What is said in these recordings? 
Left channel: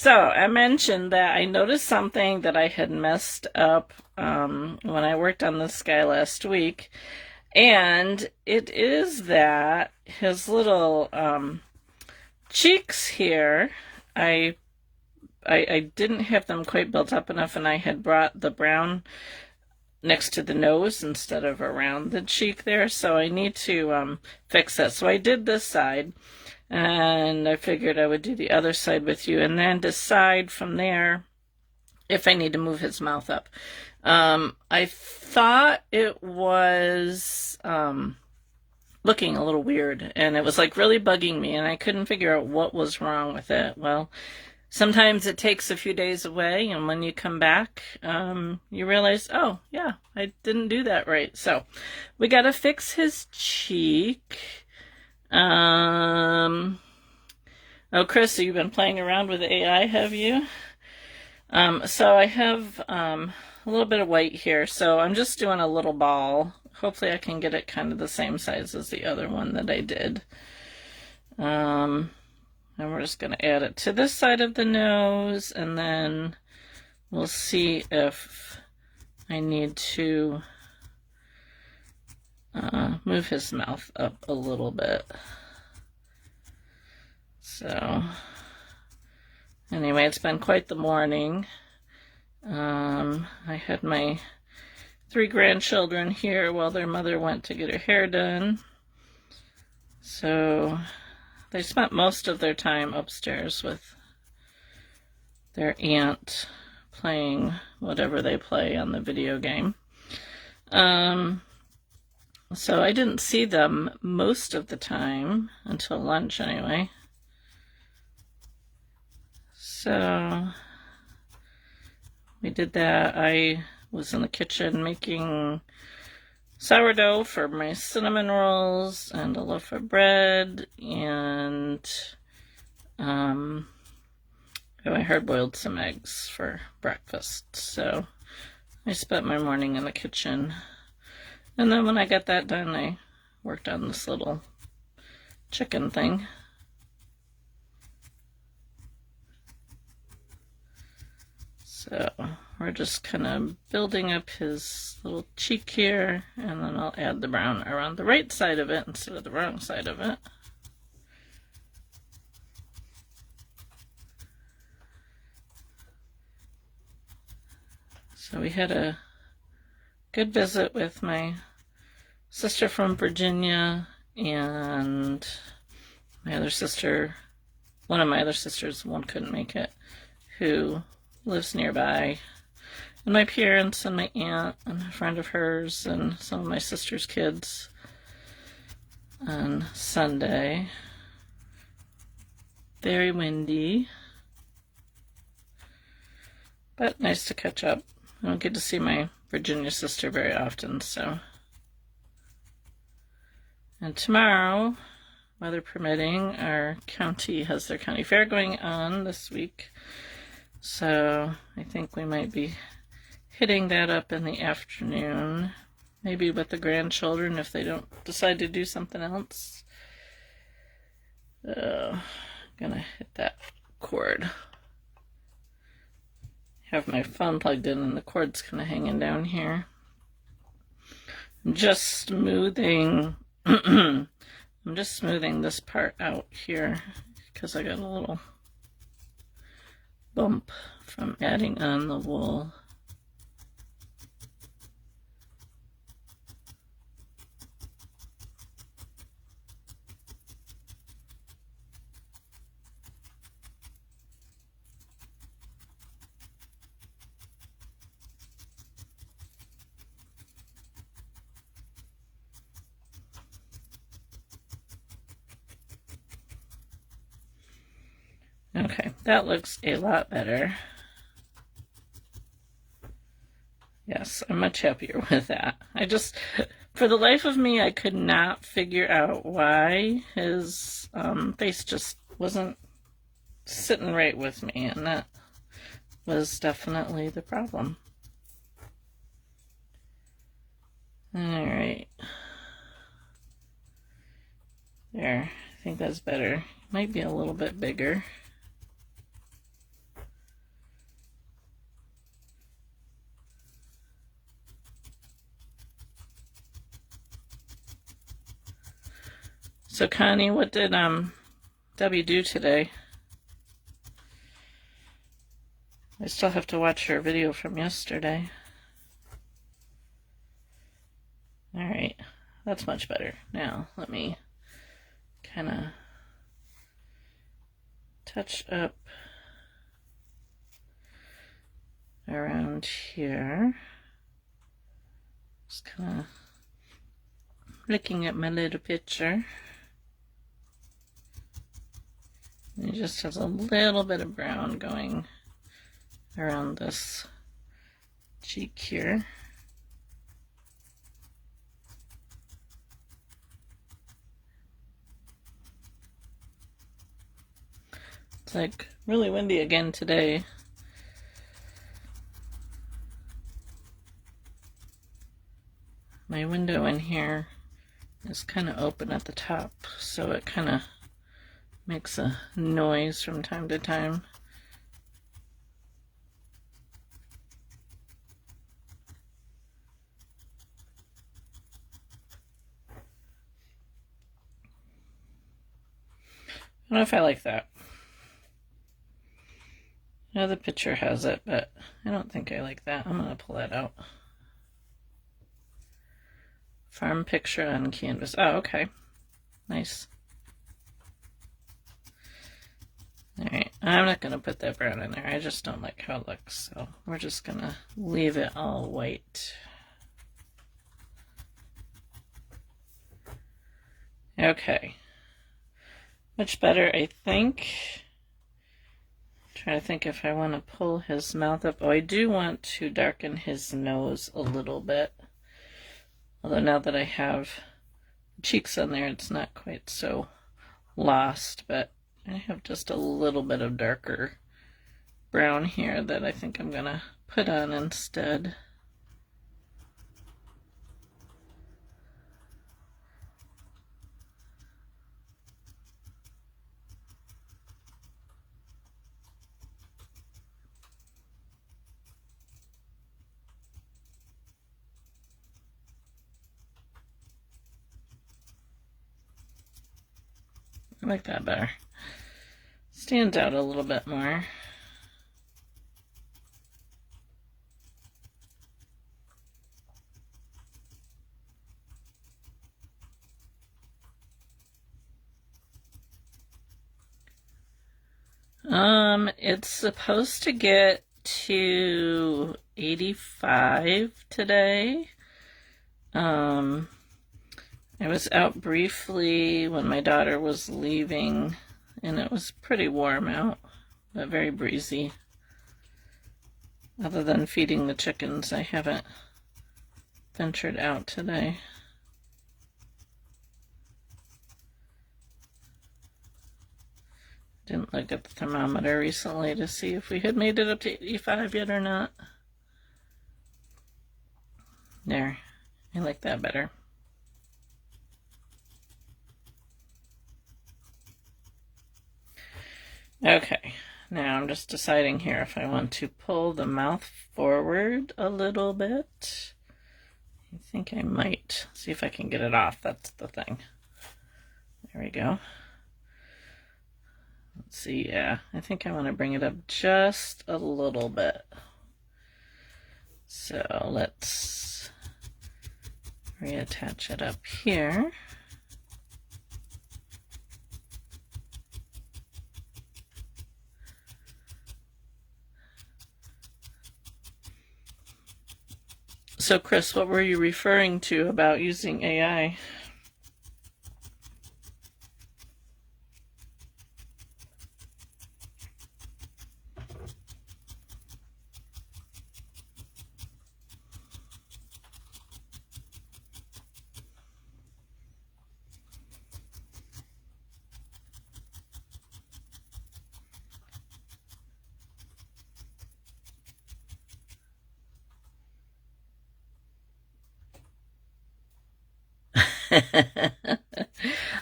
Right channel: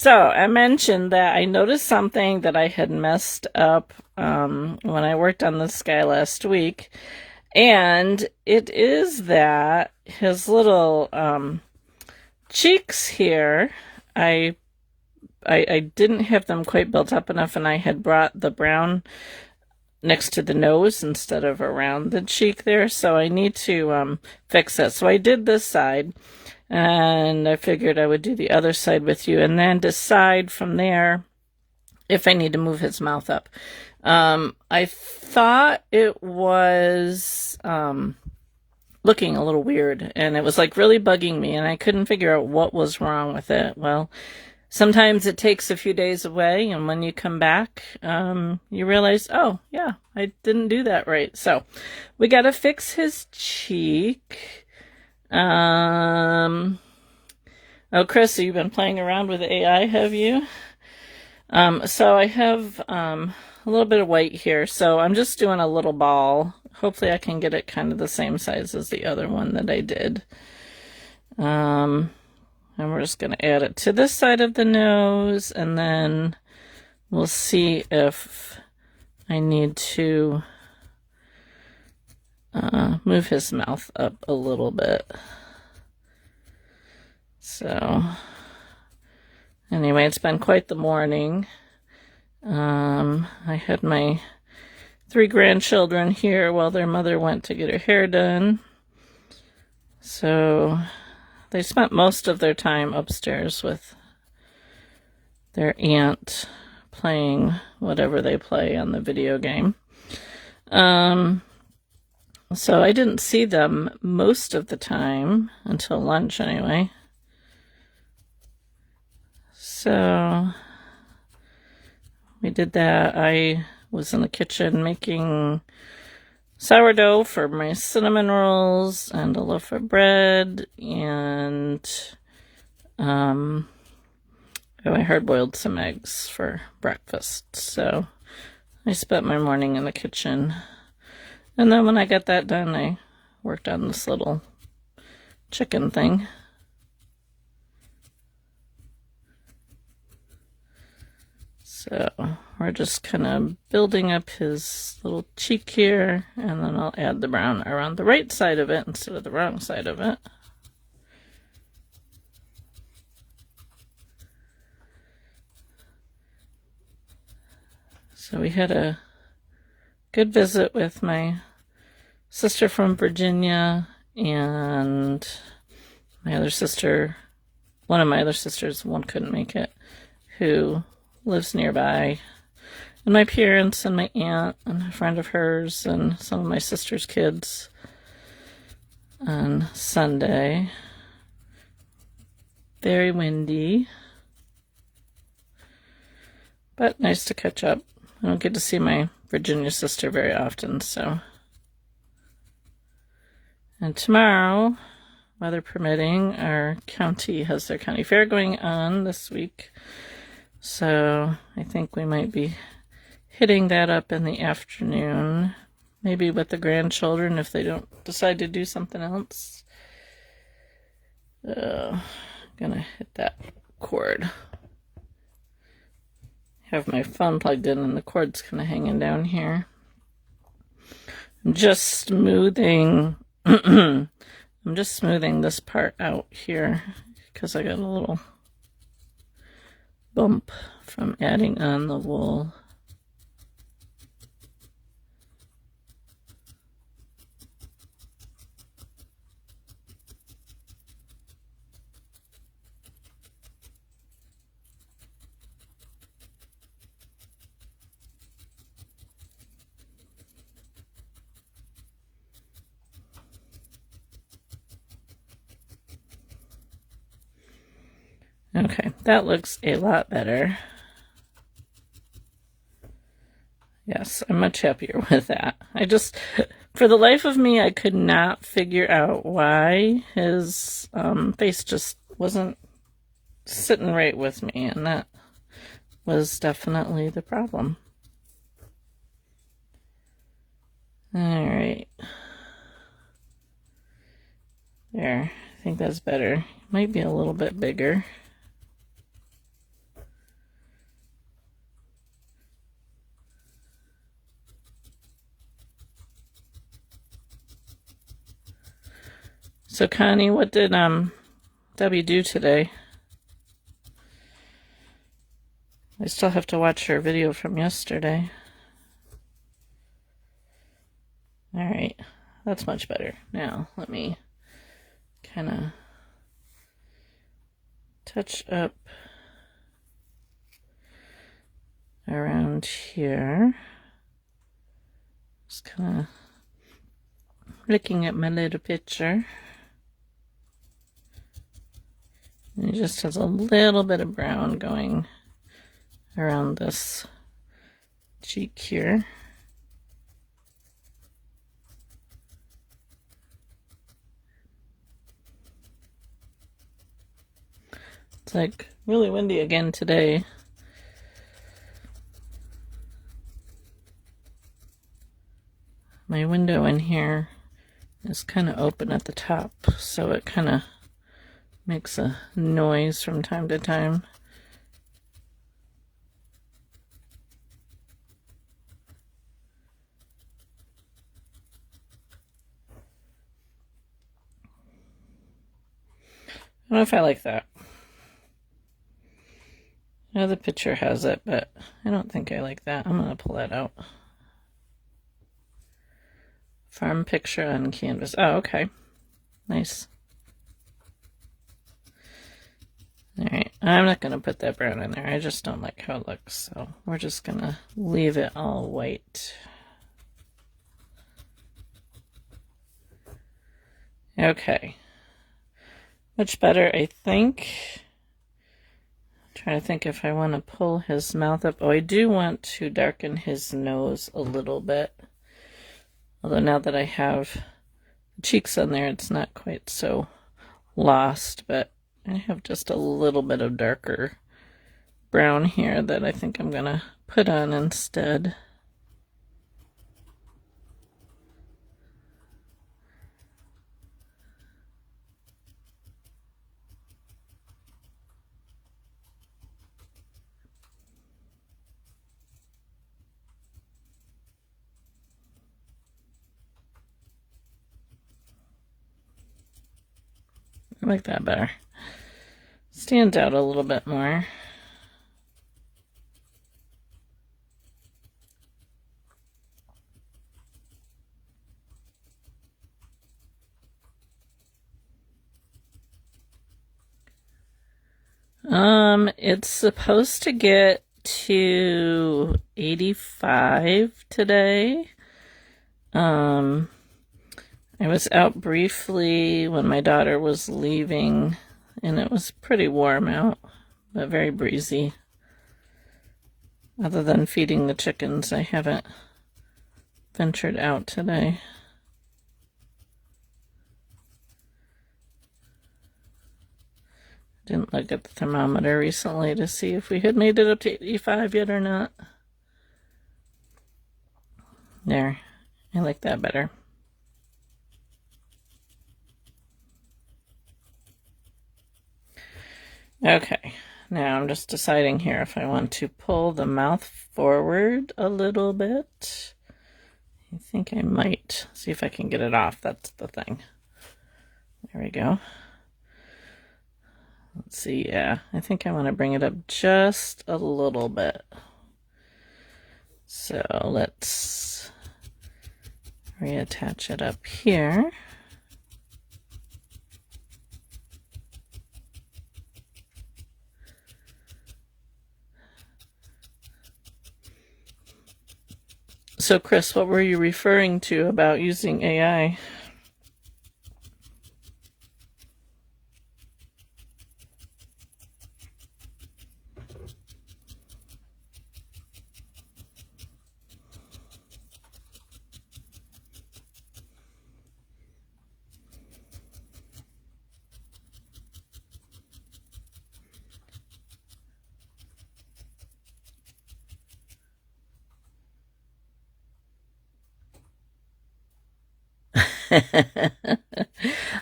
So I mentioned that I noticed something that I had messed up when I worked on this guy last week, and it is that his little cheeks here, I, I didn't have them quite built up enough, and I had brought the brown next to the nose instead of around the cheek there, so I need to fix that. So I did this side, and I figured I would do the other side with you and then decide from there if I need to move his mouth up. I thought it was looking a little weird, and it was like really bugging me, and I couldn't figure out what was wrong with it. Well, sometimes it takes a few days away, and when you come back, you realize, oh, yeah, I didn't do that right. So we got to fix his cheek. Oh, Chris, you've been playing around with AI, have you? So I have a little bit of white here, so I'm just doing a little ball. Hopefully I can get it kind of the same size as the other one that I did. And we're just going to add it to this side of the nose, and then we'll see if I need to move his mouth up a little bit. So anyway, it's been quite the morning. I had my 3 grandchildren here while their mother went to get her hair done. So they spent most of their time upstairs with their aunt playing whatever they play on the video game. So I didn't see them most of the time, until lunch anyway. So we did that. I was in the kitchen making sourdough for my cinnamon rolls and a loaf of bread, and I hard-boiled some eggs for breakfast. So I spent my morning in the kitchen. And then when I got that done, I worked on this little chicken thing. So we're just kind of building up his little cheek here, and then I'll add the brown around the right side of it instead of the wrong side of it. So we had a good visit with my sister from Virginia, and my other sister, one of my other sisters, one couldn't make it, who lives nearby, and my parents and my aunt and a friend of hers and some of my sister's kids on Sunday. Very windy, but nice to catch up. I don't get to see my Virginia sister very often, so. And tomorrow, weather permitting, our county has their county fair going on this week. So I think we might be hitting that up in the afternoon, maybe with the grandchildren if they don't decide to do something else. I'm gonna hit that cord. Have my phone plugged in and the cord's kind of hanging down here. I'm just smoothing I'm just smoothing this part out here because I got a little bump from adding on the wool. Okay, that looks a lot better. Yes, I'm much happier with that. For the life of me, I could not figure out why his face just wasn't sitting right with me, and that was definitely the problem. All right. There, I think that's better. Might be a little bit bigger. So Connie, what did Debbie do today? I still have to watch her video from yesterday. Alright, that's much better. Now, let me kind of touch up around here. Just kind of looking at my little picture. And it just has a little bit of brown going around this cheek here. It's like really windy again today. My window in here is kind of open at the top, so it kind of makes a noise from time to time. I don't know if I like that. Now the picture has it, but I don't think I like that. I'm going to pull that out. Farm picture on canvas. Oh, okay. Nice. Alright, I'm not going to put that brown in there. I just don't like how it looks, so we're just going to leave it all white. Okay. Much better, I think. Trying to think if I want to pull his mouth up. Oh, I do want to darken his nose a little bit. Although now that I have cheeks on there, it's not quite so lost, but I have just a little bit of darker brown here that I think I'm going to put on instead. I like that better. Stands out a little bit more. It's supposed to get to 85 today. I was out briefly when my daughter was leaving, and it was pretty warm out, but very breezy. Other than feeding the chickens, I haven't ventured out today. Didn't look at the thermometer recently to see if we had made it up to 85 yet or not. There, I like that better. Okay, now I'm just deciding here if I want to pull the mouth forward a little bit. I think I might. See if I can get it off, that's the thing. There we go. Let's see, yeah, I think I want to bring it up just a little bit. So let's reattach it up here. So Chris, what were you referring to about using AI?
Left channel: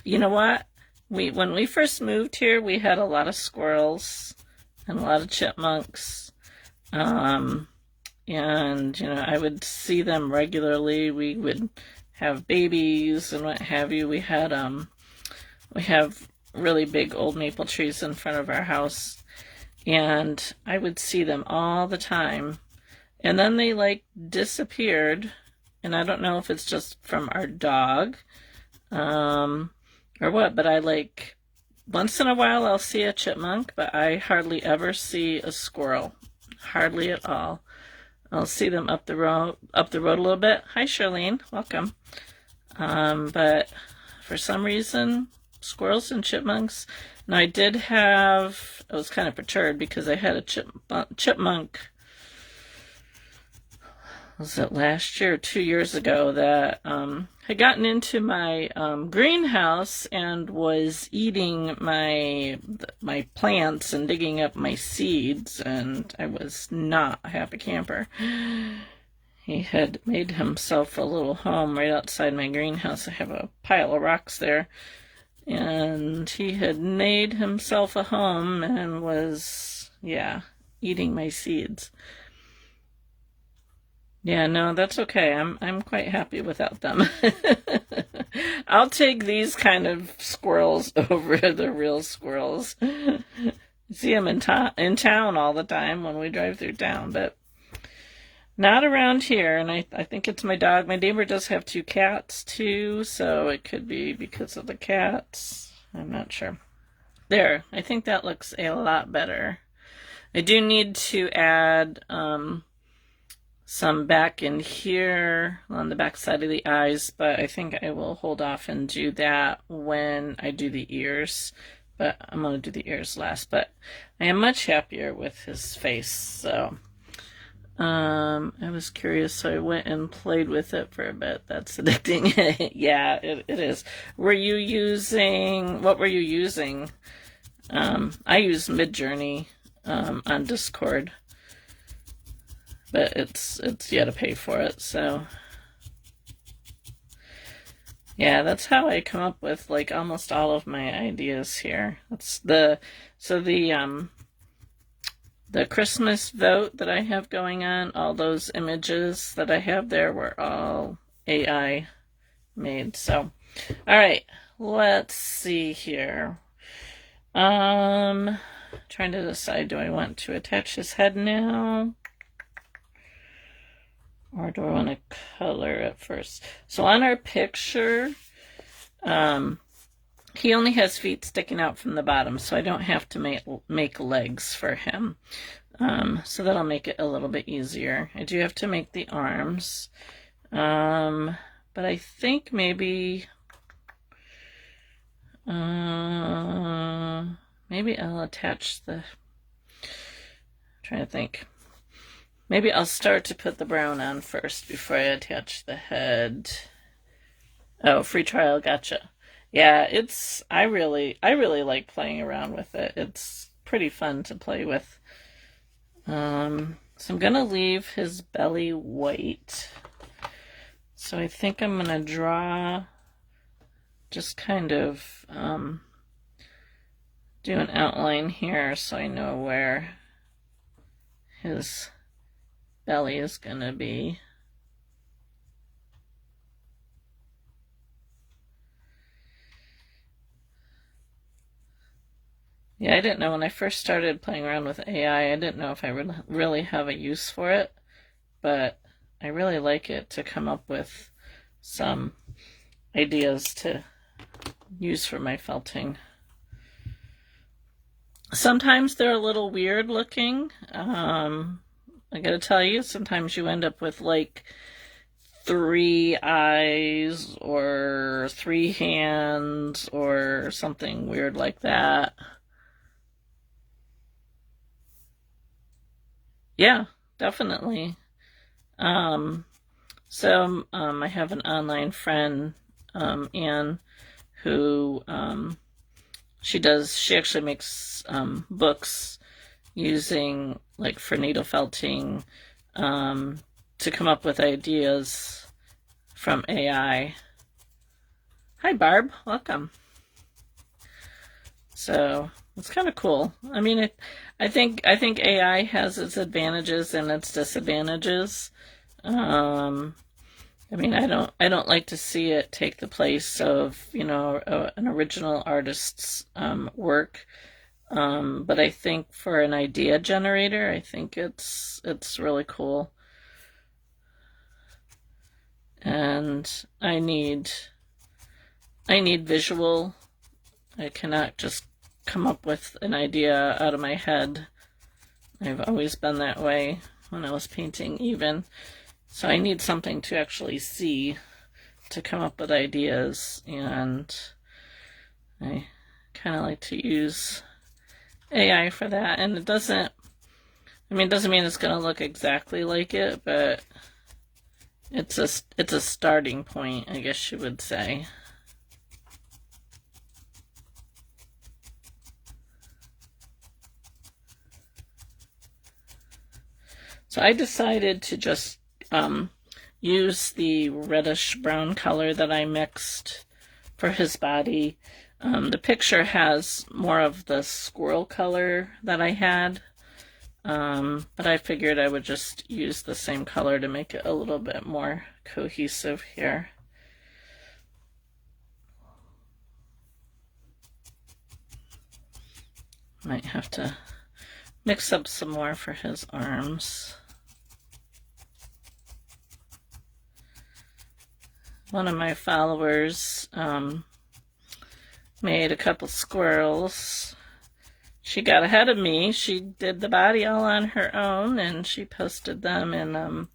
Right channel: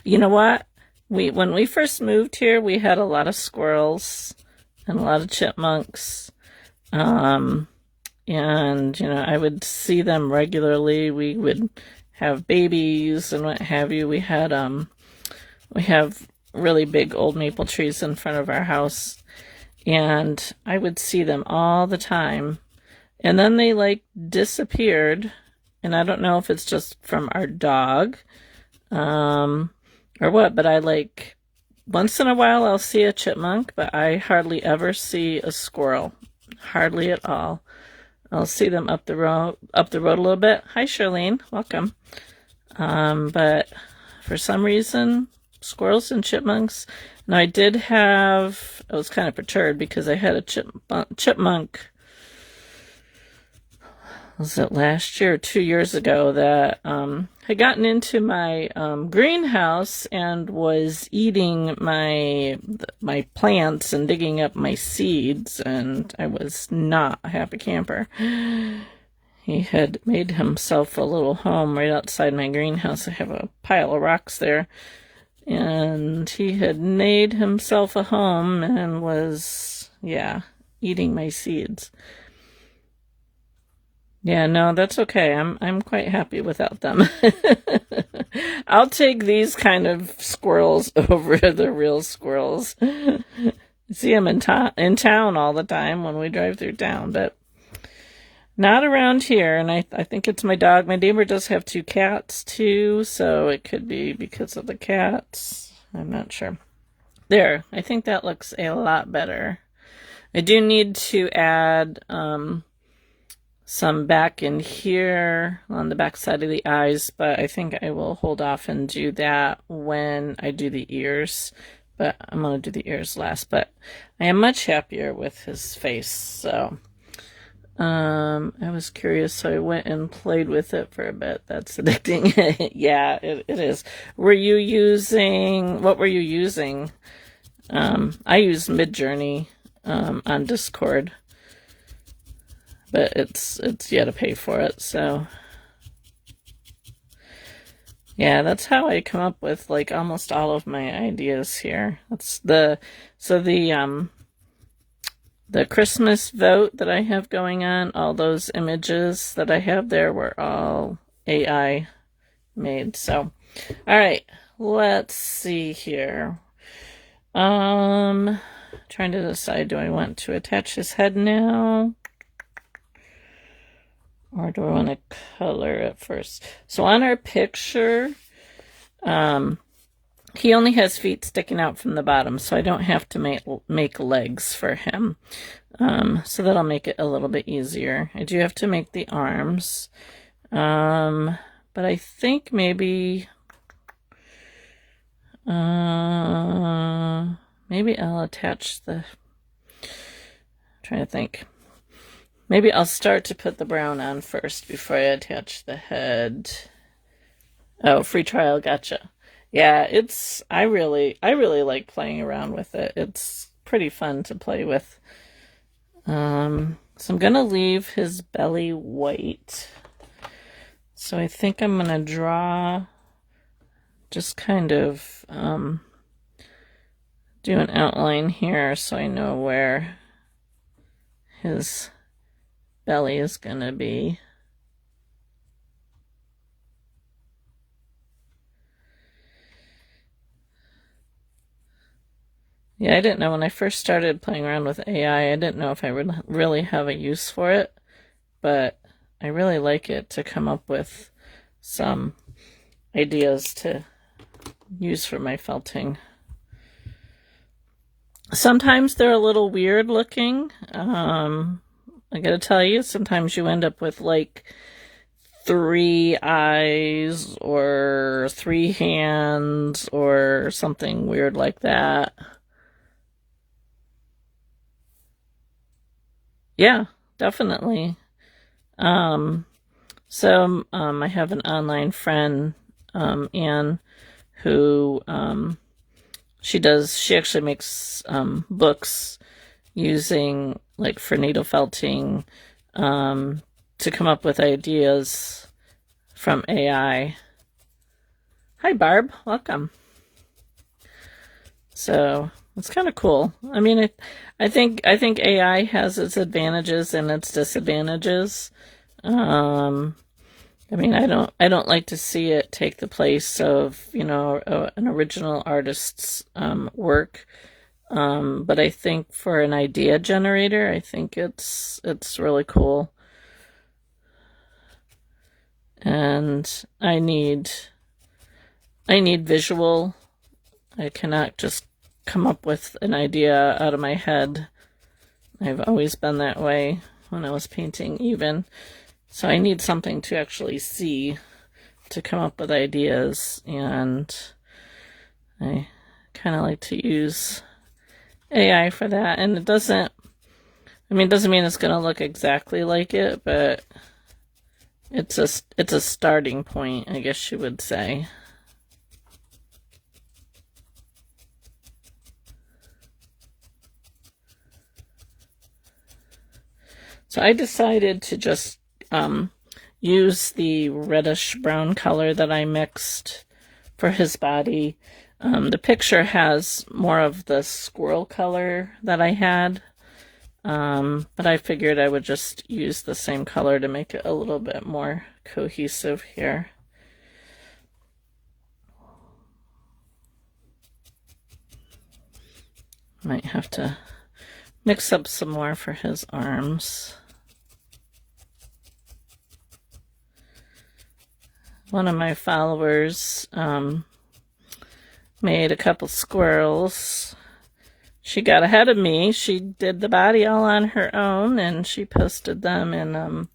You know what? When we first moved here, we had a lot of squirrels and a lot of chipmunks. And, I would see them regularly. We would have babies and what have you. We had We have really big old maple trees in front of our house, and I would see them all the time. And then they like disappeared, and I don't know if it's just from our dog, or what, but I like, once in a while I'll see a chipmunk, but I hardly ever see a squirrel. Hardly at all. I'll see them up the road a little bit. Hi, Charlene. Welcome. But for some reason, squirrels and chipmunks. Now, I was kind of perturbed because I had a chipmunk, was it last year or 2 years ago, that had gotten into my greenhouse and was eating my plants and digging up my seeds, and I was not a happy camper. He had made himself a little home right outside my greenhouse. I have a pile of rocks there, and he had made himself a home and was, eating my seeds. Yeah, no, that's okay. I'm quite happy without them. I'll take these kind of squirrels over the real squirrels. See them in town all the time when we drive through town, but not around here. And I think it's my dog. My neighbor does have 2 cats too, so it could be because of the cats. I'm not sure. There, I think that looks a lot better. I do need to add some back in here on the back side of the eyes, but I think I will hold off and do that when I do the ears. But I'm going to do the ears last. But I am much happier with his face, so I was curious, so I went and played with it for a bit. That's addicting. Yeah, it is. What were you using? I use Midjourney on Discord, but it's you gotta pay for it, so yeah, that's how I come up with like almost all of my ideas here. That's the Christmas vote that I have going on, all those images that I have there were all AI made. So all right, let's see here. Trying to decide, do I want to attach his head now? Or do I want to color it first? So on our picture, he only has feet sticking out from the bottom, so I don't have to make legs for him. So that'll make it a little bit easier. I do have to make the arms. But I think maybe I'll attach the, trying to think. Maybe I'll start to put the brown on first before I attach the head. Oh, free trial, gotcha. Yeah, I really like playing around with it. It's pretty fun to play with. So I'm gonna leave his belly white. So I think I'm gonna draw, just kind of do an outline here so I know where his belly is gonna be. Yeah, I didn't know when I first started playing around with AI, I didn't know if I would really have a use for it, but I really like it to come up with some ideas to use for my felting. Sometimes they're a little weird looking. I gotta tell you, sometimes you end up with like 3 eyes or 3 hands or something weird like that. Yeah, definitely. So I have an online friend, Anne, who she actually makes books using, like, for needle felting, to come up with ideas from AI. Hi, Barb. Welcome. So it's kind of cool. I mean, I think AI has its advantages and its disadvantages. I mean, I don't like to see it take the place of, you know, an original artist's work. But I think for an idea generator, I think it's really cool. And I need visual. I cannot just come up with an idea out of my head. I've always been that way when I was painting even. So I need something to actually see to come up with ideas, and I kind of like to use AI for that. And it doesn't mean it's going to look exactly like it, but it's a starting point, I guess you would say. So I decided to just use the reddish brown color that I mixed for his body. The picture has more of the squirrel color that I had, but I figured I would just use the same color to make it a little bit more cohesive here. Might have to mix up some more for his arms. One of my followers made a couple squirrels. She got ahead of me. She did the body all on her own, and she posted them in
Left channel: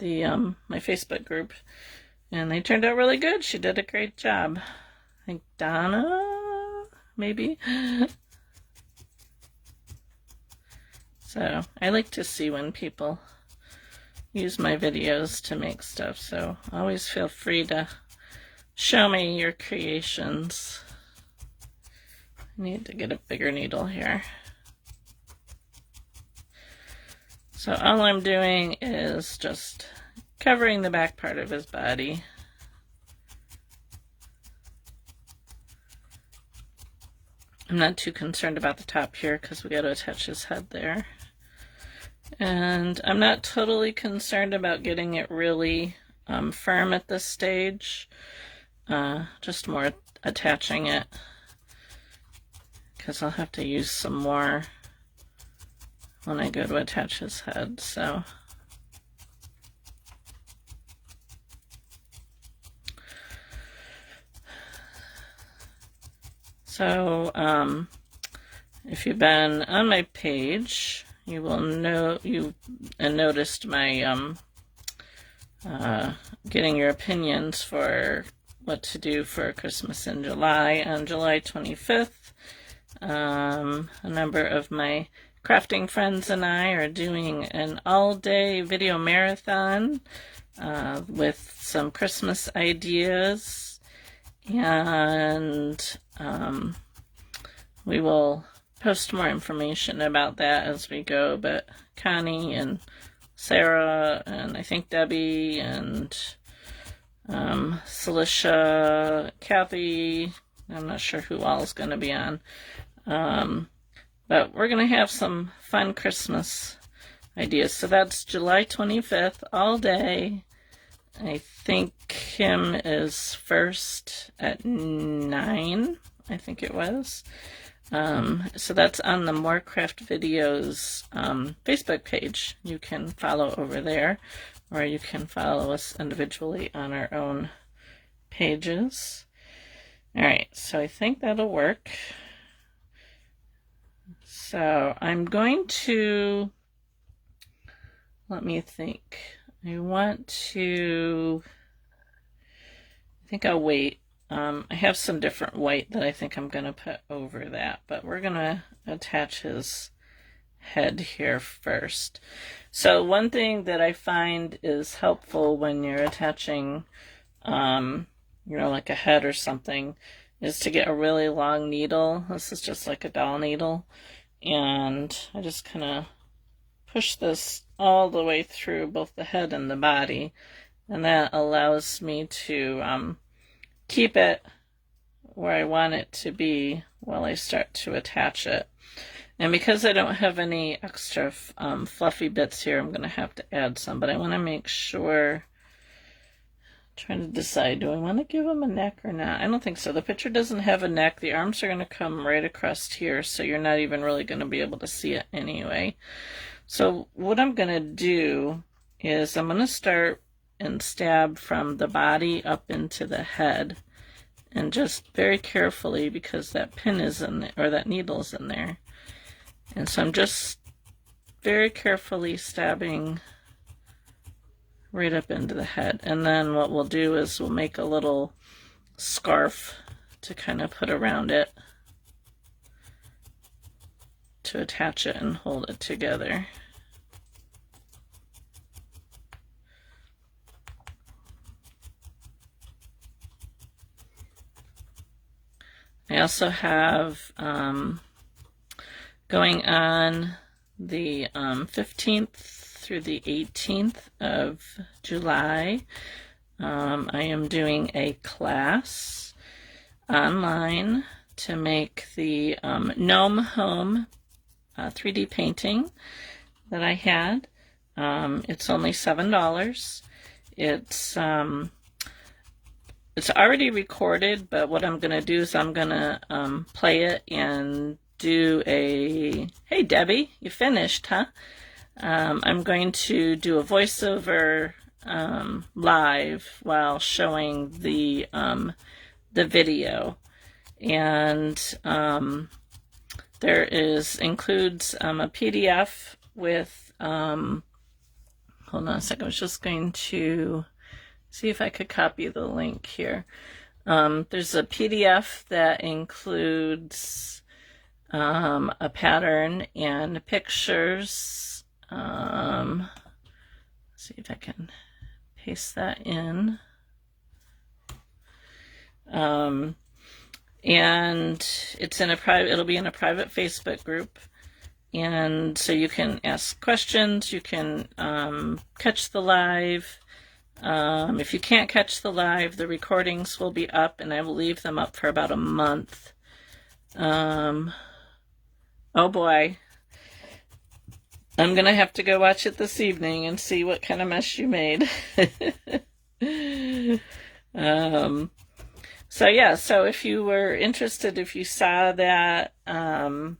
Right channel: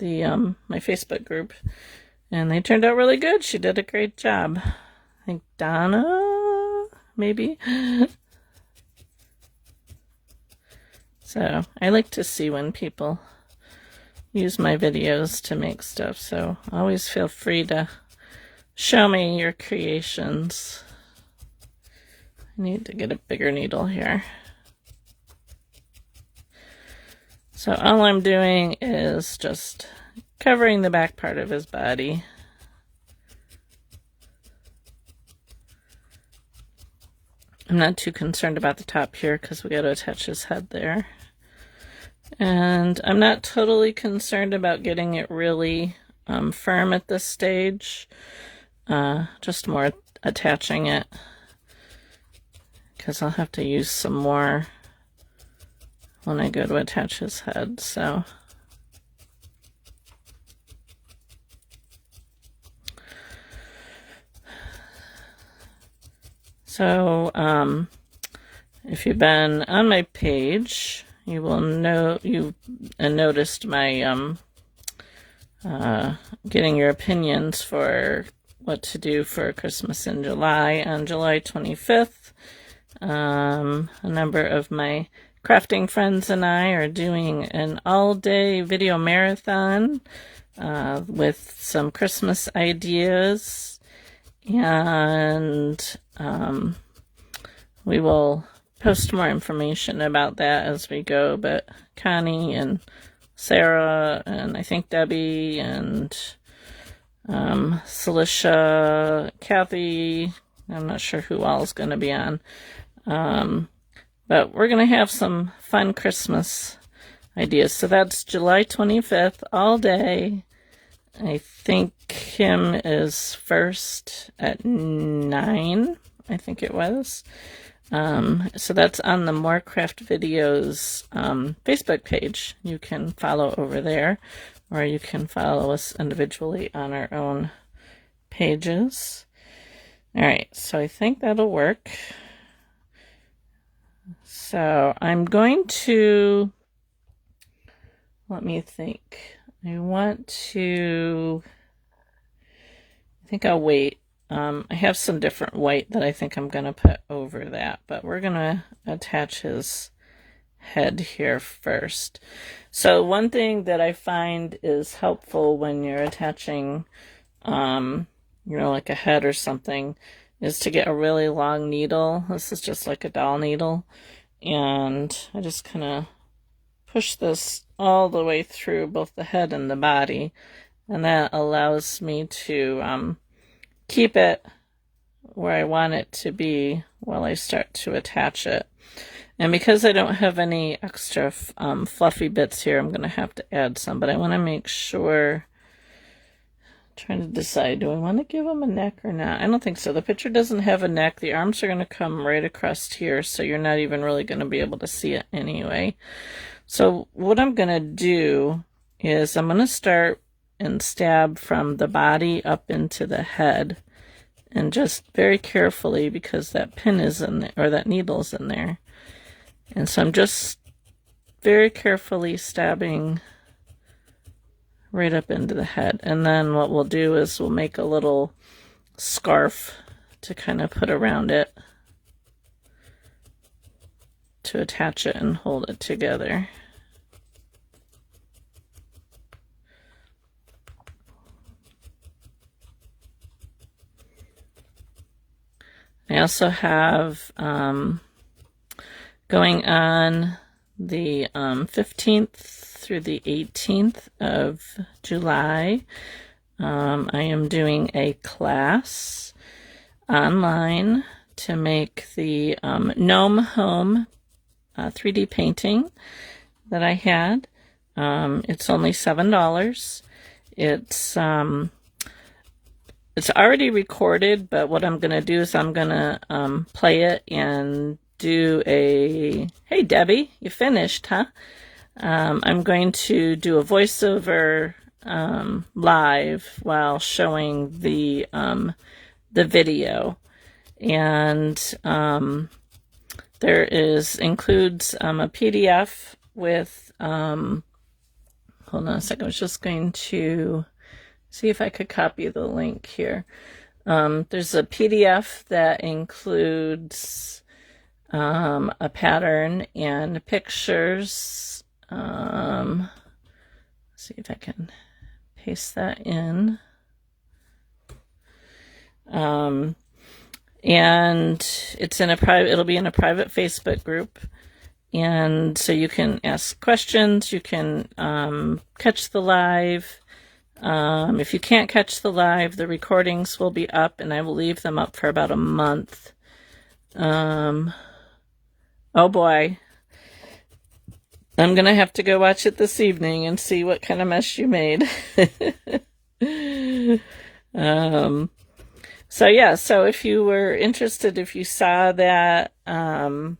my Facebook group, and they turned out really good. She did a great job. I think Donna, maybe. So I like to see when people use my videos to make stuff, so always feel free to show me your creations. I need to get a bigger needle here. So all I'm doing is just covering the back part of his body. I'm not too concerned about the top here because we got to attach his head there. And I'm not totally concerned about getting it really firm at this stage. Just more attaching it, because I'll have to use some more when I go to attach his head. So if you've been on my page, you will know you noticed my getting your opinions for what to do for Christmas in July. On July 25th, a number of my crafting friends and I are doing an all-day video marathon with some Christmas ideas, and we will post more information about that as we go. But Connie and Sarah, and I think Debbie, and Celicia, Kathy, I'm not sure who all is going to be on, but we're going to have some fun Christmas ideas. So that's July 25th, all day. I think Kim is first at 9, I think it was. So that's on the More Craft Videos Facebook page. You can follow over there, or you can follow us individually on our own pages. All right, so I think that'll work. So I'm going to, let me think. I think I'll wait. I have some different white that I think I'm going to put over that, but we're going to attach his head here first. So one thing that I find is helpful when you're attaching, like a head or something, is to get a really long needle. This is just like a doll needle, and I just kind of push this all the way through both the head and the body, and that allows me to keep it where I want it to be while I start to attach it. And because I don't have any extra fluffy bits here, I'm going to have to add some, but I want to make sure Trying to decide, do I want to give him a neck or not? I don't think so. The picture doesn't have a neck. The arms are going to come right across here, so you're not even really going to be able to see it anyway. So what I'm going to do is I'm going to start and stab from the body up into the head, and just very carefully, because that pin is in there, or that needle's in there. And so I'm just very carefully stabbing right up into the head. And then what we'll do is we'll make a little scarf to kind of put around it to attach it and hold it together. I also have going on the 15th through the 18th of July, I am doing a class online to make the gnome home 3D painting that I had. It's only $7. It's already recorded, but what I'm going to do is I'm going to play it and do a, hey Debbie, you finished, huh? I'm going to do a voiceover live while showing the video. And there includes a PDF with, hold on a second, I was just going to see if I could copy the link here. There's a PDF that includes a pattern and pictures. Let's see if I can paste that in. And it's in a private, it'll be in a private Facebook group. And so you can ask questions, you can catch the live. If you can't catch the live, the recordings will be up, and I will leave them up for about a month. Oh boy. I'm going to have to go watch it this evening and see what kind of mess you made. So yeah, so if you were interested, if you saw that, my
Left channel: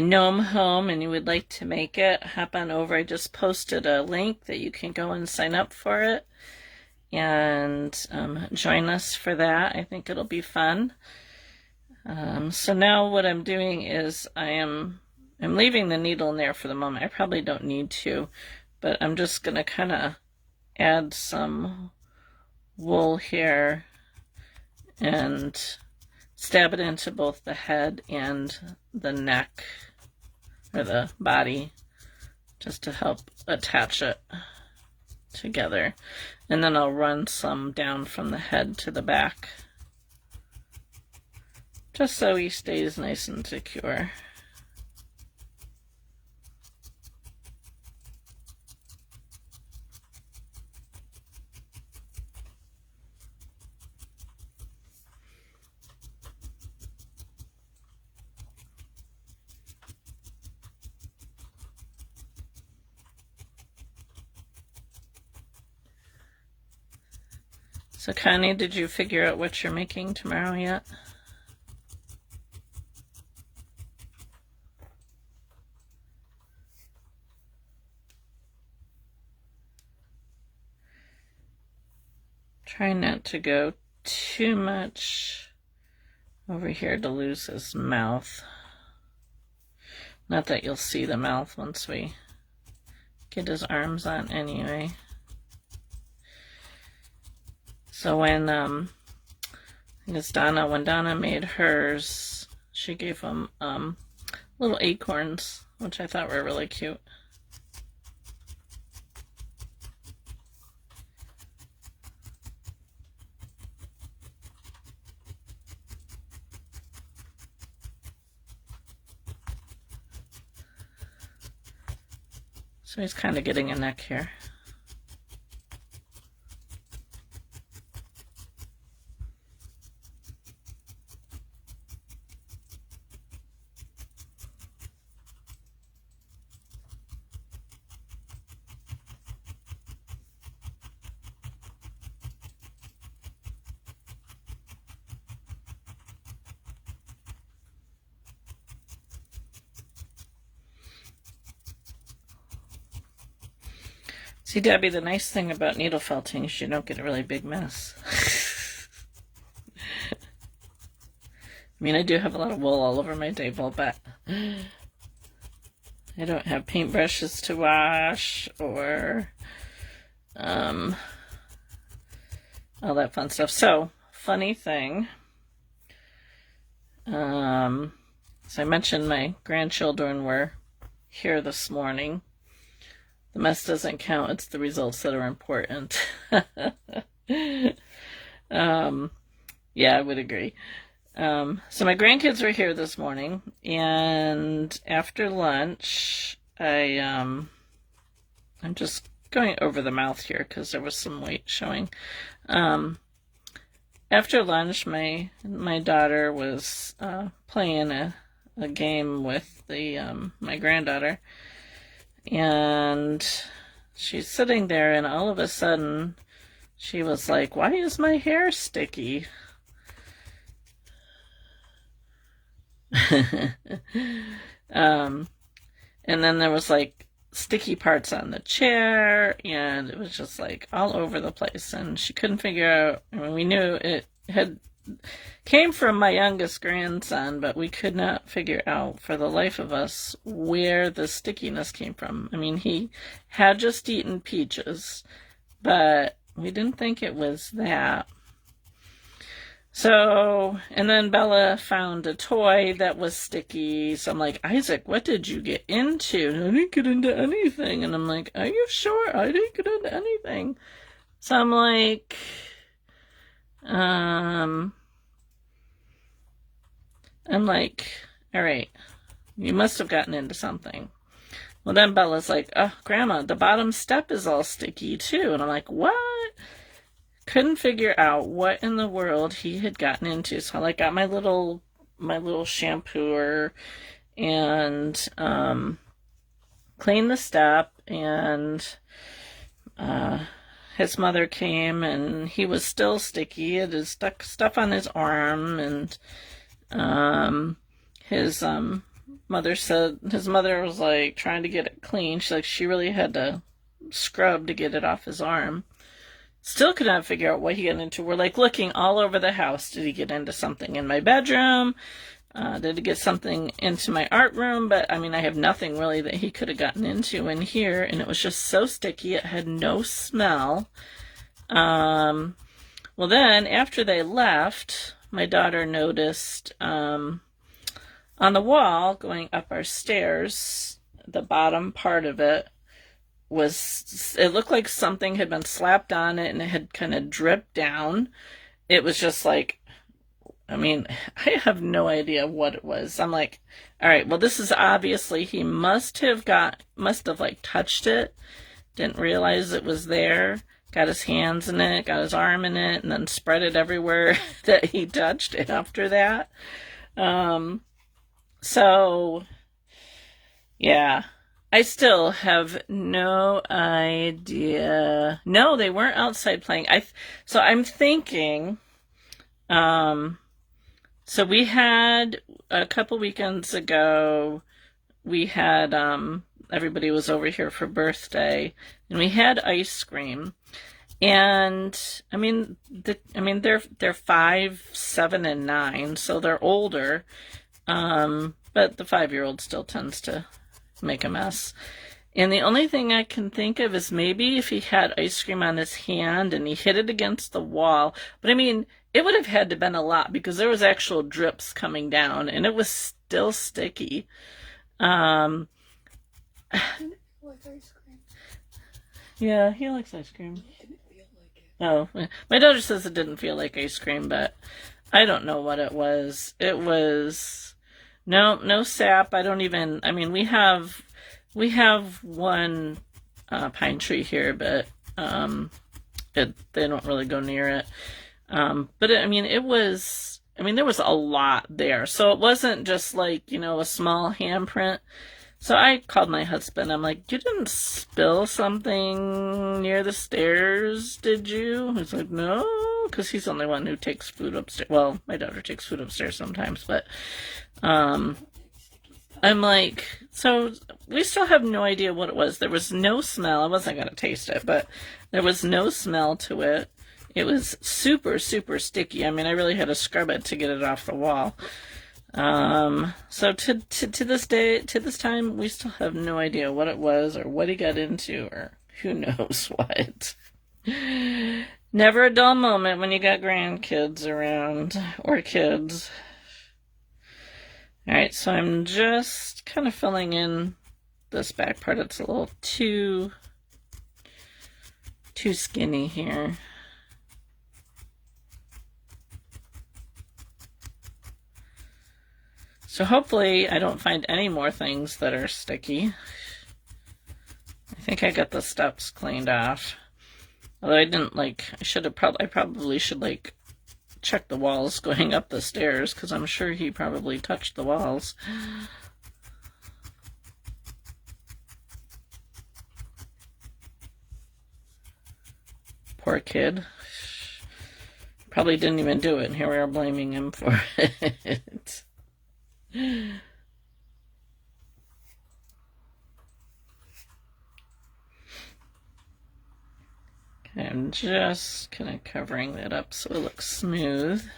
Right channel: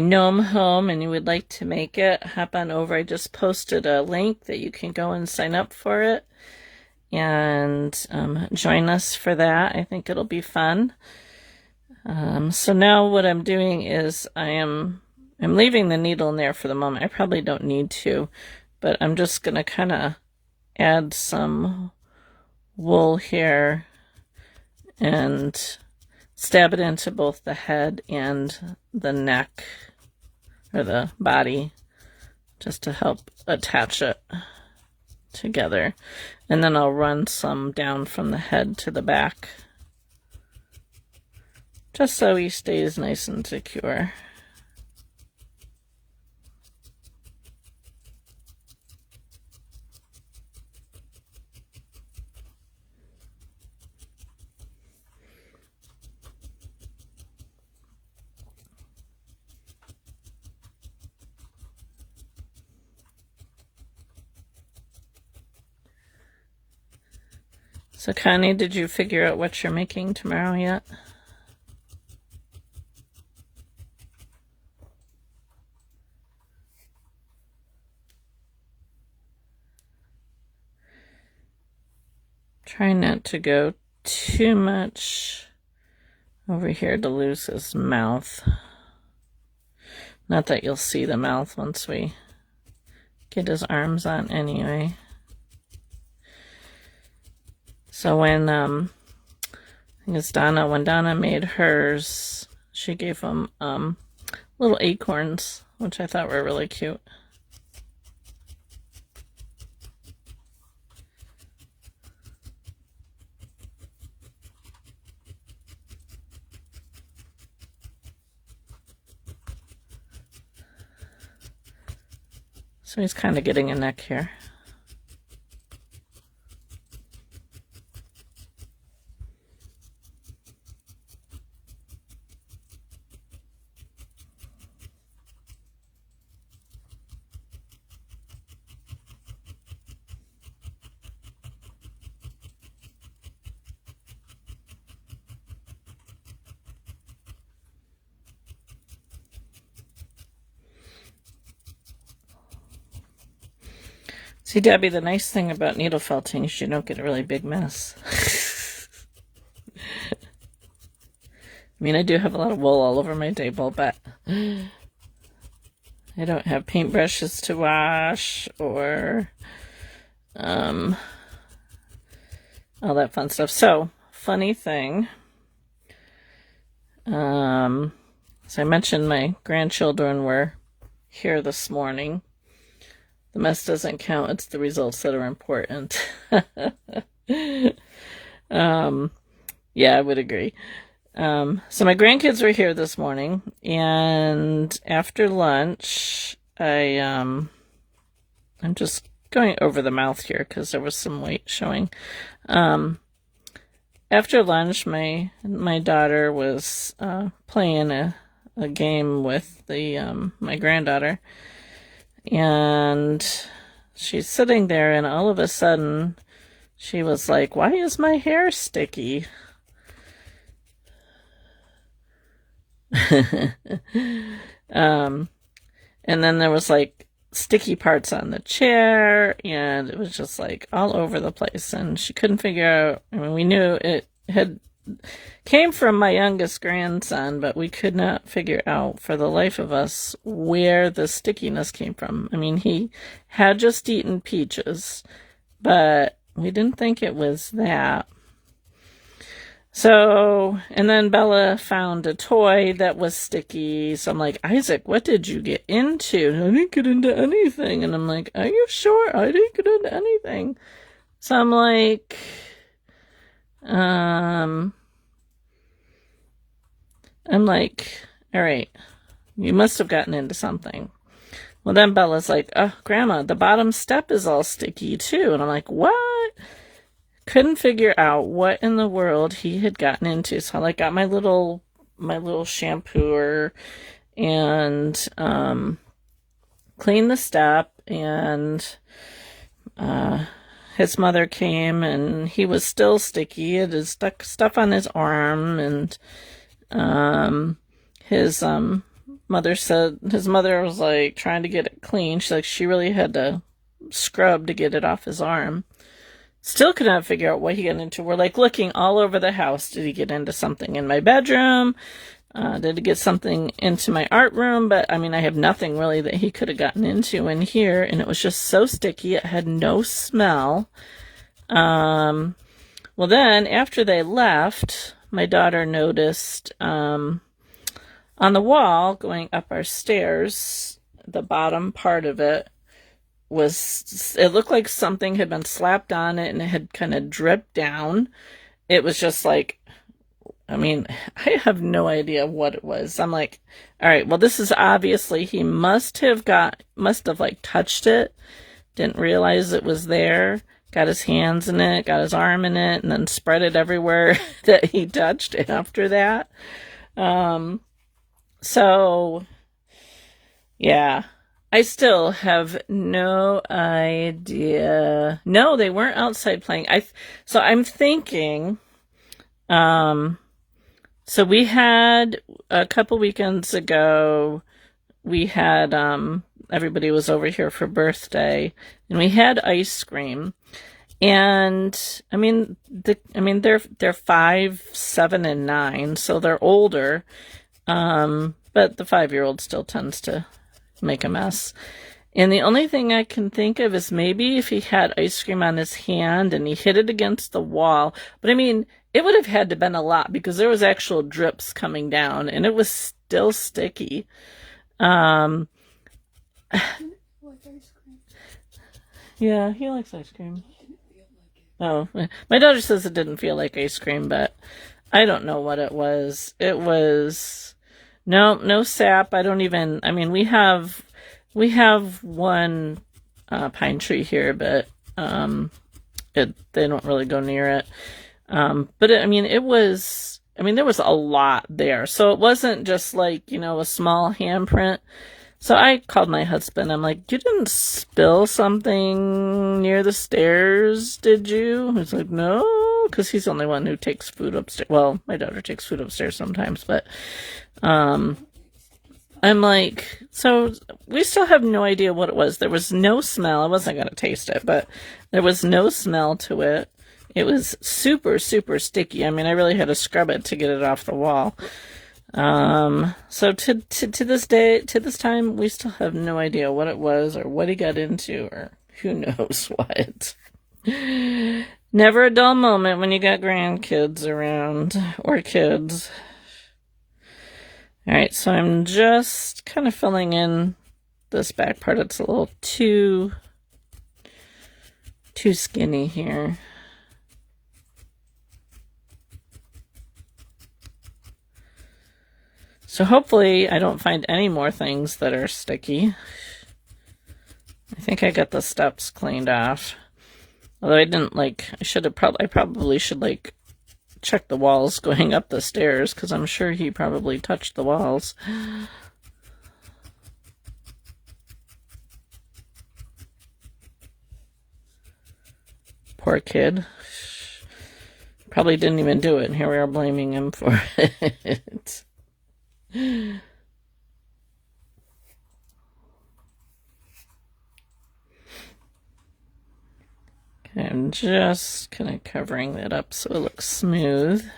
gnome home and you would like to make it, hop on over. I just posted a link that you can go and sign up for it and join us for that. I think it'll be fun. So now what I'm doing is I'm leaving the needle in there for the moment. I probably don't need to, but I'm just going to kind of add some wool here and stab it into both the head and the neck, or the body, just to help attach it together. And then I'll run some down from the head to the back, just so he stays nice and secure. So Connie, did you figure out what you're making tomorrow yet? Try not to go too much over here to lose his mouth. Not that you'll see the mouth once we get his arms on anyway. So when, I think it's Donna, when Donna made hers, she gave him little acorns, which I thought were really cute. So he's kind of getting a neck here. See, Debbie, the nice thing about needle felting is you don't get a really big mess. I mean, I do have a lot of wool all over my table, but I don't have paintbrushes to wash or all that fun stuff. So, funny thing, so I mentioned my grandchildren were here this morning. The mess doesn't count, it's the results that are important. Yeah, I would agree. So my grandkids were here this morning, and after lunch, I'm just going over the mouth here because there was some weight showing. After lunch, my daughter was playing a game with my granddaughter, and she's sitting there, and all of a sudden, she was like, "Why is my hair sticky?" And then there was like sticky parts on the chair, and it was just like all over the place, and she couldn't figure out. I mean, we knew it came from my youngest grandson, but we could not figure out for the life of us where the stickiness came from. I mean, he had just eaten peaches, but we didn't think it was that. So, and then Bella found a toy that was sticky. So I'm like, Isaac, what did you get into? And I didn't get into anything. And I'm like, are you sure? I didn't get into anything. So I'm like, all right, you must have gotten into something. Well, then Bella's like, oh, Grandma, the bottom step is all sticky too. And I'm like, what? Couldn't figure out what in the world he had gotten into. So I like got my little shampooer and cleaned the step, and his mother came, and he was still sticky. It is stuck stuff on his arm, and his mother said his mother was like trying to get it clean. She really had to scrub to get it off his arm. Still could not figure out what he got into. We're like looking all over the house. Did he get into something in my bedroom? Did he get something into my art room? But I mean, I have nothing really that he could have gotten into in here. And it was just so sticky. It had no smell. Well, then after they left, my daughter noticed on the wall going up our stairs, the bottom part of it looked like something had been slapped on it, and it had kind of dripped down. It was just like, I mean, I have no idea what it was. I'm like, all right, well, this is obviously, he must have like touched it, didn't realize it was there, got his hands in it, got his arm in it, and then spread it everywhere that he touched after that. So yeah, I still have no idea. No, they weren't outside playing. So I'm thinking, so we had a couple weekends ago, we had, everybody was over here for birthday, and we had ice cream. And I mean, they're 5, 7, and 9, so they're older. But the 5-year-old still tends to make a mess. And the only thing I can think of is maybe if he had ice cream on his hand and he hit it against the wall. But I mean, it would have had to have been a lot because there was actual drips coming down and it was still sticky. Yeah, he likes ice cream. Oh, my daughter says it didn't feel like ice cream, but I don't know what it was. It was no sap. I mean, we have one pine tree here, but they don't really go near it. But there was a lot there. So it wasn't just like, a small handprint. So I called my husband. I'm like, you didn't spill something near the stairs, did you? He's like, no, because he's the only one who takes food upstairs. Well, my daughter takes food upstairs sometimes, but I'm like, so we still have no idea what it was. There was no smell. I wasn't going to taste it, but there was no smell to it. It was super, super sticky. I mean, I really had to scrub it to get it off the wall. So to this day, to this time, we still have no idea what it was or what he got into or who knows what. Never a dull moment when you got grandkids around or kids. All right, so I'm just kind of filling in this back part. It's a little too skinny here. So hopefully I don't find any more things that are sticky. I think I got the steps cleaned off. Although I didn't I probably should check the walls going up the stairs because I'm sure he probably touched the walls. Poor kid. Probably didn't even do it. Here we are blaming him for it. Okay, I'm just kind of covering that up so it looks smooth.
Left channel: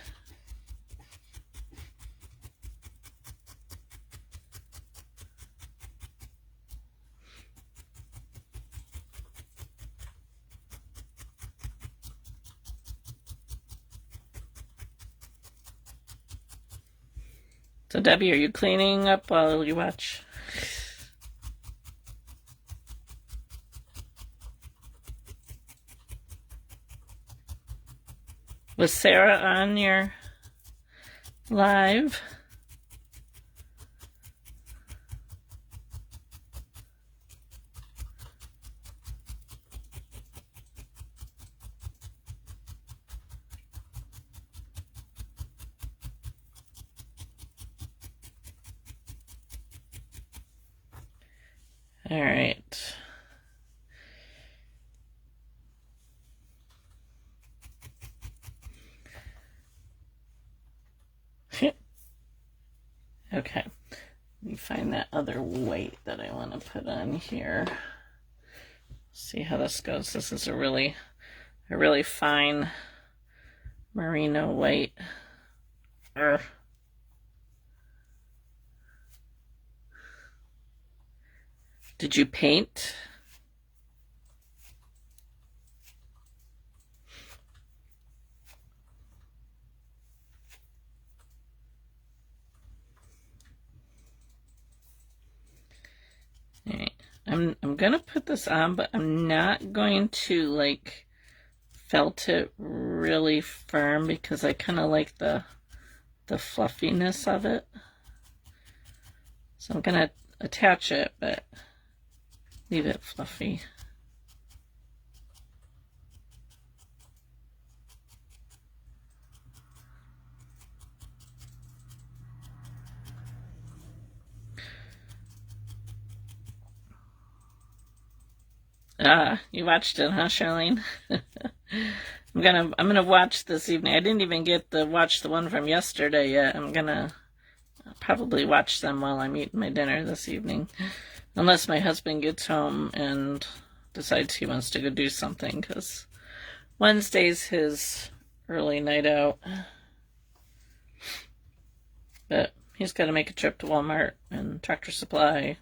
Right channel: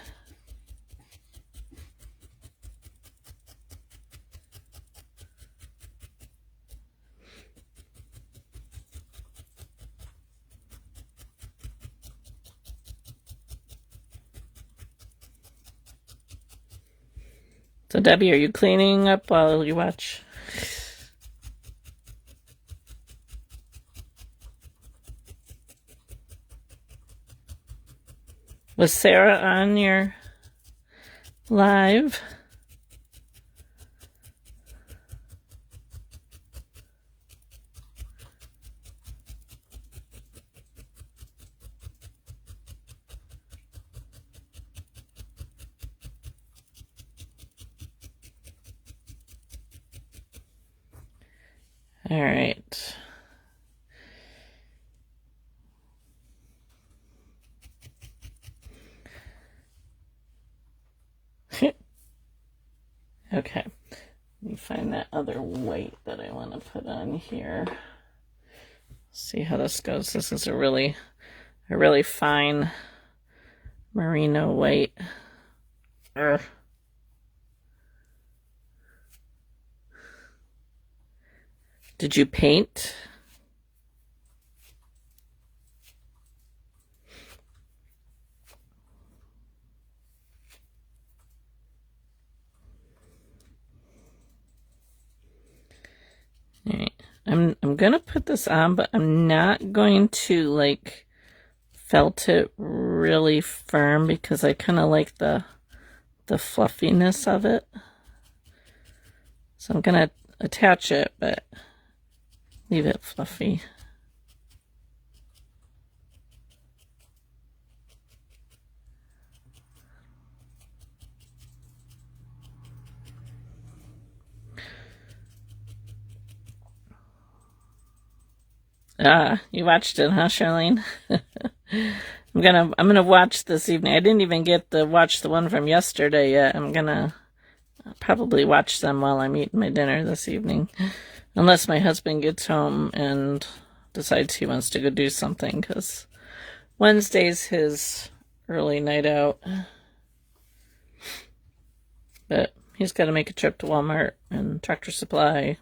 So Debbie, are you cleaning up while you watch? Was Sarah on your live? All right. Okay. Let me find that other white that I want to put on here. See how this goes. This is a really fine merino white. Did you paint? All right. I'm gonna put this on, but I'm not going to felt it really firm because I kind of like the fluffiness of it. So I'm gonna attach it, but leave it fluffy. Ah, you watched it, huh, Charlene? I'm gonna watch this evening. I didn't even get to watch the one from yesterday yet. I'm gonna probably watch them while I'm eating my dinner this evening. Unless my husband gets home and decides he wants to go do something, because Wednesday's his early night out. But he's got to make a trip to Walmart and Tractor Supply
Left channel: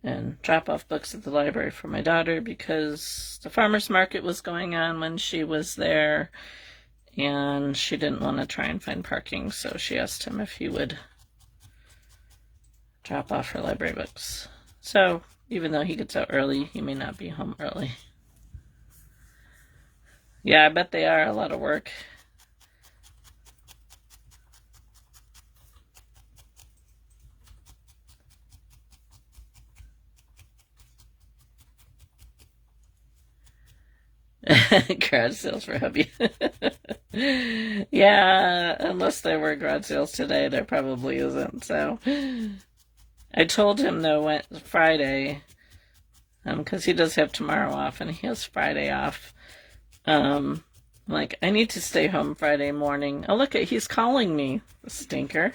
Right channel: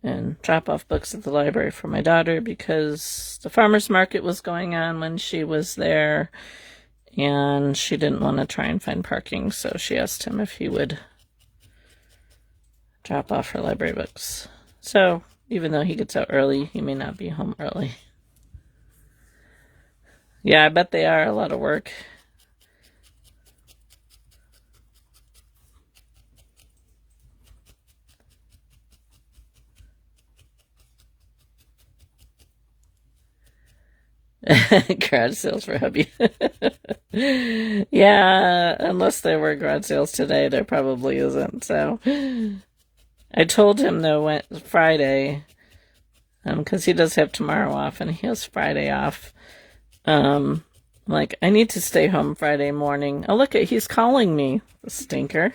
and drop off books at the library for my daughter because the farmer's market was going on when she was there and she didn't want to try and find parking, so she asked him if he would drop off her library books. So even though he gets out early, he may not be home early. Yeah, I bet they are a lot of work. Garage sales for hubby. Yeah, unless there were garage sales today, there probably isn't. So I told him though Friday, because he does have tomorrow off and he has Friday off. I need to stay home Friday morning. Oh, look, he's calling me, the stinker.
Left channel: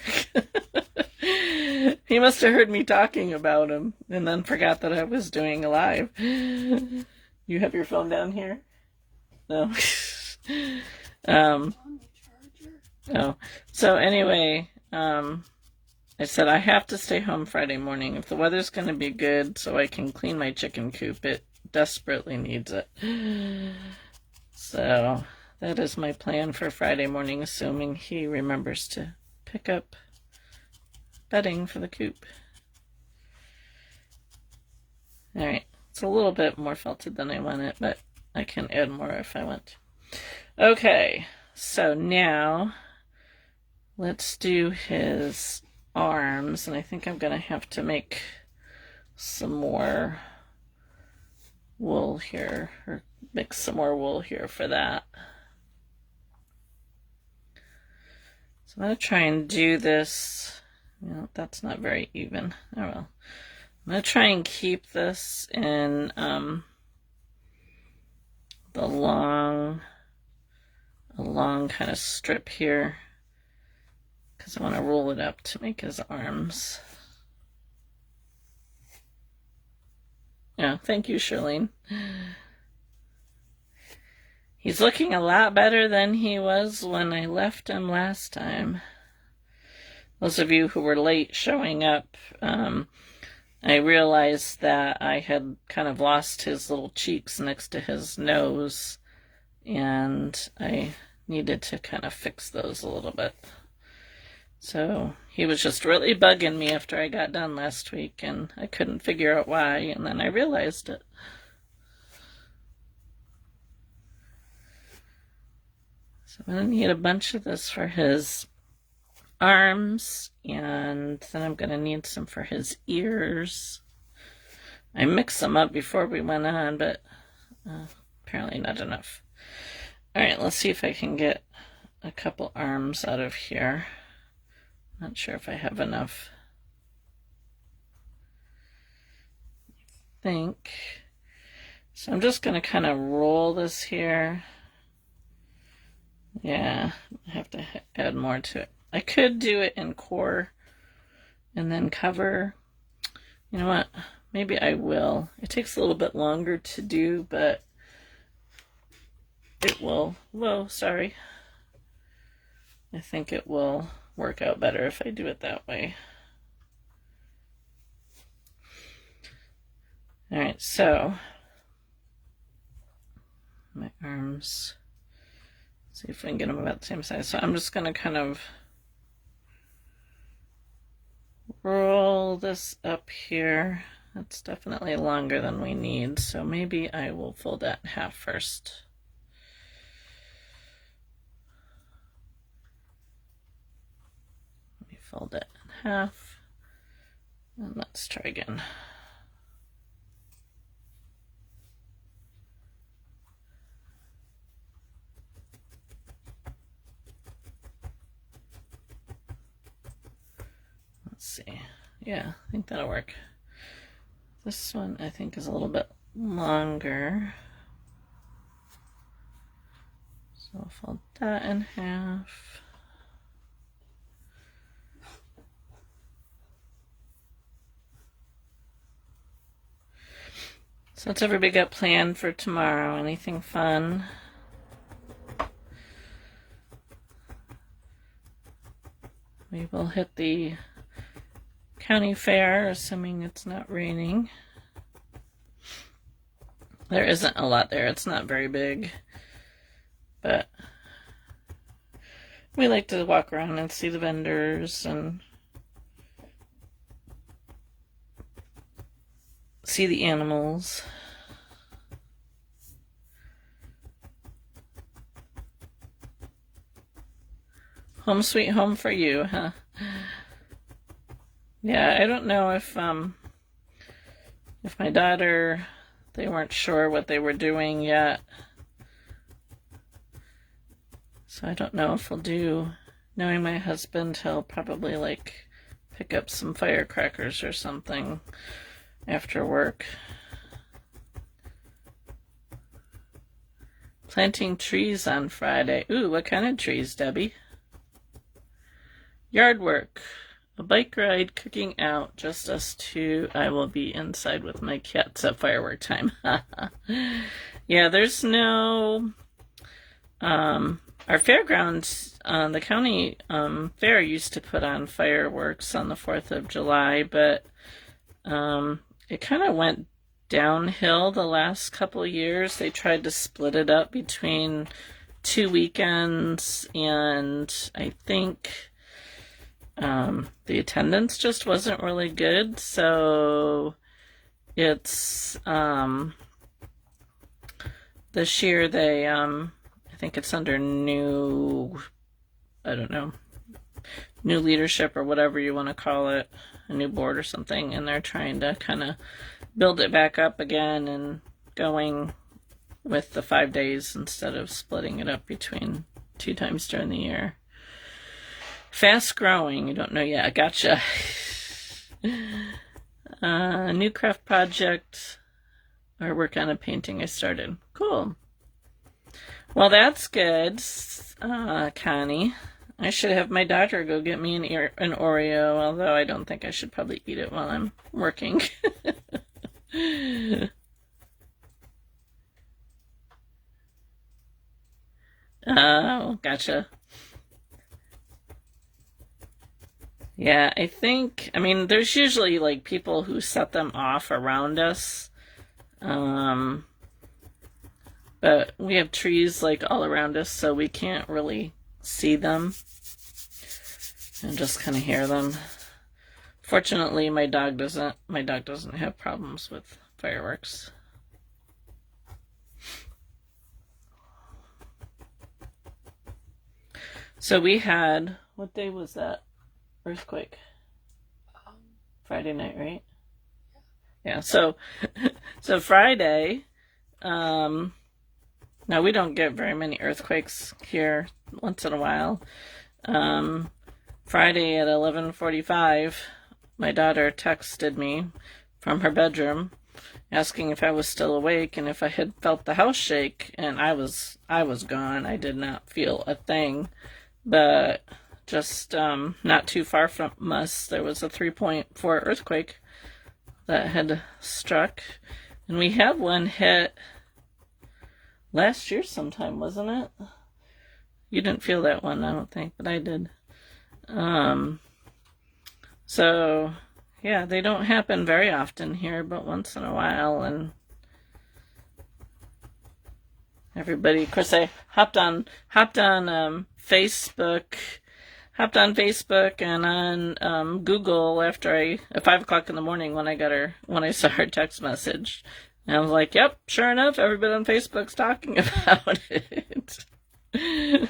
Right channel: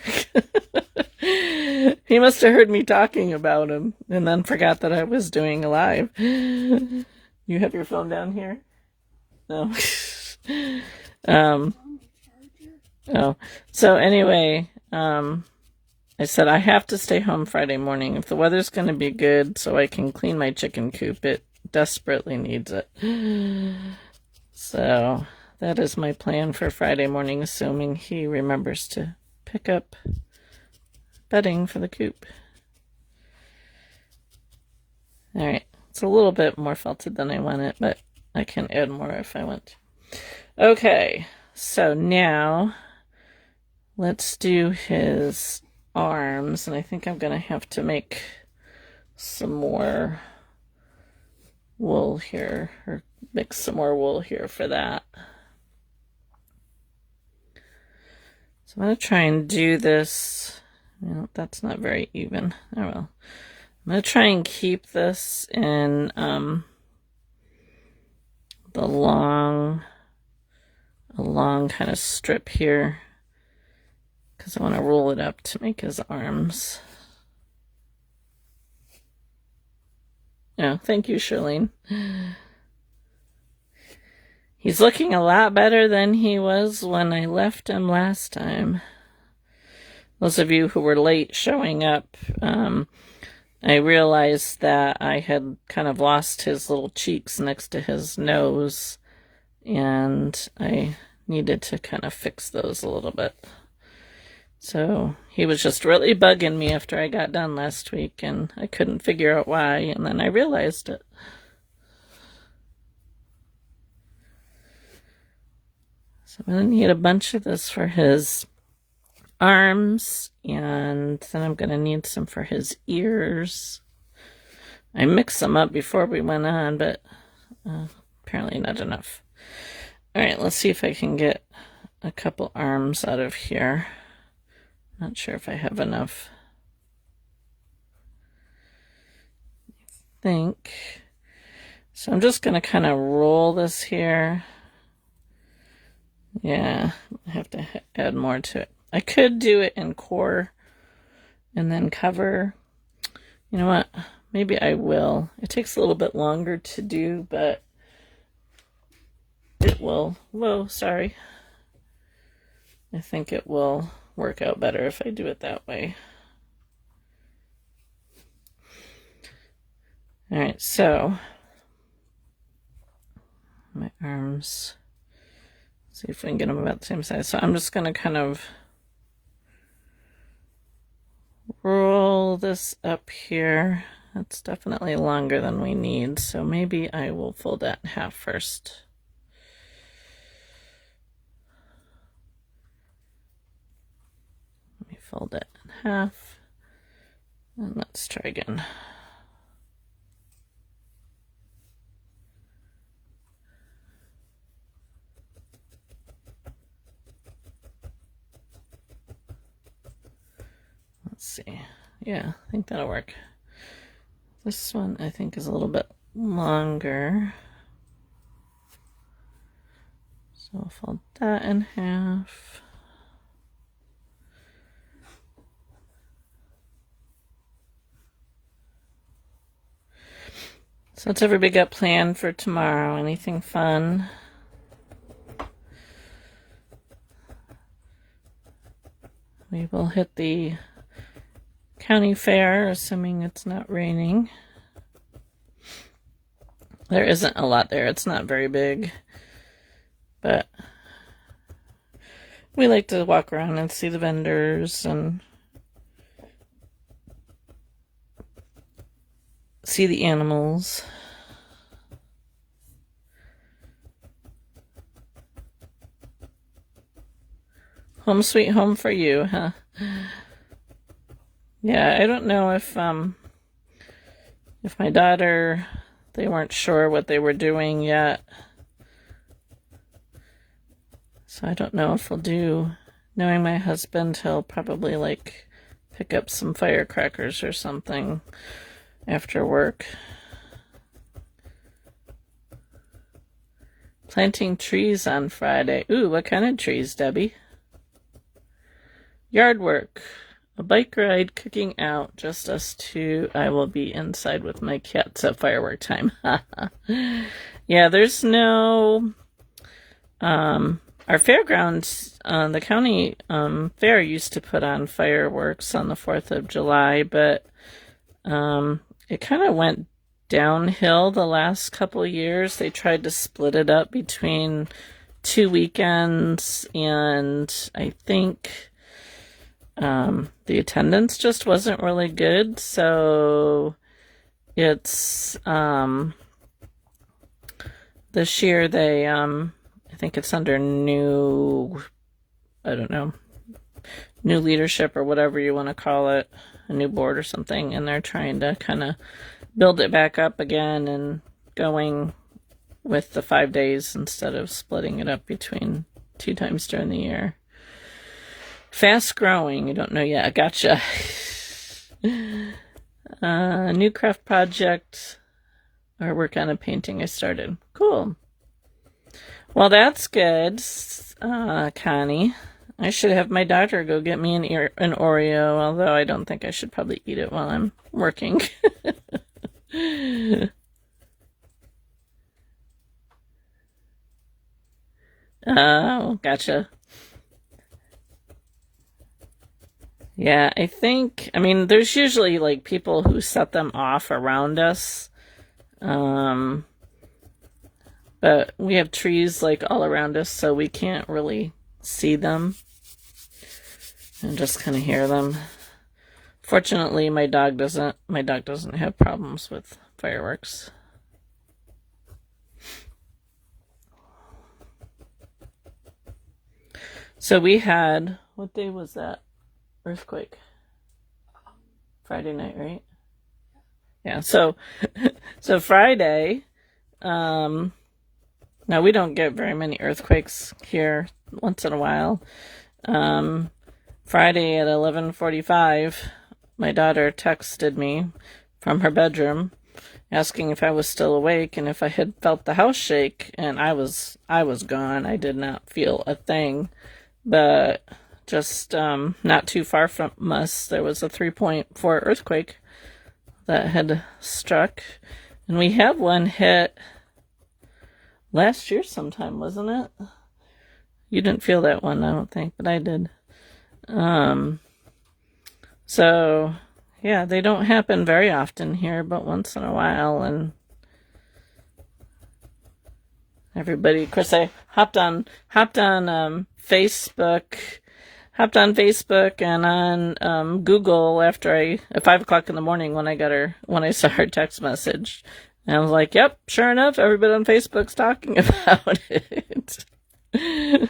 He must have heard me talking about him and then forgot that I was doing a live. You have your phone down here? No. Oh. So anyway, I said I have to stay home Friday morning if the weather's going to be good so I can clean my chicken coop. It desperately needs it. So that is my plan for Friday morning, assuming he remembers to pick up bedding for the coop. All right, it's a little bit more felted than I wanted, but I can add more if I want. Okay, so now let's do his arms, and I think I'm gonna have to make some more wool here, or mix some more wool here for that. So I'm gonna try and do this. Well, that's not very even. Oh well. I'm gonna try and keep this in the long kind of strip here, because I want to roll it up to make his arms. Yeah, thank you, Charlene. He's looking a lot better than he was when I left him last time. Those of you who were late showing up, I realized that I had kind of lost his little cheeks next to his nose, and I needed to kind of fix those a little bit. So he was just really bugging me after I got done last week, and I couldn't figure out why, and then I realized it. So I'm going to need a bunch of this for his arms, and then I'm going to need some for his ears. I mixed them up before we went on, but apparently not enough. All right, let's see if I can get a couple arms out of here. Not sure if I have enough. I think. So I'm just going to kind of roll this here. Yeah, I have to add more to it. I could do it in core and then cover. You know what? Maybe I will. It takes a little bit longer to do, but it will. Whoa, sorry. I think it will work out better if I do it that way. All right, so my arms. See if we can get them about the same size. So I'm just going to kind of roll this up here. That's definitely longer than we need, so maybe I will fold that in half first. Let me fold it in half, and let's try again. Let's see. Yeah, I think that'll work. This one I think is a little bit longer. So I'll fold that in half. So what's everybody got planned for tomorrow? Anything fun? We will hit the county fair, assuming it's not raining. There isn't a lot there. It's not very big. But we like to walk around and see the vendors and see the animals. Home sweet home for you, huh? Yeah, I don't know if my daughter, they weren't sure what they were doing yet. So I don't know if they'll do, knowing my husband, he'll probably like pick up some firecrackers or something after work. Planting trees on Friday. Ooh, what kind of trees, Debbie? Yard work. a bike ride, cooking out, just us two. I will be inside with my cats at firework time. Yeah, there's no, our fairgrounds, the county fair used to put on fireworks on the 4th of July, but it kind of went downhill the last couple of years. They tried to split it up between 2 weekends, and I think the attendance just wasn't really good. So it's this year they I think it's under new, I don't know, new leadership or whatever you want to call it, a new board or something, and they're trying to kind of build it back up again and going with the 5 days instead of splitting it up between 2 times during the year. Fast growing, you don't know yet. Gotcha. New craft project or work on a painting I started. Cool. Well, that's good, Connie. I should have my daughter go get me an Oreo, although I don't think I should probably eat it while I'm working. Oh, gotcha. Yeah, I mean, there's usually like people who set them off around us. Um, but we have trees like all around us, so we can't really see them and just kind of hear them. Fortunately, my dog doesn't have problems with fireworks. So we had, what day was that? Earthquake. Friday night, right? Yeah, so Friday, now we don't get very many earthquakes here, once in a while. Friday at 11:45, my daughter texted me from her bedroom asking if I was still awake and if I had felt the house shake, and I was gone. I did not feel a thing, but just not too far from us, there was a 3.4 earthquake that had struck, and we had one hit last year sometime, wasn't it? You didn't feel that one, I don't think, but I did. So yeah, they don't happen very often here, but once in a while. And everybody, of course, I hopped on Facebook and on Google after at 5 o'clock in the morning when I saw her text message. And I was like, yep, sure enough, everybody on Facebook's talking about it. And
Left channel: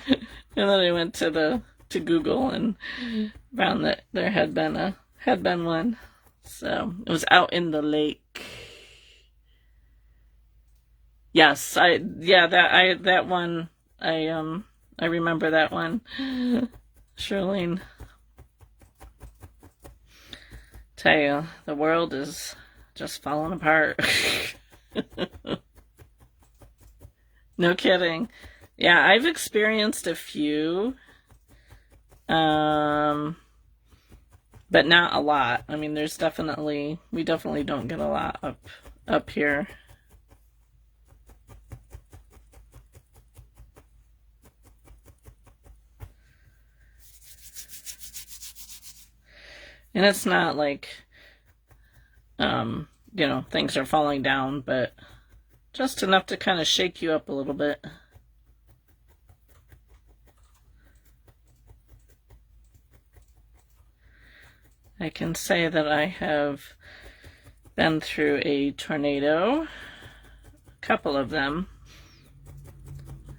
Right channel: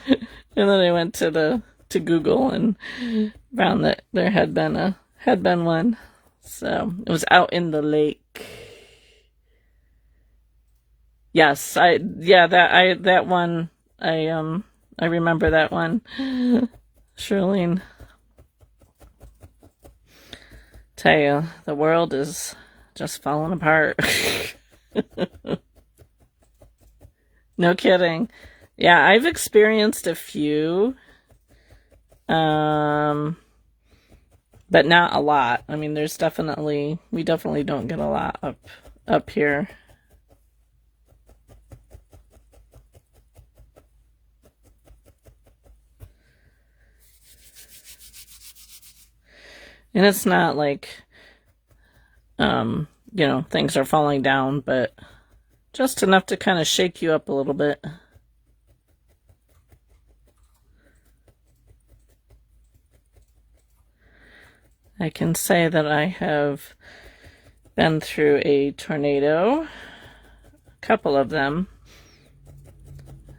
then I went to Google and found that there had been one. So it was out in the lake. Yes, that one, I remember that one. Shirlene, tell you, the world is just falling apart. No kidding. Yeah, I've experienced a few, but not a lot. I mean, we definitely don't get a lot up here. And it's not like, things are falling down, but just enough to kind of shake you up a little bit. I can say that I have been through a tornado, a couple of them.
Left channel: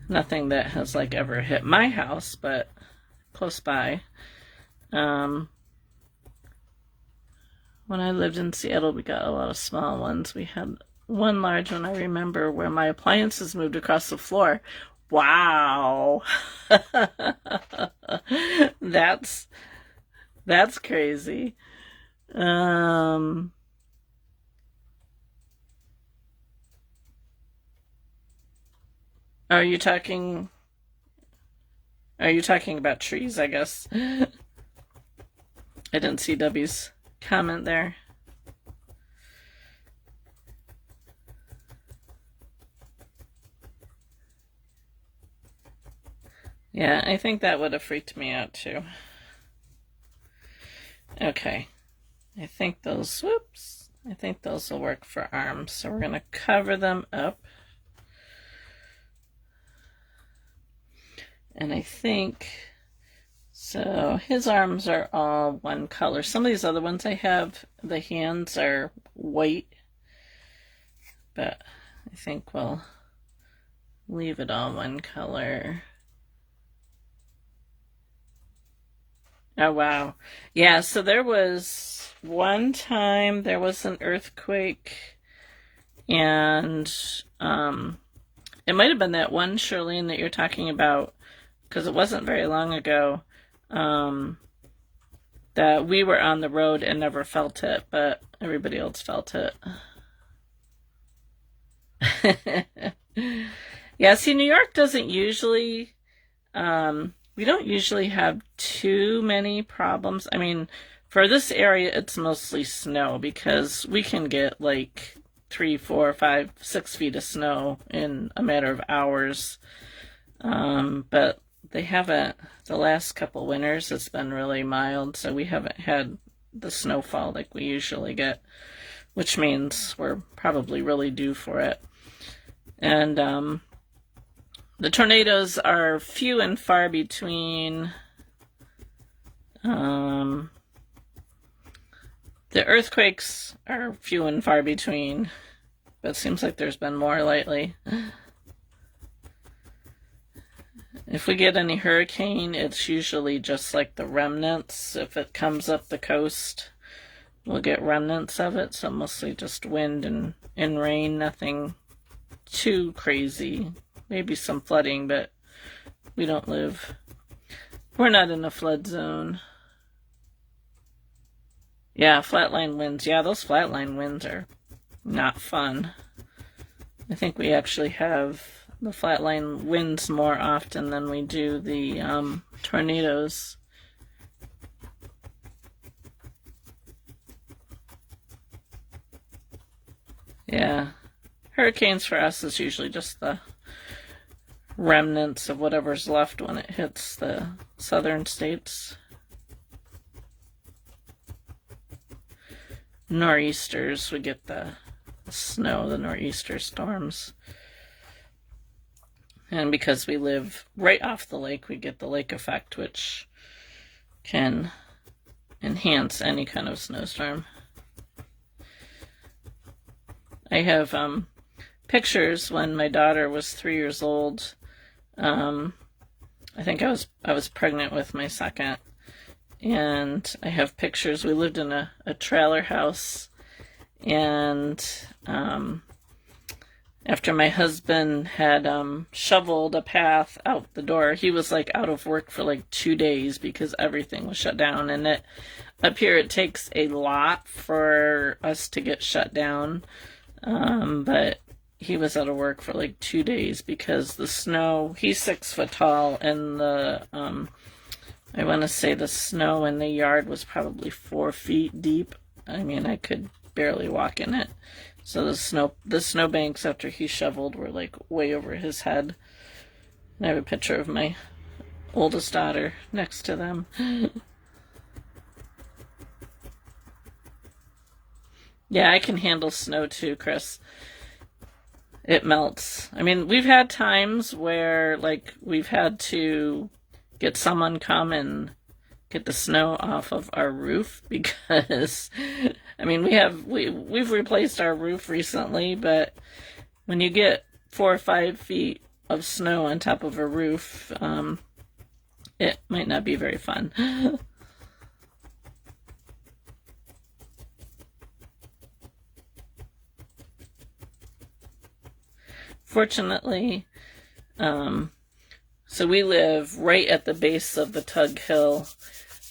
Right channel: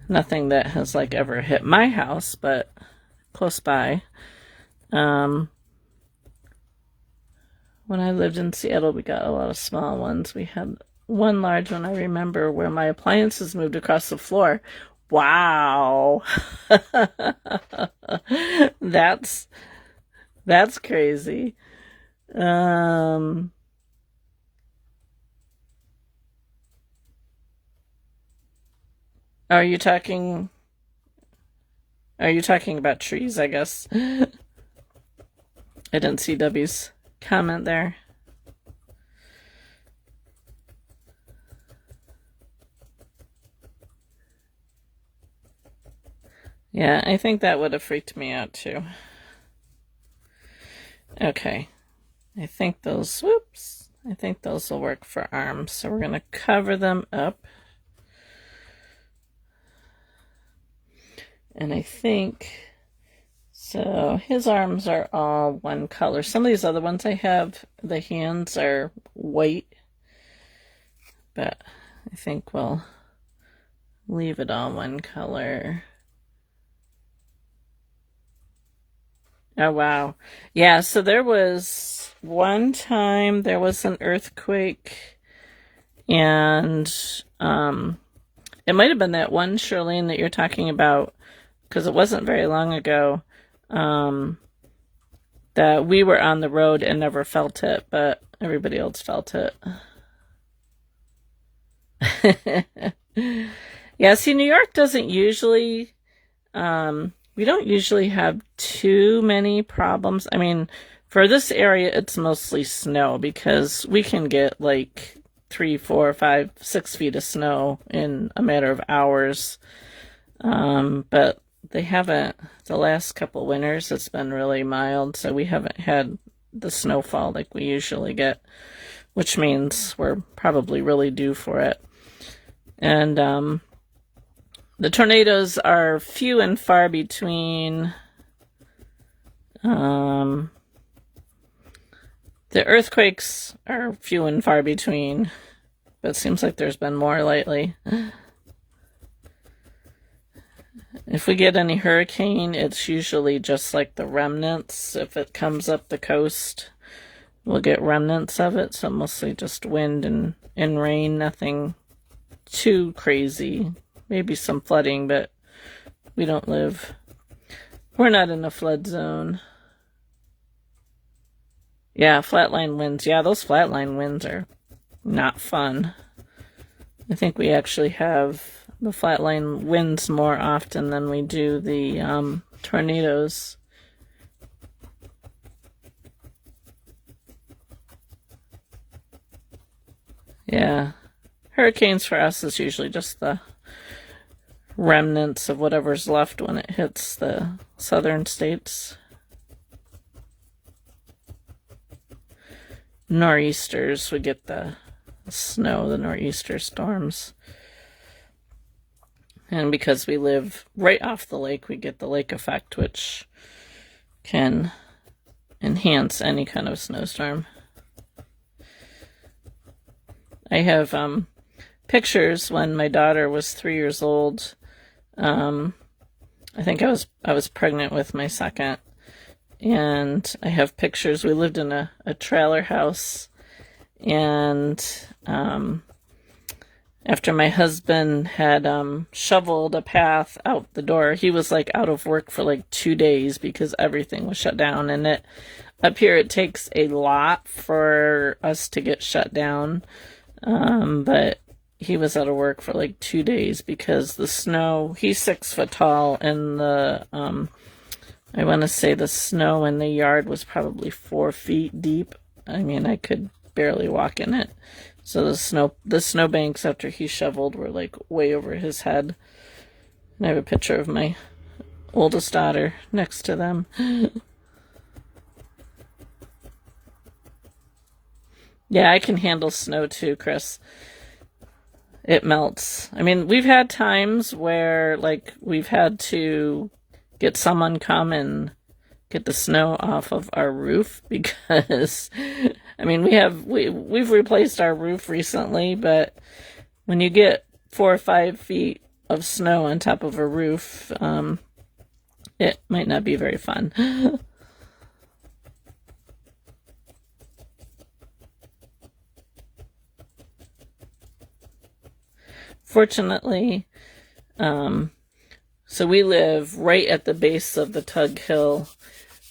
Nothing that has like ever hit my house, but close by. When I lived in Seattle, we got a lot of small ones. We had one large one, I remember, where my appliances moved across the floor. Wow. That's crazy. Are you talking about trees, I guess? I didn't see Debbie's comment there. Yeah, I think that would have freaked me out too. Okay, I think those will work for arms. So we're going to cover them up. And I think, so his arms are all one color. Some of these other ones I have, the hands are white. But I think we'll leave it all one color. Oh, wow. Yeah, so there was one time there was an earthquake, and it might have been that one, Charlene, that you're talking about, because it wasn't very long ago, that we were on the road and never felt it, but everybody else felt it. Yeah, see, New York doesn't usually... we don't usually have too many problems. I mean, for this area, it's mostly snow because we can get like 3, 4, 5, 6 feet of snow in a matter of hours. But they haven't, the last couple winters, it's been really mild, so we haven't had the snowfall like we usually get, which means we're probably really due for it. And, the tornadoes are few and far between. The earthquakes are few and far between, but it seems like there's been more lately. If we get any hurricane, it's usually just like the remnants. If it comes up the coast, we'll get remnants of it, so mostly just wind and rain, nothing too crazy. Maybe some flooding, but we're not in a flood zone. Yeah, flatline winds. Yeah, those flatline winds are not fun. I think we actually have the flatline winds more often than we do the tornadoes. Yeah. Hurricanes for us is usually just the remnants of whatever's left when it hits the southern states. Nor'easters, we get the snow, the nor'easter storms. And because we live right off the lake, we get the lake effect, which can enhance any kind of snowstorm. I have pictures when my daughter was 3 years old. I think I was pregnant with my second, and I have pictures. We lived in a trailer house, and after my husband had shoveled a path out the door, he was like out of work for like 2 days because everything was shut down. And up here it takes a lot for us to get shut down, but he was out of work for like 2 days because the snow, he's 6 foot tall, and I want to say the snow in the yard was probably 4 feet deep. I mean, I could barely walk in it. So the snow banks after he shoveled were like way over his head. And I have a picture of my oldest daughter next to them. Yeah, I can handle snow too, Chris. It melts. I mean, we've had times where, like, we've had to get someone come and get the snow off of our roof because, I mean, we've replaced our roof recently, but when you get 4 or 5 feet of snow on top of a roof, it might not be very fun. Fortunately, so we live right at the base of the Tug Hill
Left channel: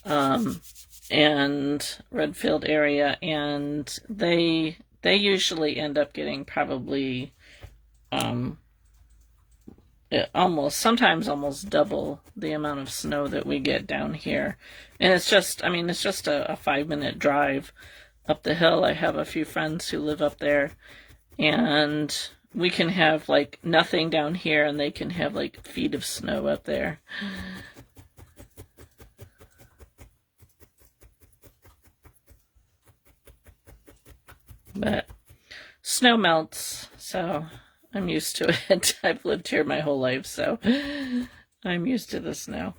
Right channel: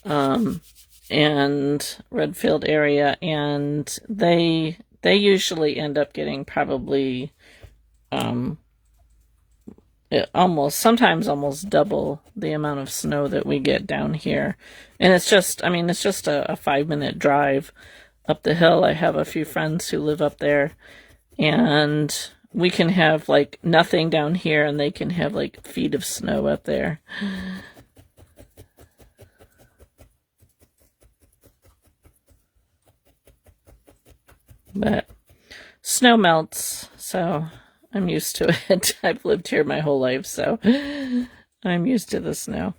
and Redfield area, and they usually end up getting probably at sometimes almost double the amount of snow that we get down here. And it's just, I mean, it's just a 5-minute drive up the hill. I have a few friends who live up there, and we can have like nothing down here, and they can have like feet of snow up there. But snow melts, so I'm used to it. I've lived here my whole life, so I'm used to the snow.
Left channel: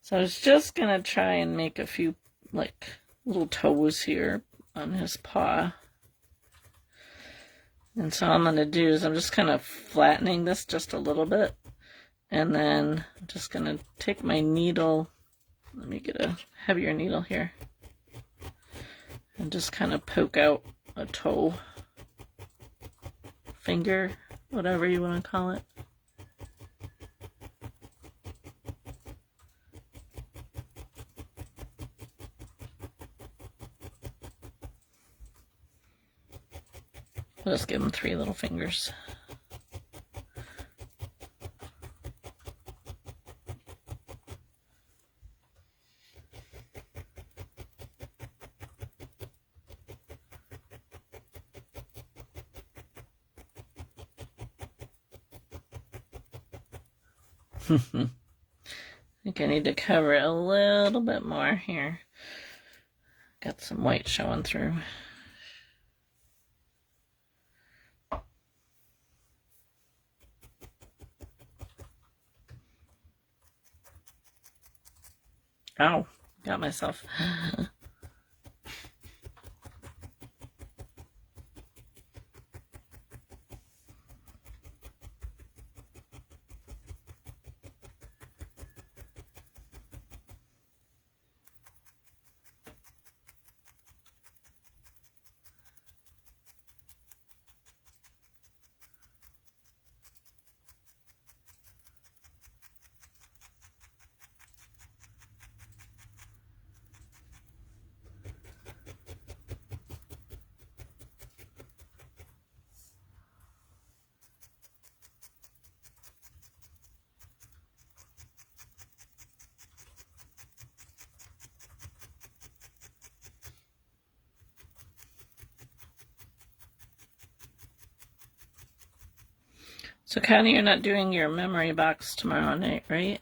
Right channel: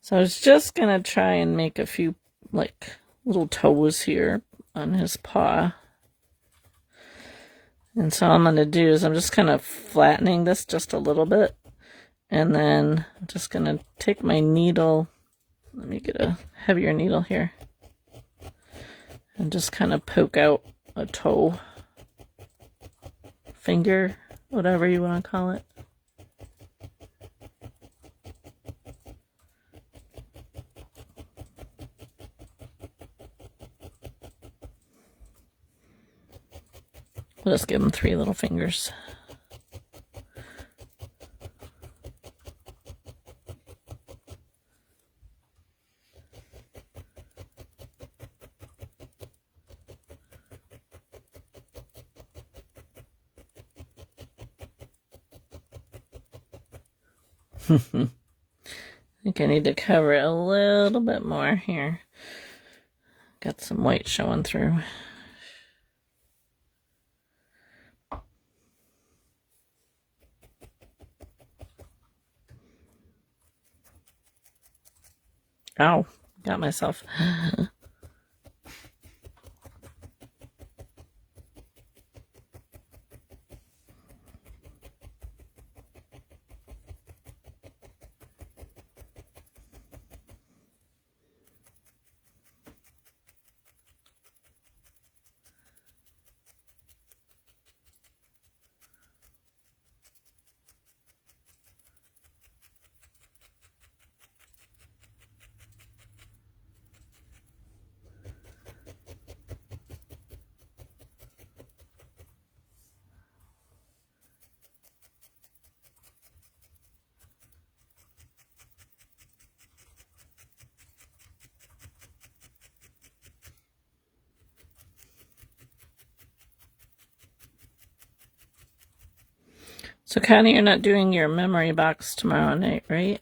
So I was just going to try and make a few, like, little toes here on his paw. And so all I'm going to do is I'm just kind of flattening this just a little bit. And then I'm just going to take my needle. Let me get a heavier needle here. And just kind of poke out a toe, finger, whatever you want to call it. Let's give him 3 little fingers. I think I need to cover it a little bit more here. Got some white showing through. Oh, got myself. So, Connie, you're not doing your memory box tomorrow night, right?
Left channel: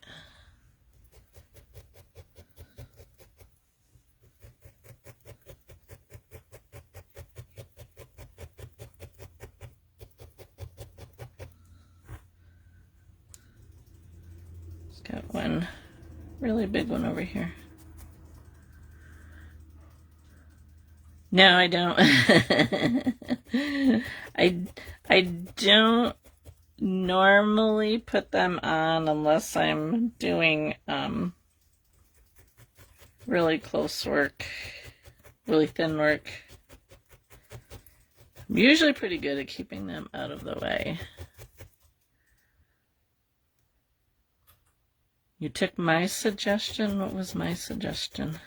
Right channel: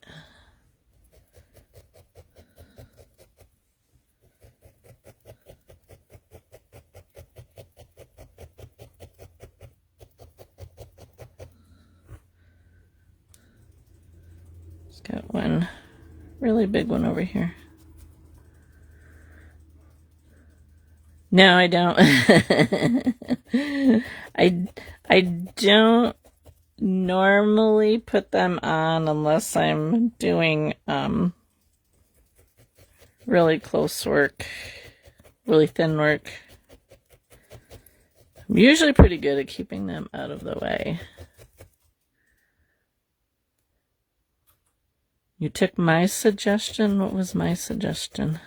It's got one really big one over here. No, I don't. I don't normally put them on unless I'm doing really close work, really thin work. I'm usually pretty good at keeping them out of the way. You took my suggestion? What was my suggestion?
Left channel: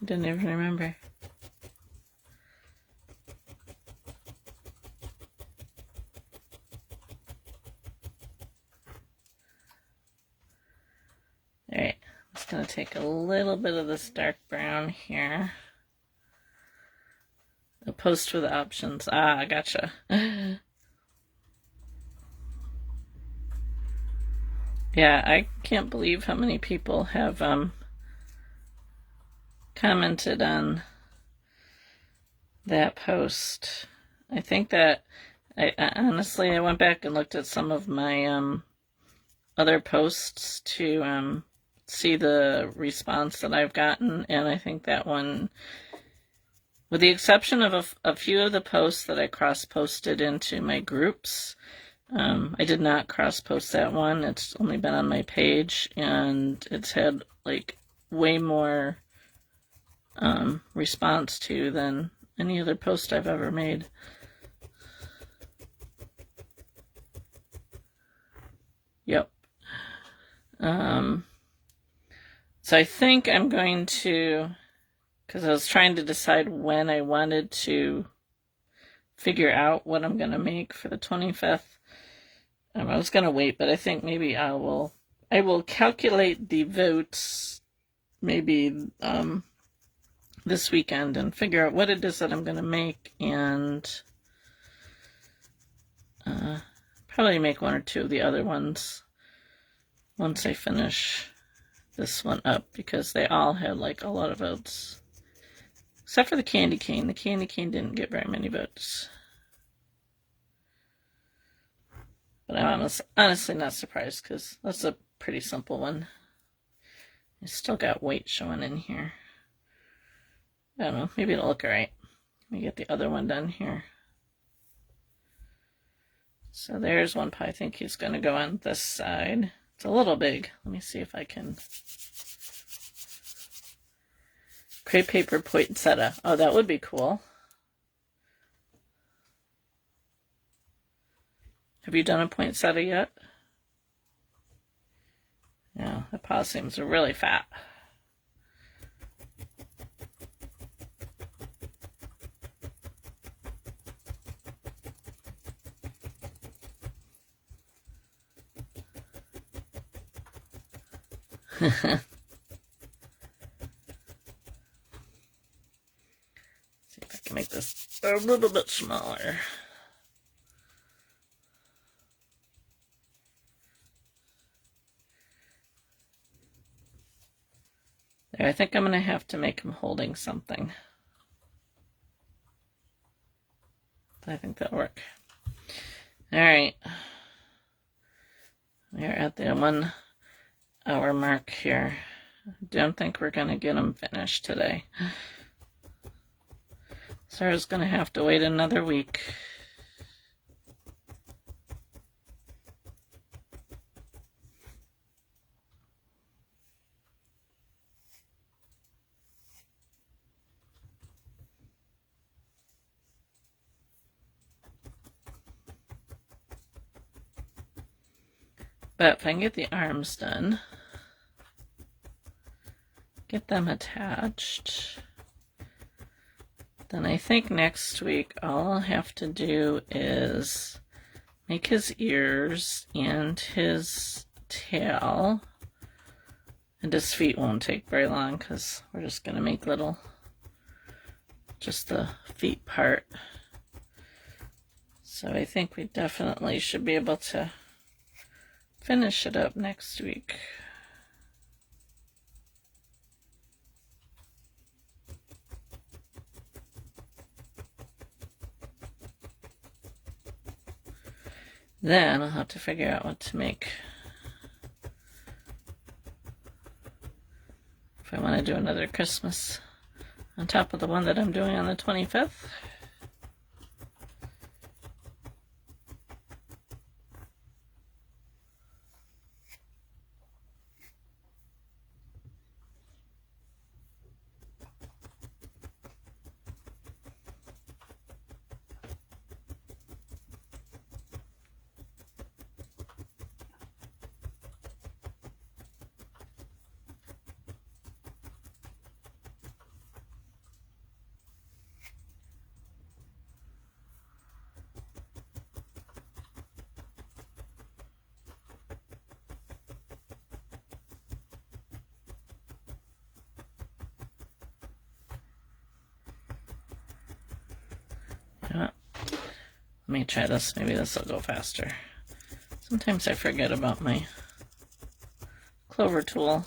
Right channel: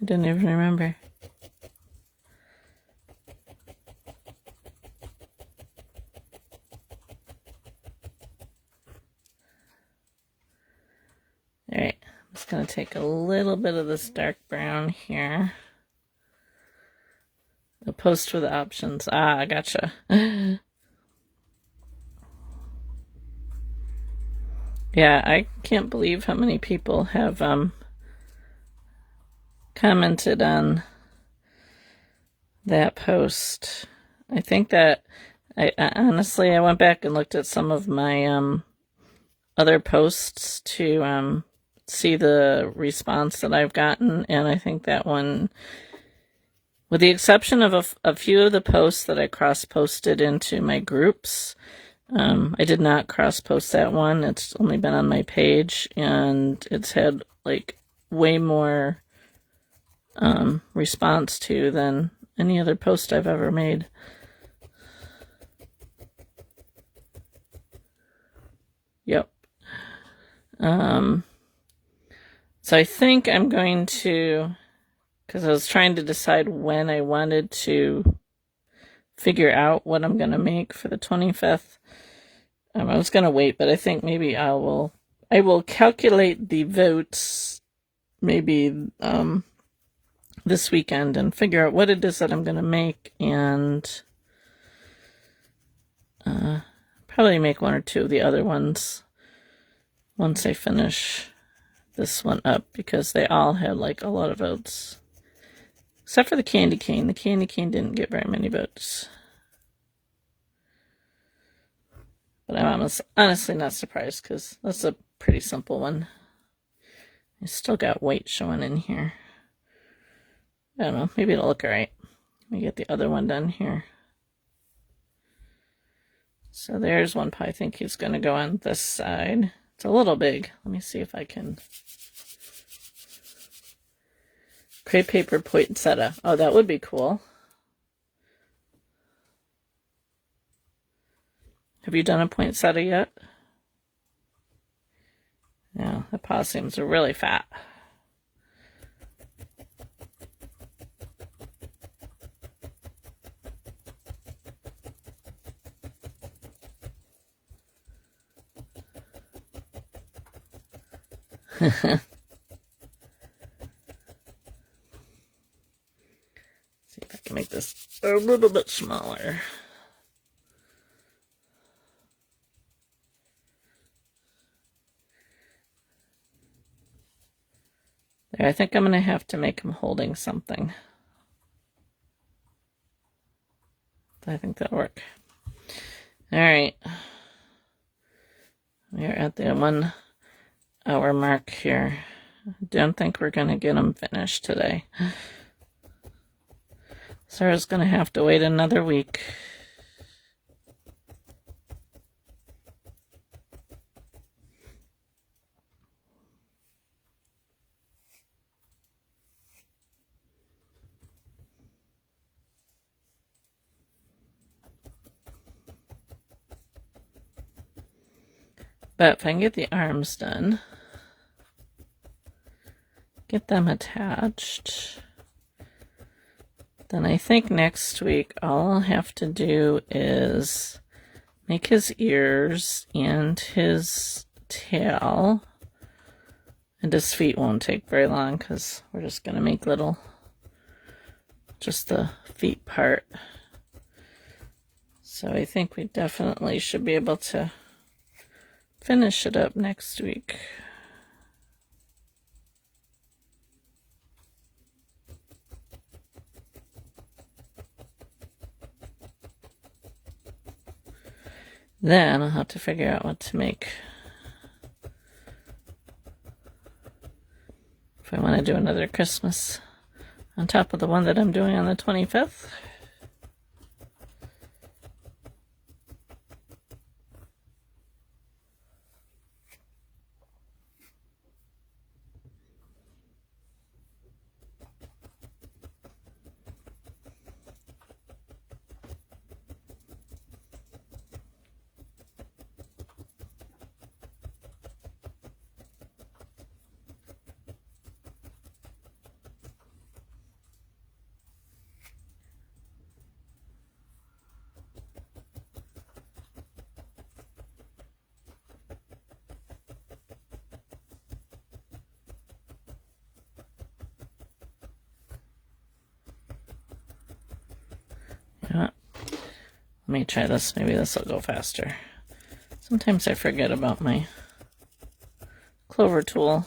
I don't even remember. Alright, I'm just going to take a little bit of this dark brown here. The post for the options. Ah, gotcha. Yeah, I can't believe how many people have commented on that post. I think that I honestly went back and looked at some of my other posts to see the response that I've gotten, and I think that one, with the exception of a few of the posts that I cross-posted into my groups, I did not cross-post that one. It's only been on my page, and it's had like way more response to than any other post I've ever made. Yep. So I think I'm going to, because I was trying to decide when I wanted to figure out what I'm going to make for the 25th. I was going to wait, but I think maybe I will calculate the votes maybe this weekend and figure out what it is that I'm going to make, and probably make one or two of the other ones once I finish this one up, because they all had like a lot of votes. Except for the candy cane. The candy cane didn't get very many votes. But I'm honestly not surprised, because that's a pretty simple one. I still got white showing in here. I don't know, maybe it'll look alright. Let me get the other one done here. So there's one pie. I think he's going to go on this side. It's a little big. Let me see if I can. Crepe paper poinsettia. Oh, that would be cool. Have you done a poinsettia yet? No, the possums are really fat. See if I can make this a little bit smaller. There, I think I'm going to have to make him holding something. I think that'll work. Alright. We're at the 1 hour mark here. Don't think we're going to get them finished today. Sarah's going to have to wait another week. But if I can get the arms done, get them attached, then I think next week all I'll have to do is make his ears and his tail, and his feet won't take very long because we're just going to make just the feet part. So I think we definitely should be able to finish it up next week. Then I'll have to figure out what to make. If I want to do another Christmas on top of the one that I'm doing on the 25th. Let me try this. Maybe this will go faster. Sometimes I forget about my clover tool.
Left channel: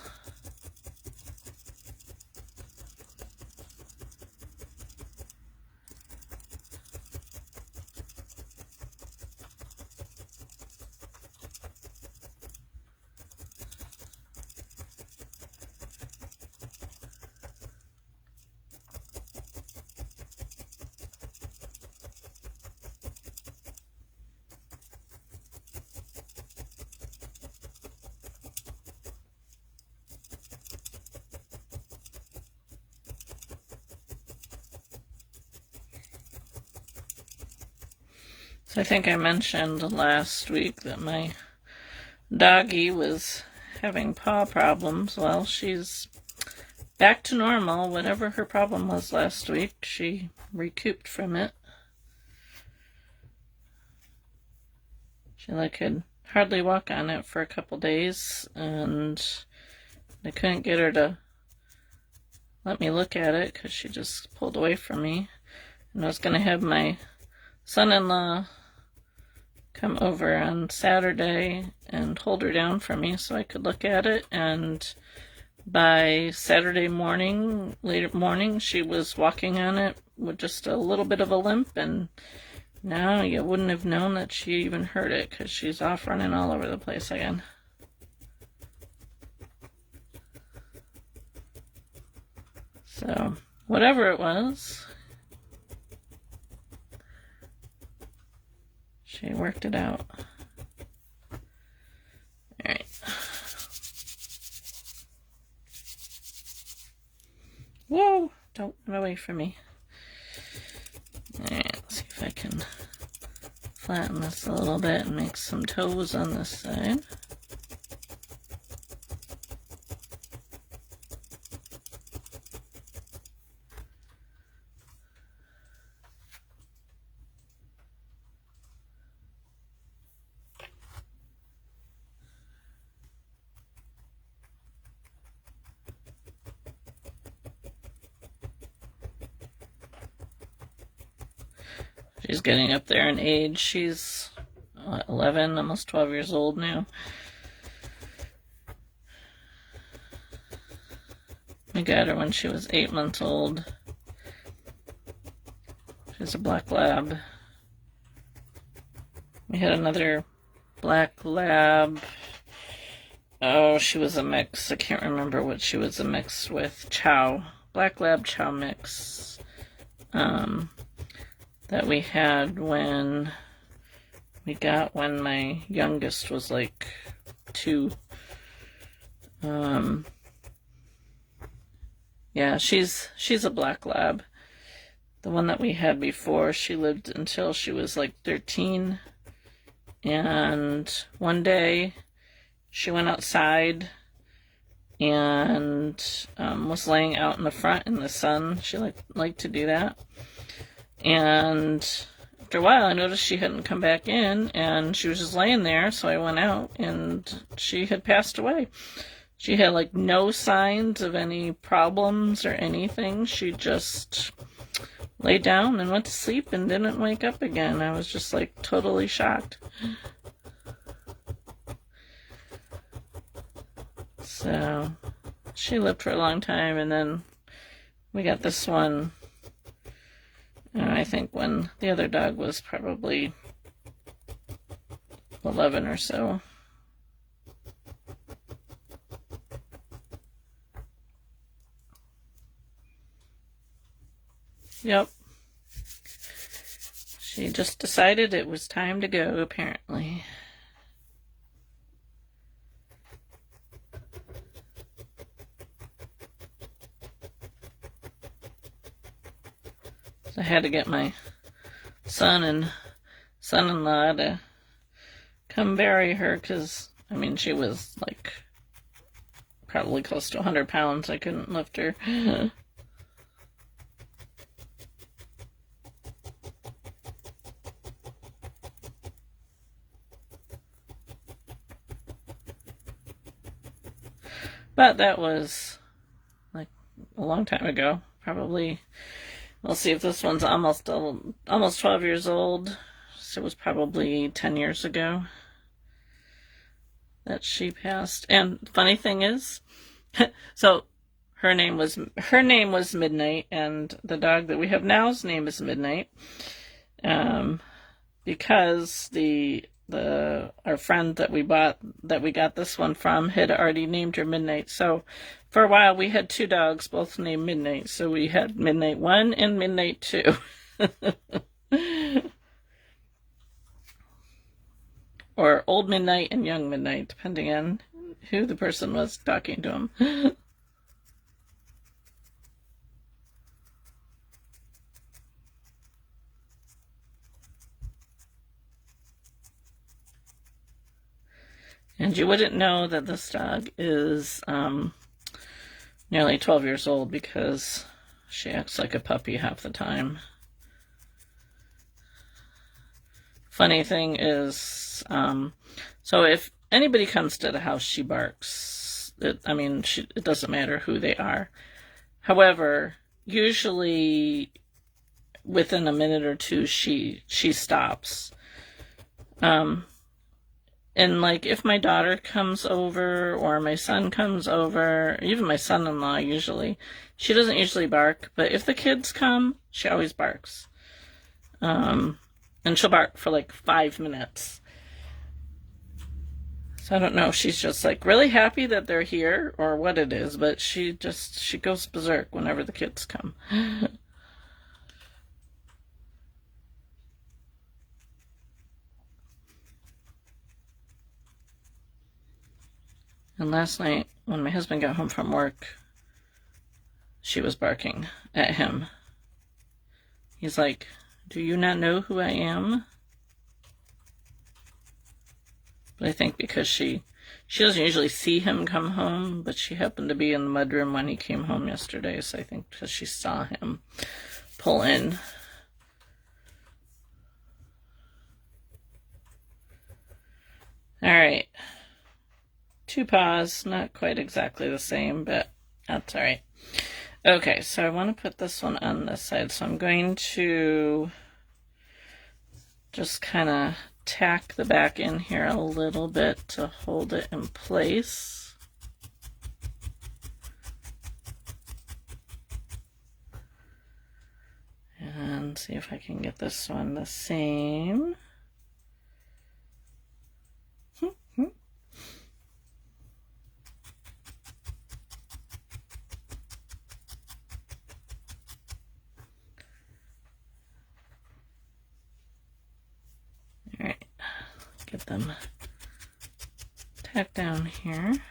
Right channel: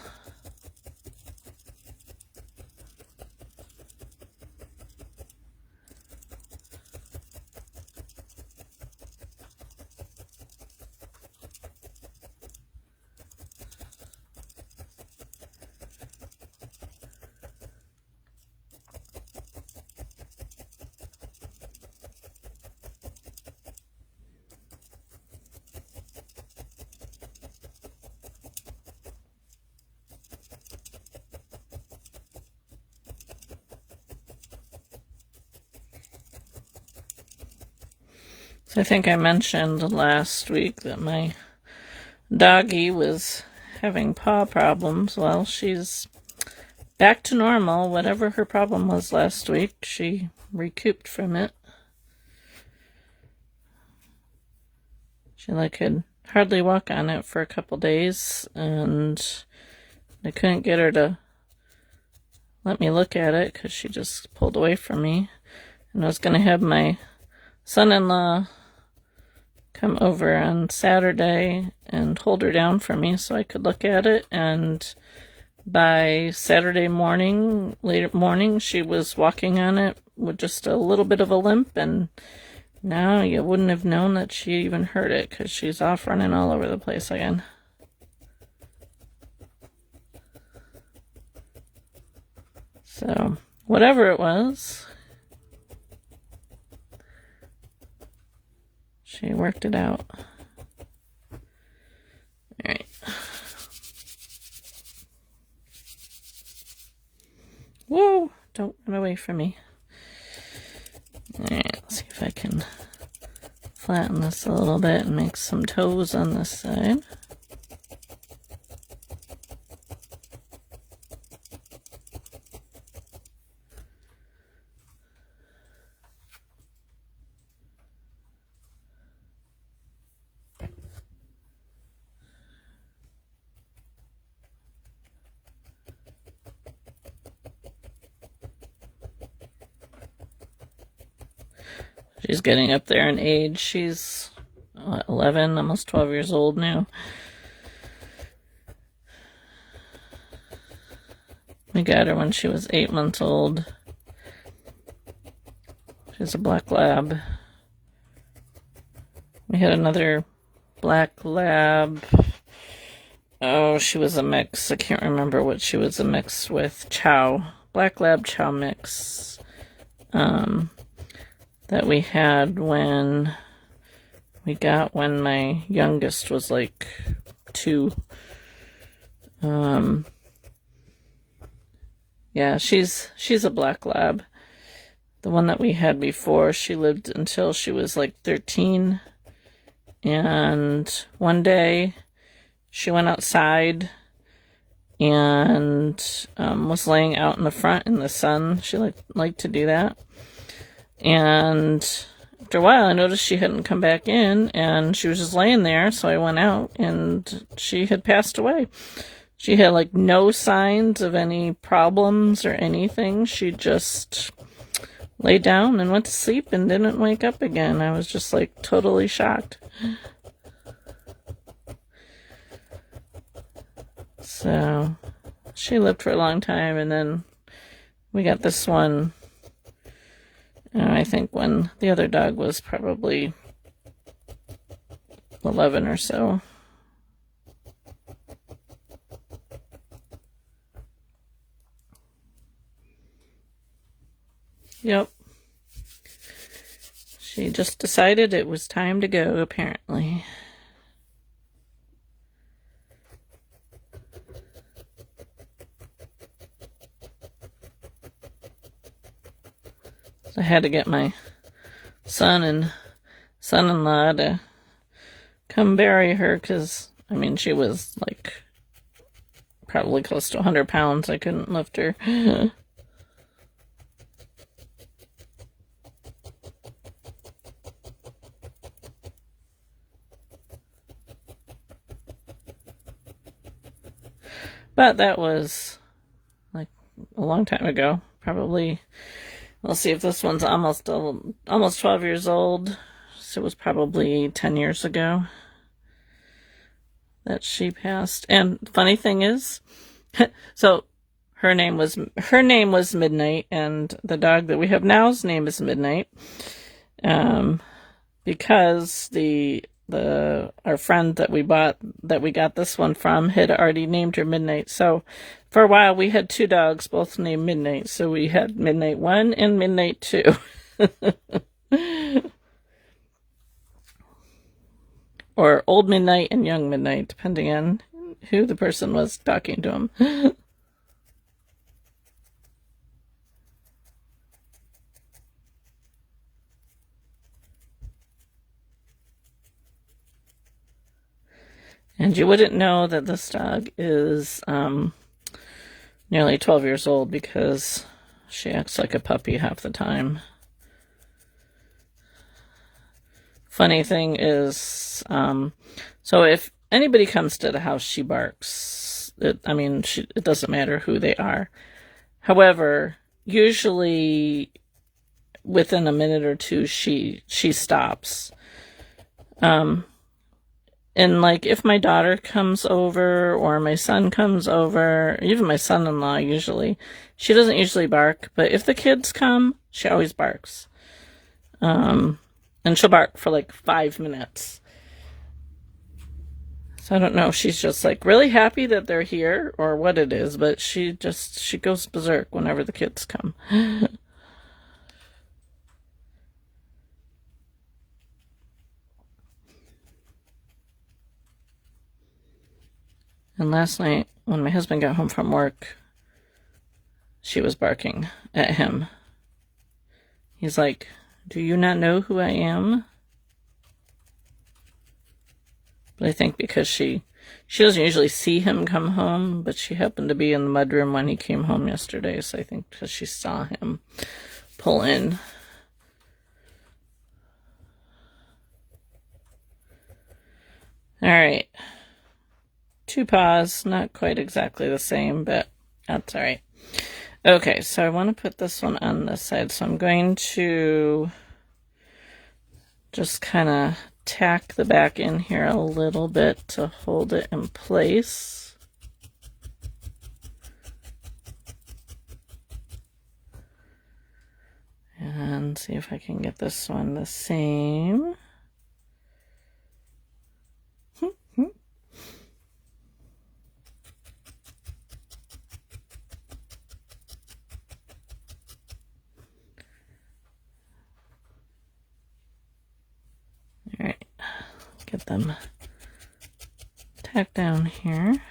So I think I mentioned last week that my doggie was having paw problems. Well, she's back to normal. Whatever her problem was last week, she recouped from it. She could hardly walk on it for a couple days, and I couldn't get her to let me look at it because she just pulled away from me. And I was going to have my son-in-law come over on Saturday and hold her down for me so I could look at it, and by Saturday morning, late morning, she was walking on it with just a little bit of a limp, and now you wouldn't have known that she even hurt it because she's off running all over the place again. So, whatever it was, she worked it out. Alright. Whoa! Don't run away from me. Alright, let's see if I can flatten this a little bit and make some toes on this side. She's getting up there in age. She's 11, almost 12 years old now. We got her when she was 8 months old. She's a black lab. We had another black lab. Oh, she was a mix. I can't remember what she was a mix with. Chow. Black lab chow mix. That we had when my youngest was like 2. Yeah, she's a black lab. The one that we had before, she lived until she was like 13. And one day she went outside and was laying out in the front in the sun. She liked to do that. And after a while, I noticed she hadn't come back in, and she was just laying there, so I went out, and she had passed away. She had, like, no signs of any problems or anything. She just lay down and went to sleep and didn't wake up again. I was just, like, totally shocked. So, she lived for a long time, and then we got this one. I think when the other dog was probably 11 or so. Yep. She just decided it was time to go, apparently. I had to get my son and son-in-law to come bury her because, I mean, she was like probably close to 100 pounds. I couldn't lift her. But that was like a long time ago. Probably, let's see if this one's almost 12 years old. So it was probably 10 years ago that she passed. And funny thing is, so her name was Midnight, and the dog that we have now's name is Midnight. Because our friend that we got this one from had already named her Midnight. So for a while we had 2 dogs, both named Midnight. So we had Midnight 1 and Midnight 2. Or Old Midnight and Young Midnight, depending on who the person was talking to him. And you wouldn't know that this dog is nearly 12 years old because she acts like a puppy half the time. funny thing is, so if anybody comes to the house, she barks. It doesn't matter who they are. However, usually within a minute or two, she stops. And like if my daughter comes over or my son comes over, even my son-in-law usually, she doesn't usually bark, but if the kids come, she always barks. And she'll bark for like 5 minutes. So I don't know if she's just like really happy that they're here or what it is, but she goes berserk whenever the kids come. And last night, when my husband got home from work, she was barking at him. He's like, "Do you not know who I am?" But I think because she doesn't usually see him come home, but she happened to be in the mudroom when he came home yesterday, so I think because she saw him pull in. All right. 2 paws, not quite exactly the same, but that's all right. Okay, so I want to put this one on this side, so I'm going to just kind of tack the back in here a little bit to hold it in place. And see if I can get this one the same. All right, get them tacked down here.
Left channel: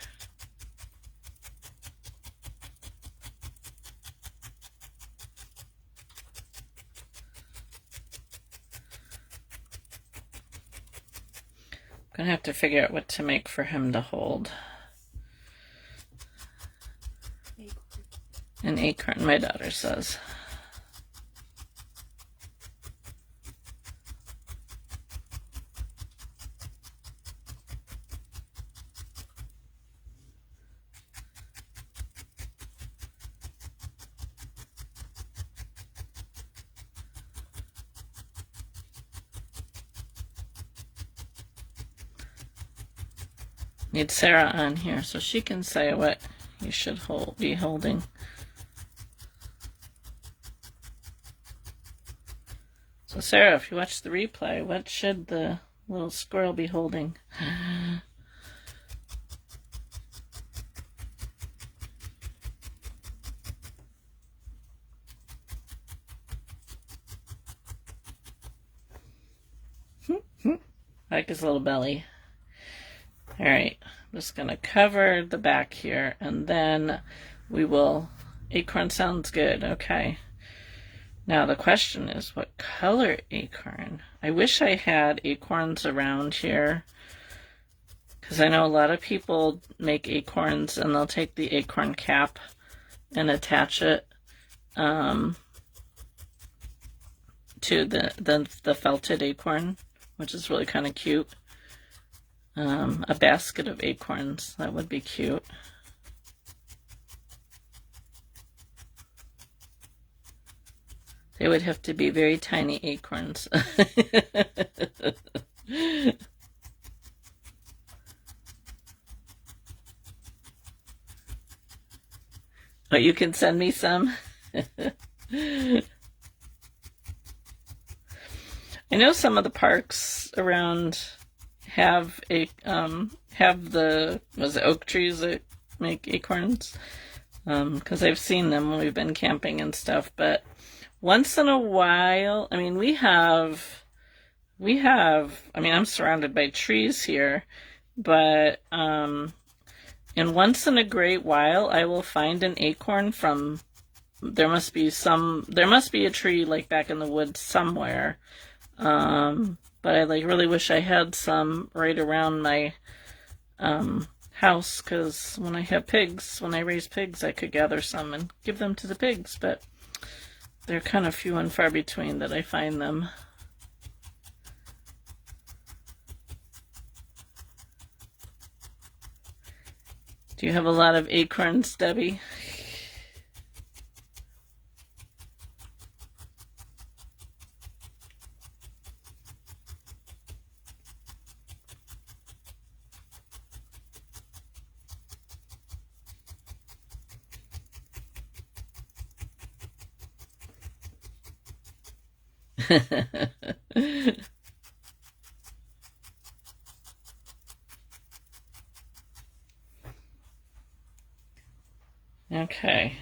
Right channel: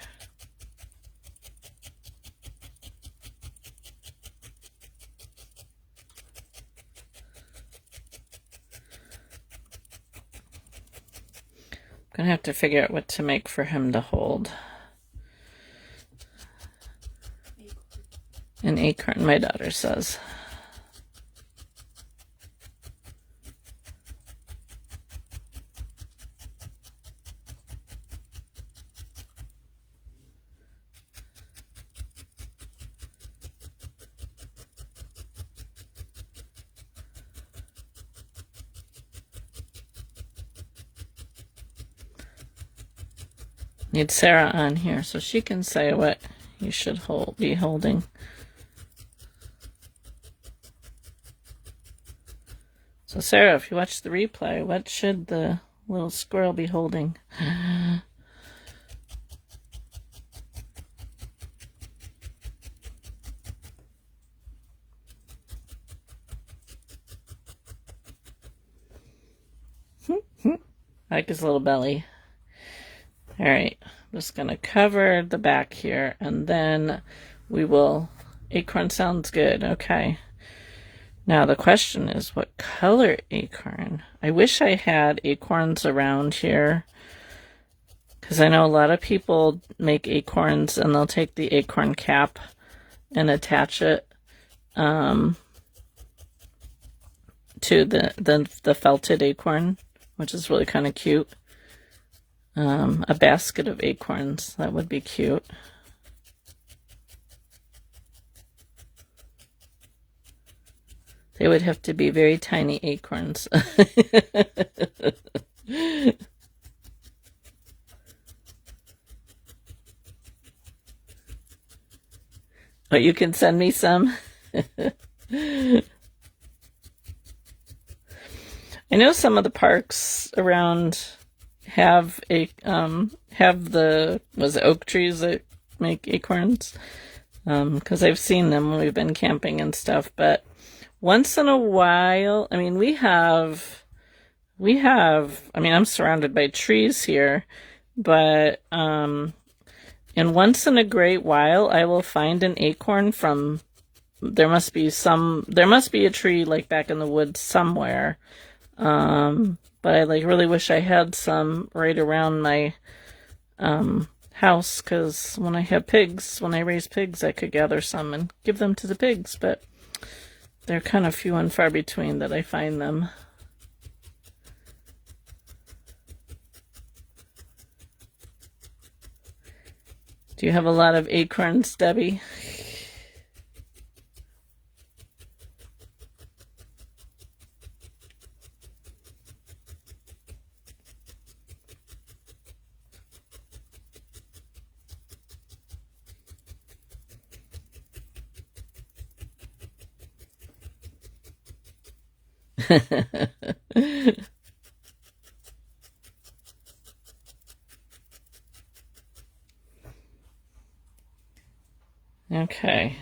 I'm gonna have to figure out what to make for him to hold. An acorn, my daughter says. Need Sarah on here so she can say what you should be holding. So Sarah, if you watch the replay, what should the little squirrel be holding? Like his little belly. All right, I'm just going to cover the back here, and then we will... Acorn sounds good. Okay. Now the question is, what color acorn? I wish I had acorns around here, because I know a lot of people make acorns, and they'll take the acorn cap and attach it to the felted acorn, which is really kind of cute. A basket of acorns, that would be cute. They would have to be very tiny acorns. Oh, you can send me some? I know some of the parks around have the oak trees that make acorns, because I've seen them when we've been camping and stuff. But once in a while, I mean, I'm surrounded by trees here, but and once in a great while I will find an acorn from, there must be a tree like back in the woods somewhere. But I really wish I had some right around my house, because when I raise pigs, I could gather some and give them to the pigs, but they're kind of few and far between that I find them. Do you have a lot of acorns, Debbie? Okay,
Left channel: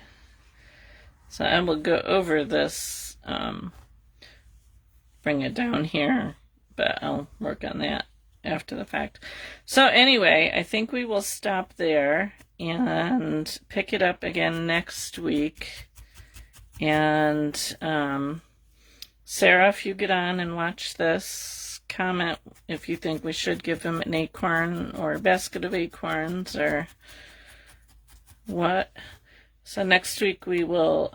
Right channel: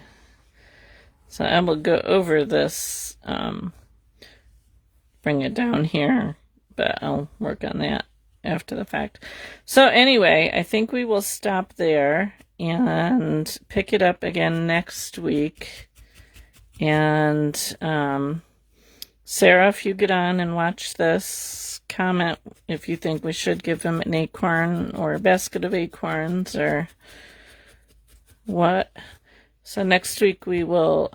so I will go over this, bring it down here, but I'll work on that after the fact. So anyway, I think we will stop there and pick it up again next week. And Sarah, if you get on and watch this, comment if you think we should give him an acorn or a basket of acorns or what. So next week we will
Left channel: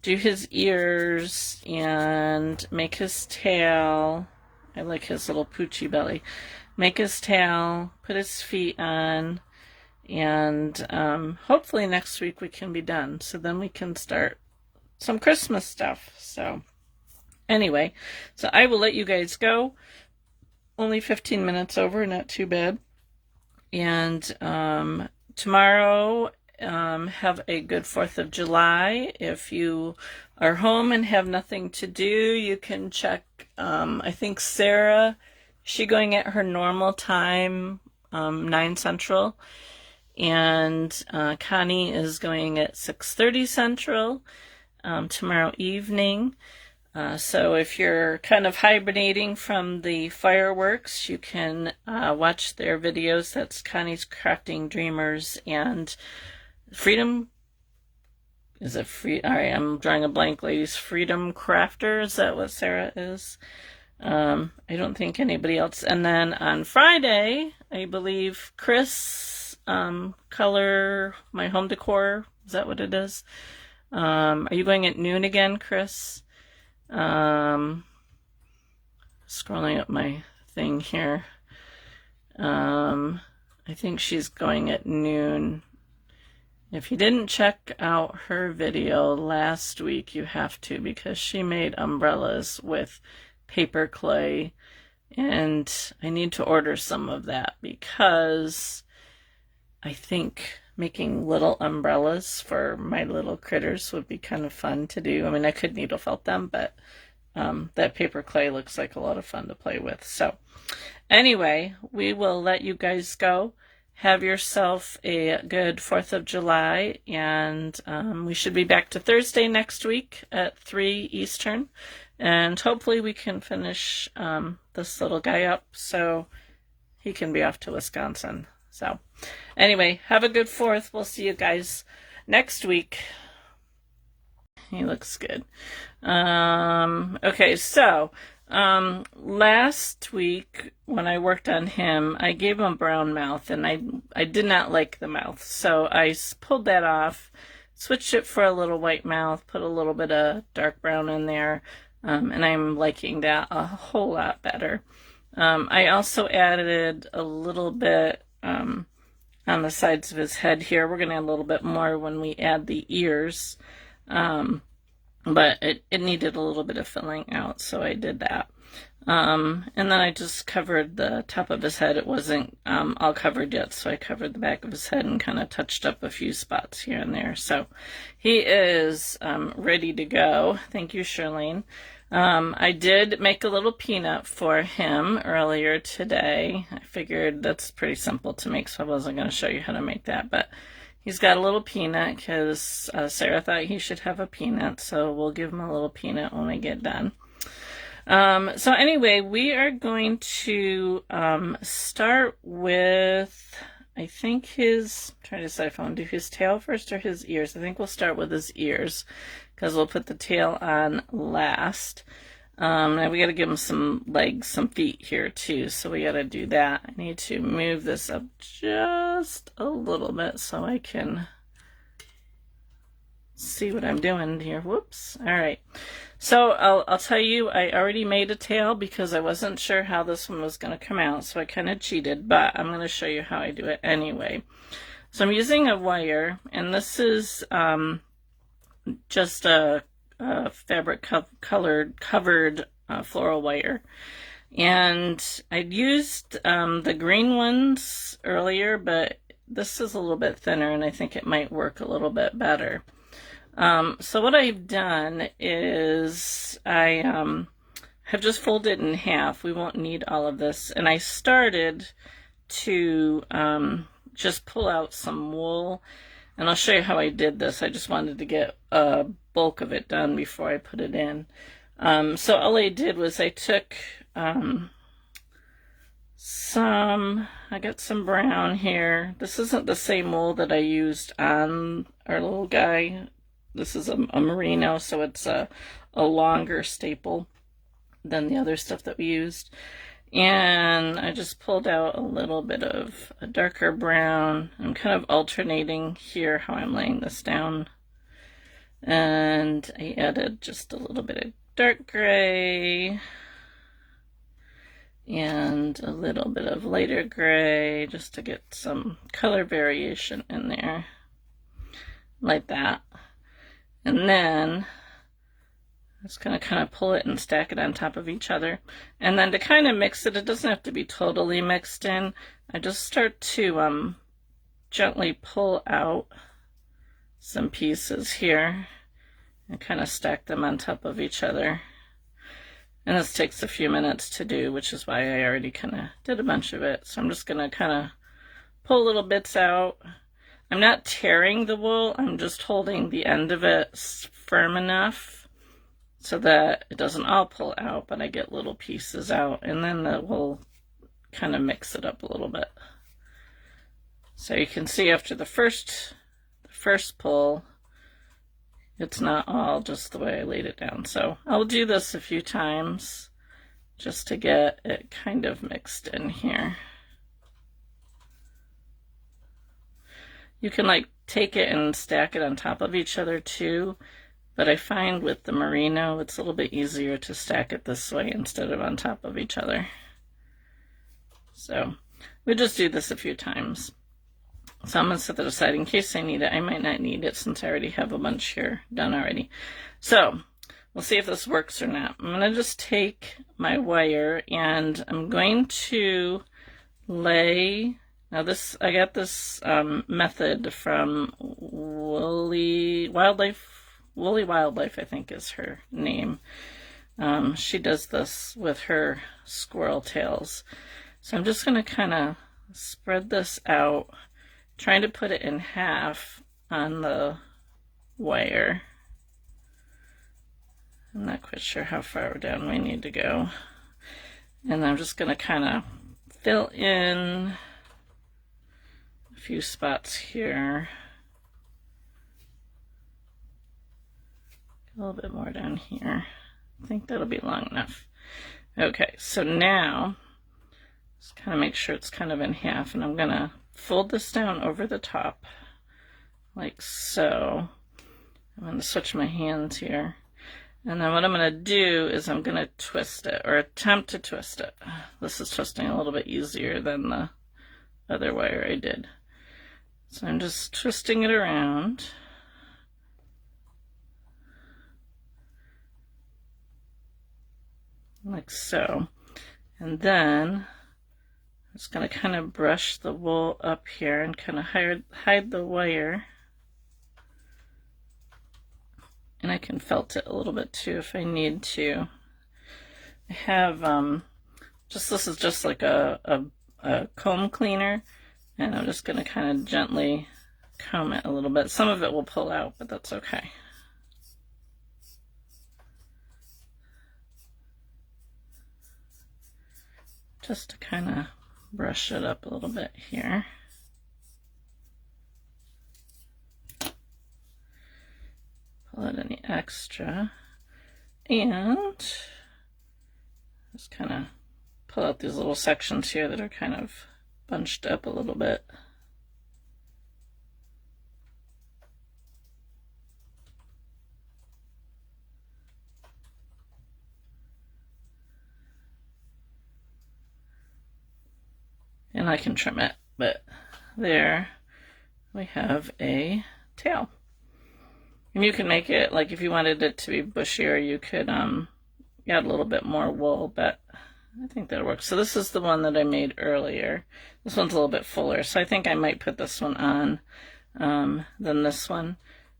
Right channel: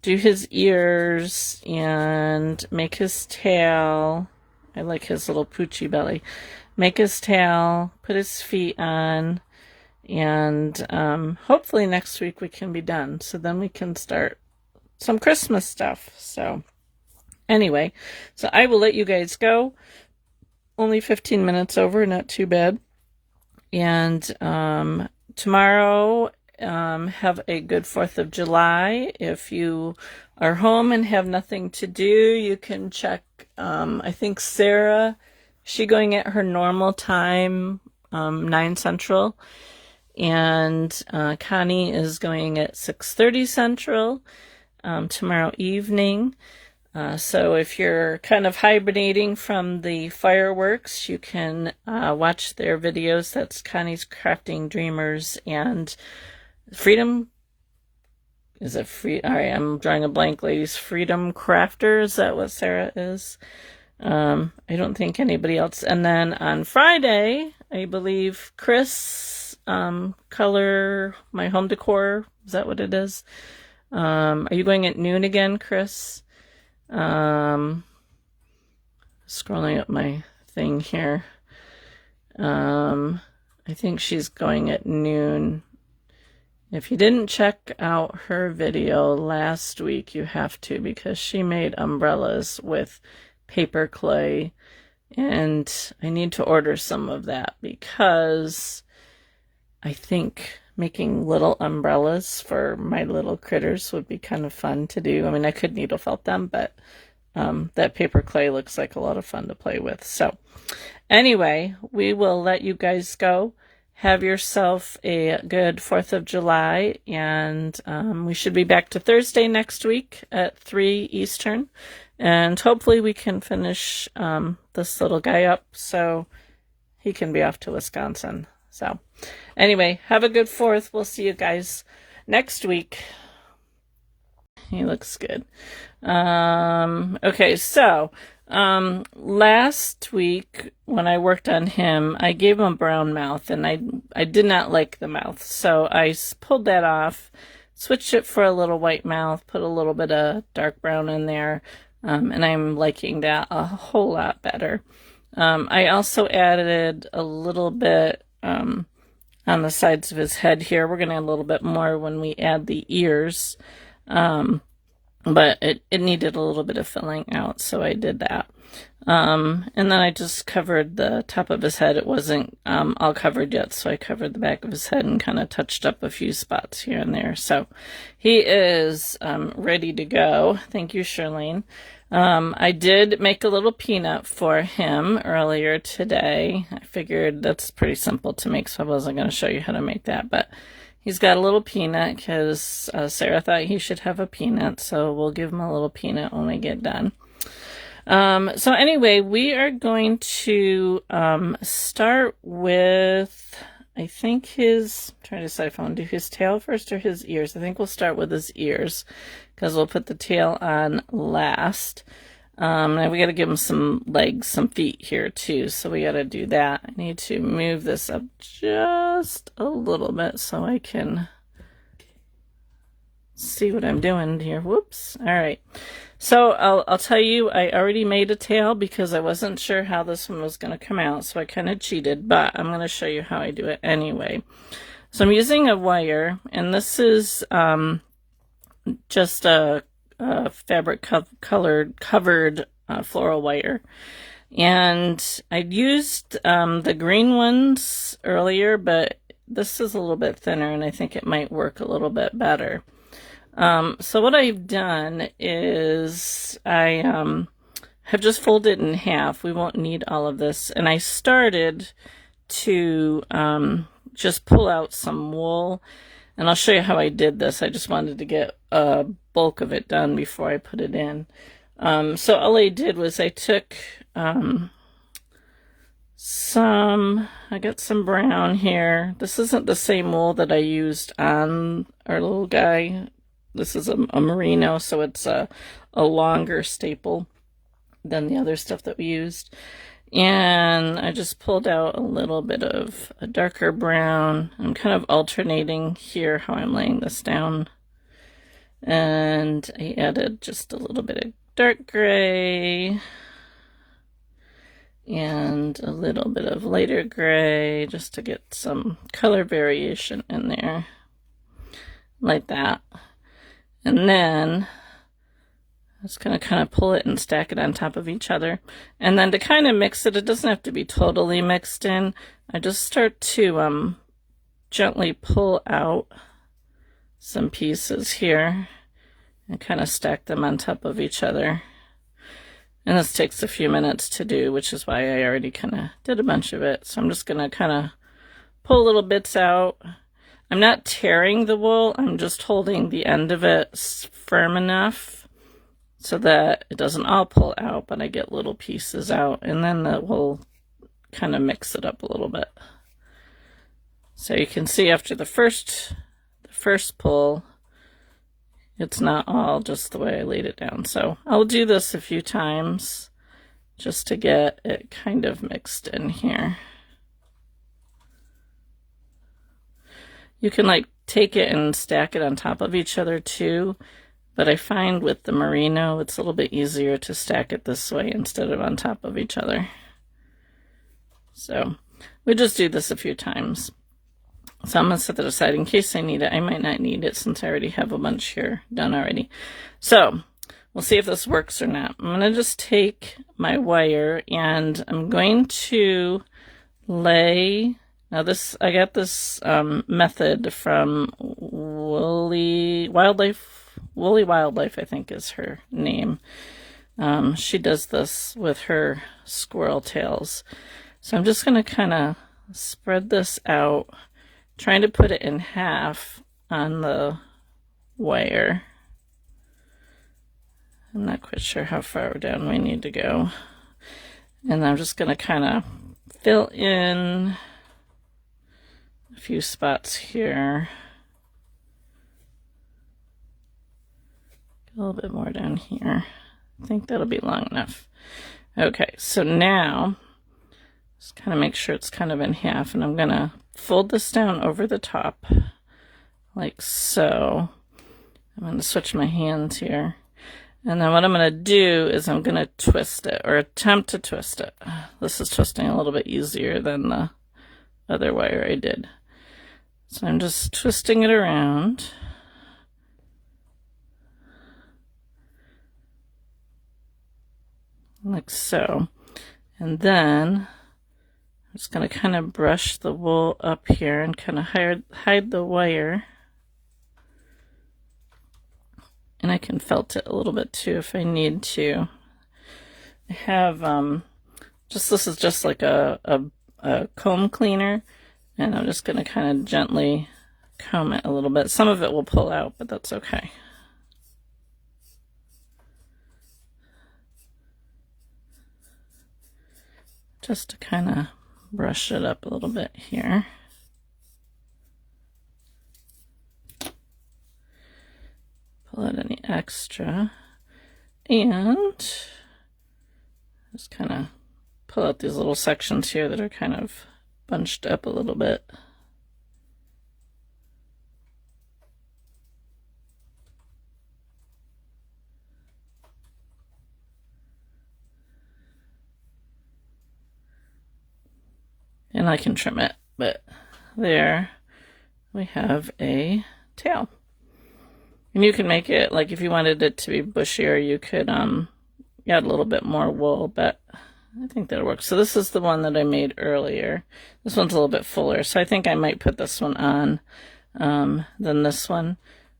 do his ears and make his tail. I like his little poochy belly. Make his tail, put his feet on, and hopefully next week we can be done. So then we can start some Christmas stuff. So anyway, so I will let you guys go. Only 15 minutes over, not too bad. And tomorrow, have a good 4th of July. If you are home and have nothing to do, you can check, I think Sarah, she going at her normal time, 9 Central, and Connie is going at 6:30 Central tomorrow evening. So if you're kind of hibernating from the fireworks, you can watch their videos. That's Connie's Crafting Dreamers and Freedom. Is it free? All right, I'm drawing a blank, ladies. Freedom Crafter, is that what Sarah is? I don't think anybody else. And then on Friday, I believe Chris, Color My Home Decor. Is that what it is? Are you going at noon again, Chris? Scrolling up my thing here. I think she's going at noon. If you didn't check out her video last week, you have to, because she made umbrellas with paper clay, and I need to order some of that because I think making little umbrellas for my little critters would be kind of fun to do. I mean, I could needle felt them, but that paper clay looks like a lot of fun to play with. So anyway, we will let you guys go. Have yourself a good 4th of July, and we should be back to Thursday next week at 3 Eastern, and hopefully we can finish this little guy up so he can be off to Wisconsin. So anyway, have a good 4th. We'll see you guys next week. He looks good. Okay, so last week when I worked on him, I gave him a brown mouth, and I did not like the mouth, so I pulled that off, switched it for a little white mouth, put a little bit of dark brown in there, and I'm liking that a whole lot better. I also added a little bit on the sides of his head here. We're going to add a little bit more when we add the ears, but it needed a little bit of filling out, so I did that. And then I just covered the top of his head. It wasn't all covered yet, so I covered the back of his head and kind of touched up a few spots here and there. So he is ready to go. Thank you, Charlene. I did make a little peanut for him earlier today. I figured that's pretty simple to make, so I wasn't going to show you how to make that, but he's got a little peanut because Sarah thought he should have a peanut, so we'll give him a little peanut when we get done. So anyway, we are going to start with, I think his, I'm trying to decide if I want to do his tail first or his ears. I think we'll start with his ears because we'll put the tail on last. Now we got to give him some legs, some feet here too, so we got to do that. I need to move this up just a little bit so I can see what I'm doing here. Whoops. All right. So I'll tell you, I already made a tail because I wasn't sure how this one was going to come out, so I kind of cheated, but I'm going to show you how I do it anyway. So I'm using a wire, and this is just a fabric covered floral wire. And I'd used the green ones earlier, but this is a little bit thinner, and I think it might work a little bit better. So what I've done is I have just folded it in half. We won't need all of this. And I started to just pull out some wool. And I'll show you how I did this. I just wanted to get a bulk of it done before I put it in. So all I did was I took I got some brown here. This isn't the same wool that I used on our little guy. This is a merino, so it's a longer staple than the other stuff that we used. And I just pulled out a little bit of a darker brown. I'm kind of alternating here how I'm laying this down. And I added just a little bit of dark gray and a little bit of lighter gray just to get some color variation in there, like that. And then I'm just going to kind of pull it and stack it on top of each other. And then to kind of mix it, it doesn't have to be totally mixed in. I just start to gently pull out some pieces here and kind of stack them on top of each other. And this takes a few minutes to do, which is why I already kind of did a bunch of it. So I'm just going to kind of pull little bits out. I'm not tearing the wool, I'm just holding the end of it firm enough so that it doesn't all pull out, but I get little pieces out, and then we'll kind of mix it up a little bit. So you can see after the first pull, it's not all just the way I laid it down. So I'll do this a few times just to get it kind of mixed in here. You can like take it and stack it on top of each other too, but I find with the merino it's a little bit easier to stack it this way instead of on top of each other. So we'll just do this a few times. So I'm going to set that aside in case I need it. I might not need it since I already have a bunch here done already. So we'll see if this works or not. I'm going to just take my wire and I'm going to lay... Now I got this method from Woolly Wildlife, I think is her name. She does this with her squirrel tails. So I'm just going to kind of spread this out, trying to put it in half on the wire. I'm not quite sure how far down we need to go. And I'm just going to kind of fill in a few spots here. A little bit more down here. I think that'll be long enough. Okay, so now just kind of make sure it's kind of in half, and I'm gonna fold this down over the top like so. I'm gonna switch my hands here, and then what I'm gonna do is I'm gonna twist it, or attempt to twist it. This is twisting a little bit easier than the other wire I did. So I'm just twisting it around. Like so. And then I'm just going to kind of brush the wool up here and kind of hide the wire. And I can felt it a little bit too if I need to. I have this is just like a comb cleaner. And I'm just going to kind of gently comb it a little bit. Some of it will pull out, but that's okay. Just to kind of brush it up a little bit here. Pull out any extra. And just kind of pull out these little sections here that are kind of bunched up a little bit. I can trim it, but there we have a tail. And you can make it, like if you wanted it to be bushier, you could add a little bit more wool, but I think that'll work. So this is the one that I made earlier. This one's a little bit fuller, so I think I might put this one on than this one.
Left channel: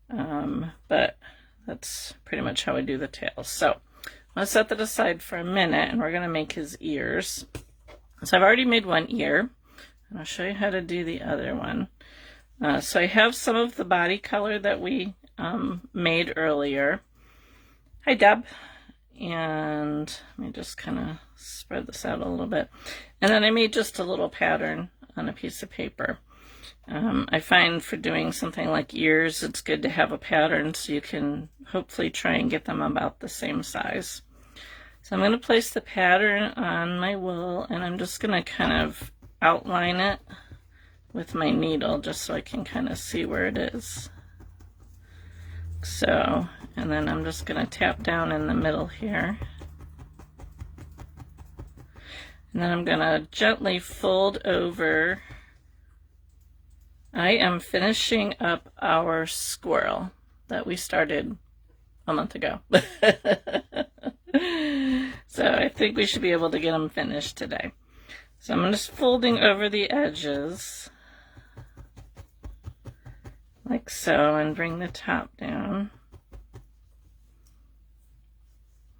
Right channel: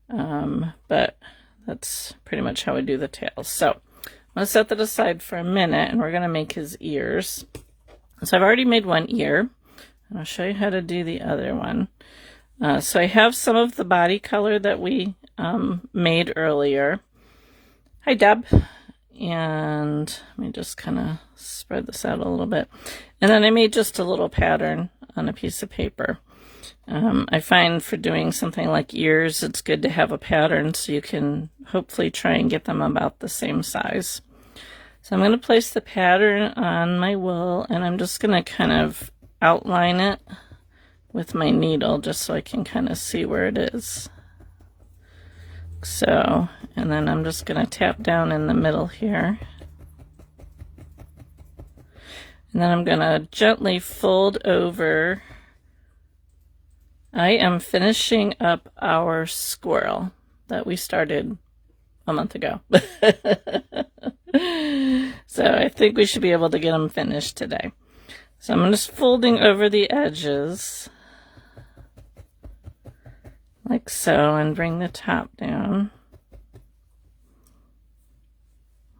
But that's pretty much how I do the tails. So I'm going to set that aside for a minute, and we're going to make his ears. So I've already made one ear. I'll show you how to do the other one. So I have some of the body color that we made earlier. Hi, Deb. And let me just kind of spread this out a little bit. And then I made just a little pattern on a piece of paper. I find for doing something like ears, it's good to have a pattern so you can hopefully try and get them about the same size. So I'm going to place the pattern on my wool, and I'm just going to kind of outline it with my needle just so I can kind of see where it is. So, and then I'm just going to tap down in the middle here. And then I'm going to gently fold over. I am finishing up our squirrel that we started a month ago. So I think we should be able to get them finished today. So I'm just folding over the edges like so, and bring the top down.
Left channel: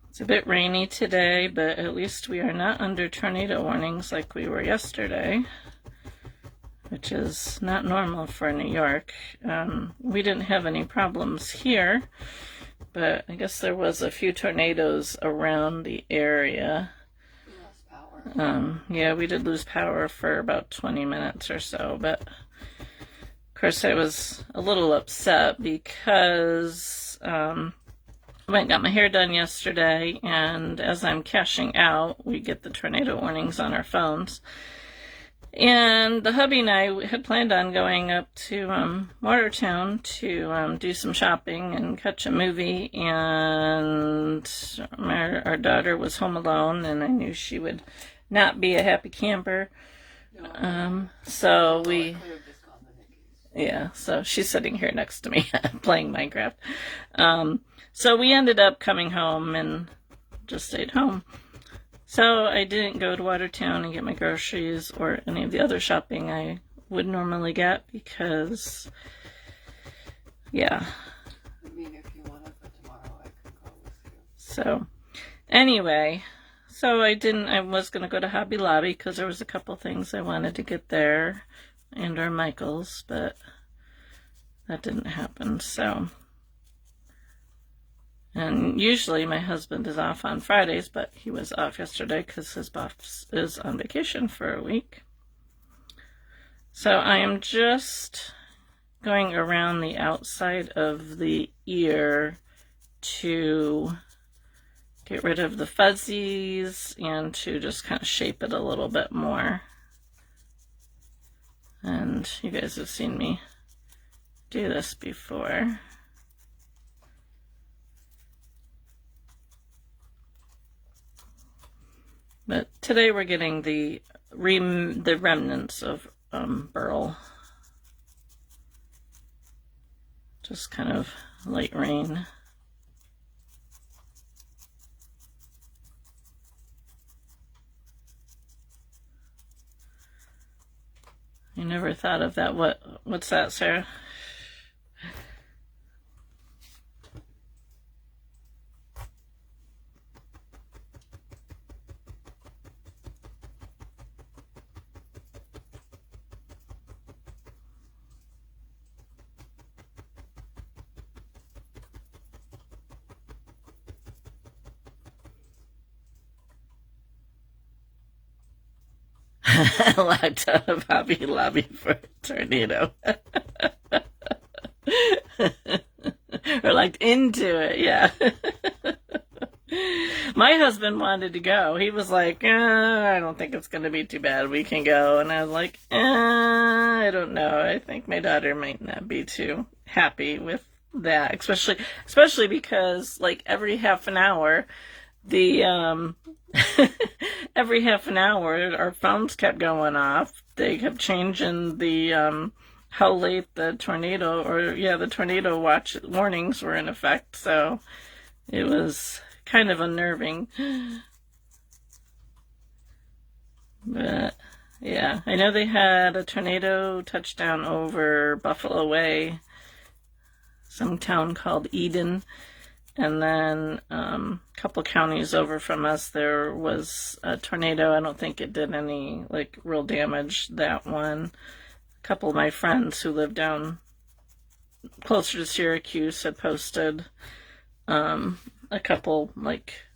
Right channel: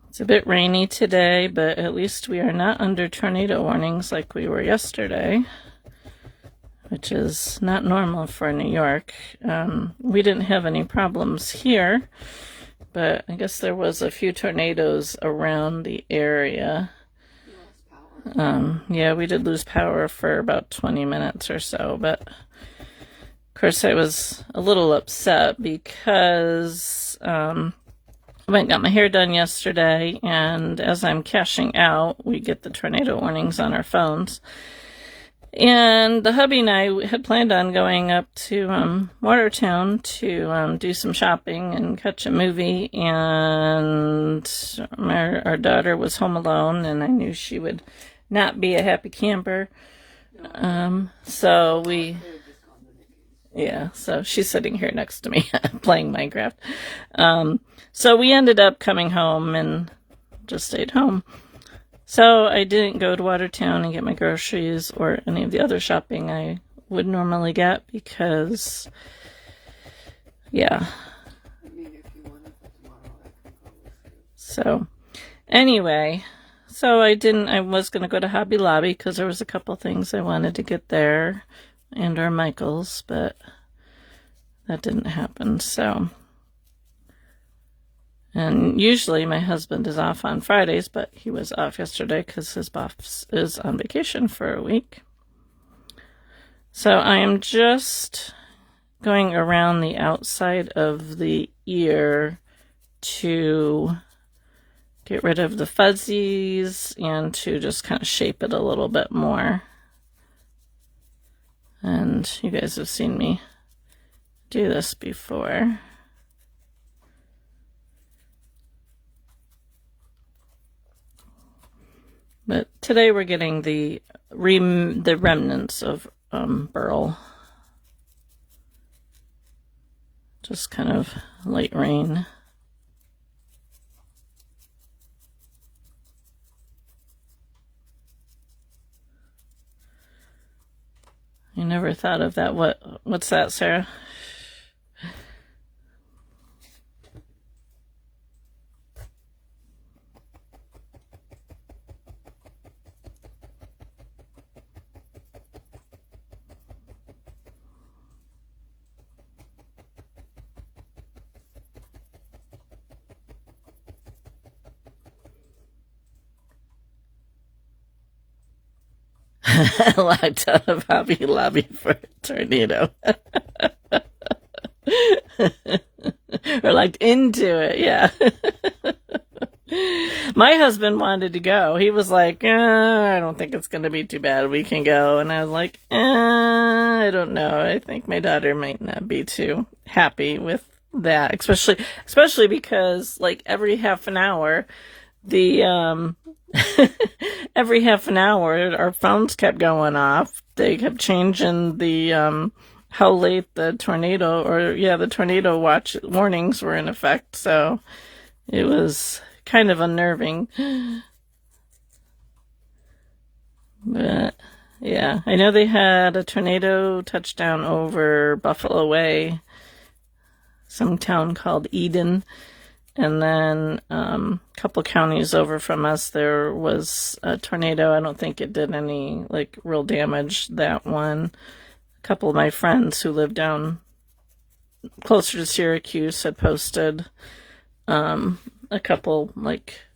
It's a bit rainy today, but at least we are not under tornado warnings like we were yesterday, which is not normal for New York. We didn't have any problems here, but I guess there was a few tornadoes around the area. We lost power. Yeah, we did lose power for about 20 minutes or so, but of course, I was a little upset because I went and got my hair done yesterday, and as I'm cashing out, we get the tornado warnings on our phones. And the hubby and I had planned on going up to Watertown to do some shopping and catch a movie, and our daughter was home alone, and I knew she would not be a happy camper. So we... Yeah, so she's sitting here next to me playing Minecraft. So we ended up coming home and just stayed home. So I didn't go to Watertown and get my groceries or any of the other shopping I would normally get because, yeah. I mean, if you want it for tomorrow, I can go with you. So anyway, so I was going to go to Hobby Lobby because there was a couple things I wanted to get there. And our Michaels, but that didn't happen, so. And usually my husband is off on Fridays, but he was off yesterday because his boss is on vacation for a week. So I am just going around the outside of the ear to get rid of the fuzzies and to just kind of shape it a little bit more. And you guys have seen me do this before. But today we're getting the remnants of burl. Just kind of light rain. I never thought of that. What's that, Sarah? Locked out of Hobby Lobby for a tornado. We're locked into it, yeah. My husband wanted to go. He was like, I don't think it's going to be too bad. We can go. And I was like, I don't know. I think my daughter might not be too happy with that, especially because like every half an hour, every half an hour, our phones kept going off. they kept changing the how late the tornado, or yeah, the tornado watch warnings were in effect. So it was kind of unnerving. But yeah, I know they had a tornado touchdown over Buffalo Way, some town called Eden. And then a couple counties over from us, there was a tornado. I don't think it did any like real damage, that one. A couple of my friends who live down closer to Syracuse had posted a couple like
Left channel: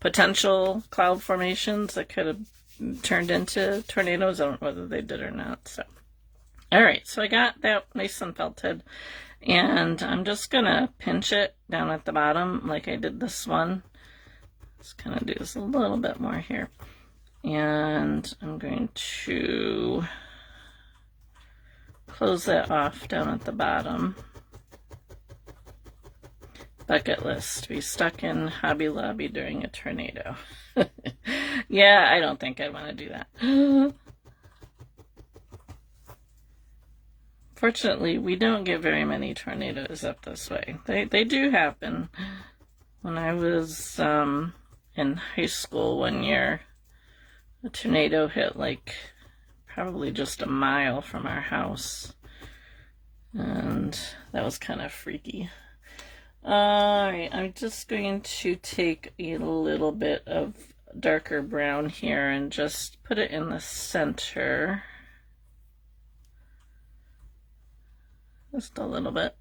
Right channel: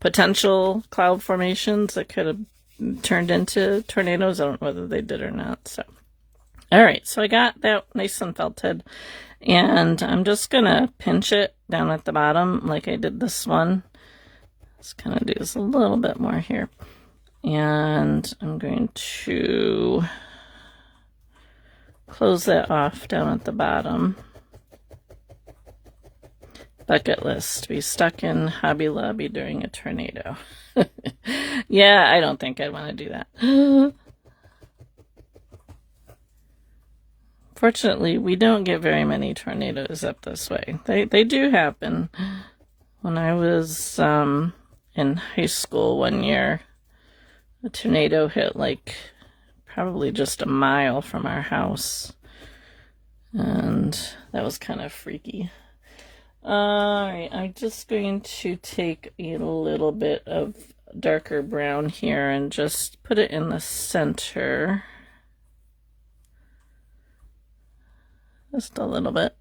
potential cloud formations that could have turned into tornadoes. I don't know whether they did or not. So, all right, so I got that nice and felted. And I'm just going to pinch it down at the bottom like I did this one. Just kind of do this a little bit more here. And I'm going to close that off down at the bottom. Bucket list. Be stuck in Hobby Lobby during a tornado. Yeah, I don't think I'd want to do that. Fortunately, we don't get very many tornadoes up this way. They do happen. When I was in high school one year, a tornado hit like probably just a mile from our house. And that was kind of freaky. Alright, I'm just going to take a little bit of darker brown here and just put it in the center. Just a little bit.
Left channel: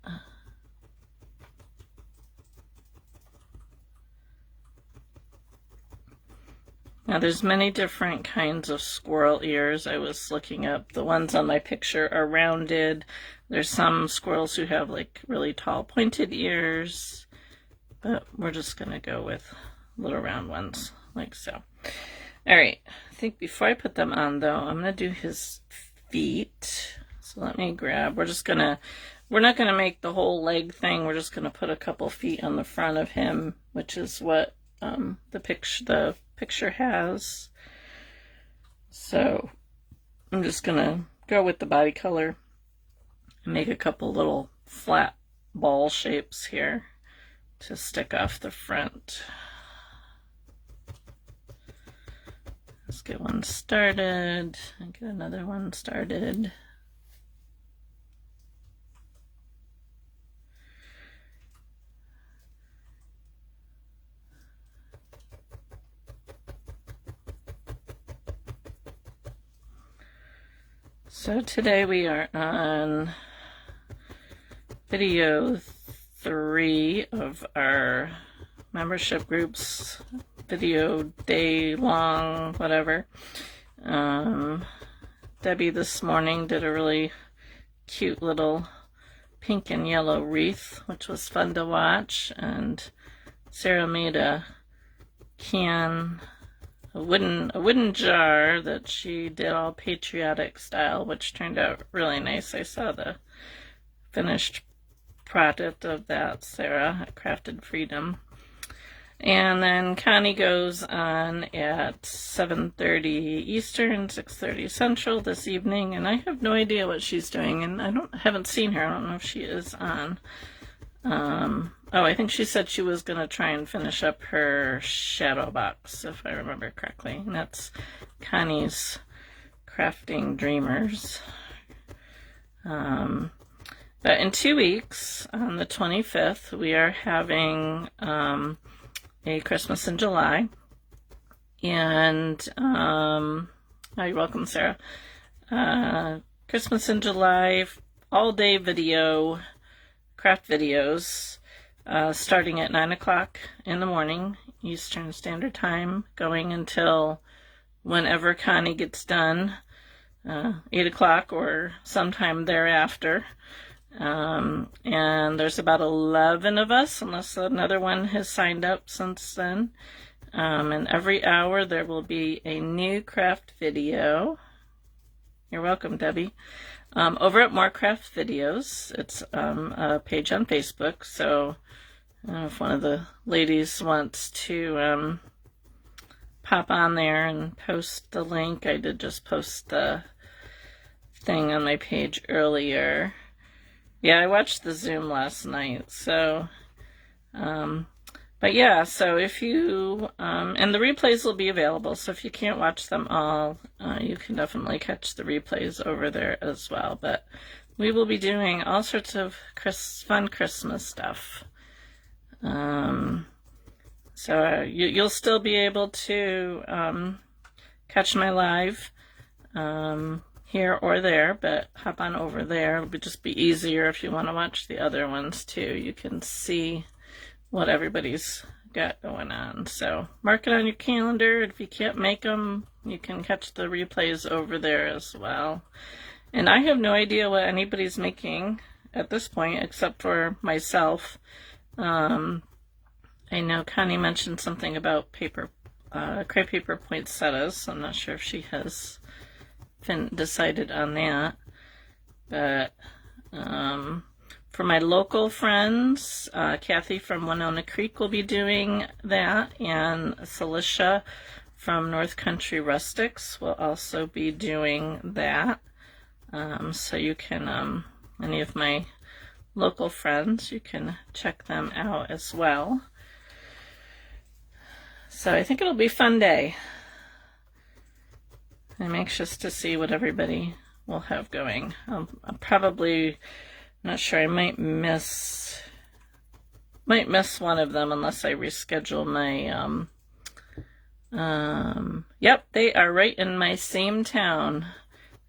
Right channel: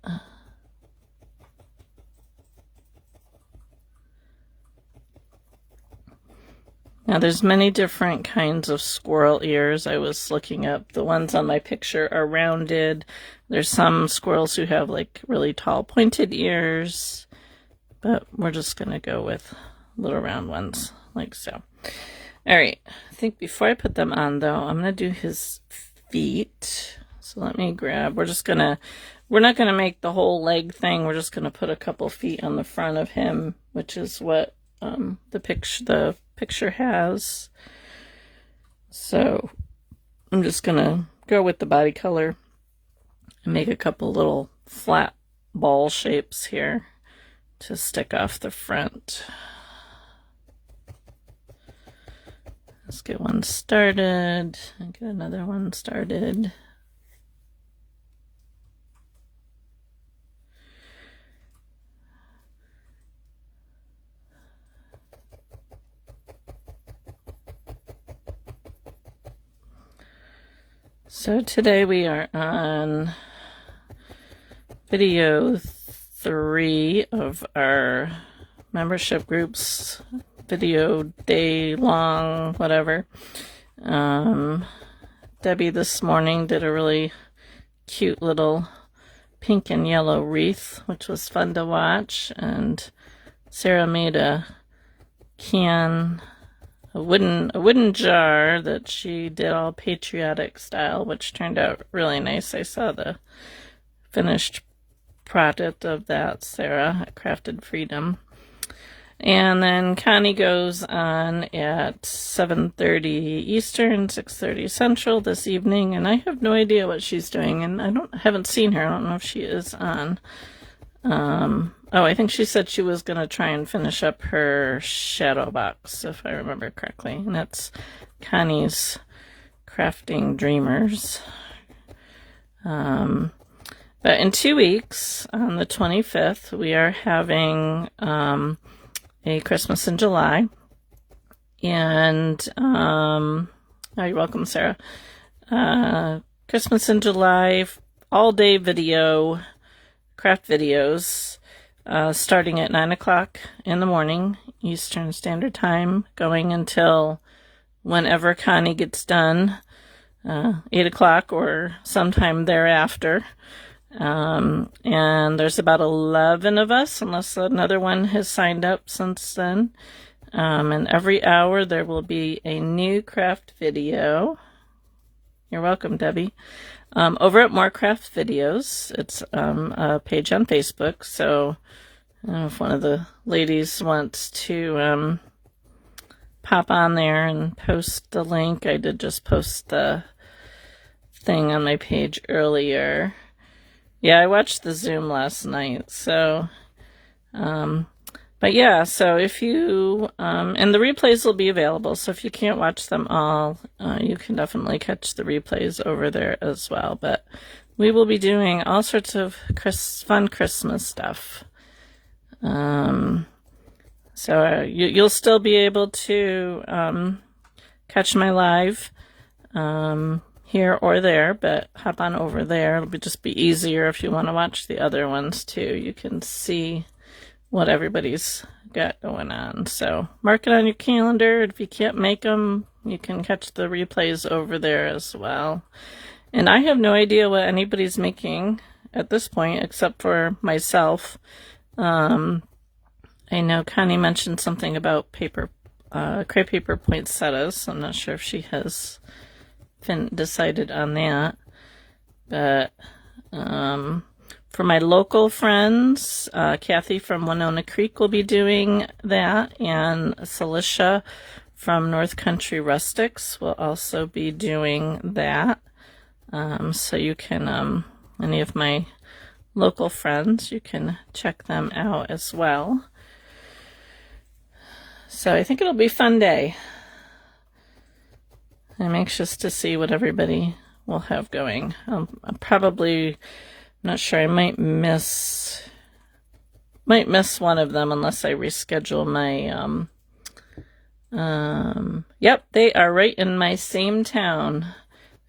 Now there's many different kinds of squirrel ears. I was looking up. The ones on my picture are rounded. There's some squirrels who have like really tall pointed ears, but we're just gonna go with little round ones like so. All right, I think before I put them on though, I'm gonna do his feet. So let me grab, we're not going to make the whole leg thing. We're just going to put a couple feet on the front of him, which is what the picture has. So I'm just going to go with the body color and make a couple little flat ball shapes here to stick off the front. Let's get one started and get another one started. So today we are on video 3 of our membership group's video day long, whatever. Debbie this morning did a really cute little pink and yellow wreath, which was fun to watch, and Sarah made a wooden jar that she did all patriotic style, which turned out really nice. I saw the finished product of that, Sarah at Crafted Freedom. And then Connie goes on at 7:30 Eastern, 6:30 Central this evening, and I have no idea what she's doing, and I haven't seen her. I don't know if she is on. Oh, I think she said she was going to try and finish up her shadow box, if I remember correctly. And that's Connie's Crafting Dreamers. But in 2 weeks, on the 25th, we are having a Christmas in July. And, oh, you're welcome, Sarah. Christmas in July, all-day video, craft videos, starting at 9 o'clock in the morning, Eastern Standard Time, going until whenever Connie gets done, 8 o'clock or sometime thereafter. And there's about 11 of us, unless another one has signed up since then. And every hour there will be a new craft video. You're welcome, Debbie. Over at More Craft Videos, it's a page on Facebook, so I don't know if one of the ladies wants to pop on there and post the link. I did just post the thing on my page earlier. Yeah, I watched the Zoom last night, so, but yeah, so if you, and the replays will be available, so if you can't watch them all, you can definitely catch the replays over there as well, but we will be doing all sorts of fun Christmas stuff. So you'll still be able to catch my live here or there, but hop on over there. It'll just be easier if you want to watch the other ones too. You can see what everybody's got going on. So mark it on your calendar. If you can't make them, you can catch the replays over there as well. And I have no idea what anybody's making at this point except for myself. I know Connie mentioned something about crepe paper poinsettias. I'm not sure if she has decided on that. But for my local friends, Kathy from Winona Creek will be doing that, and Celicia from North Country Rustics will also be doing that. So you can, any of my local friends, you can check them out as well. So I think it'll be a fun day. I'm anxious to see what everybody will have going. I'm probably not sure. I might miss one of them unless I reschedule my yep, they are right in my same town.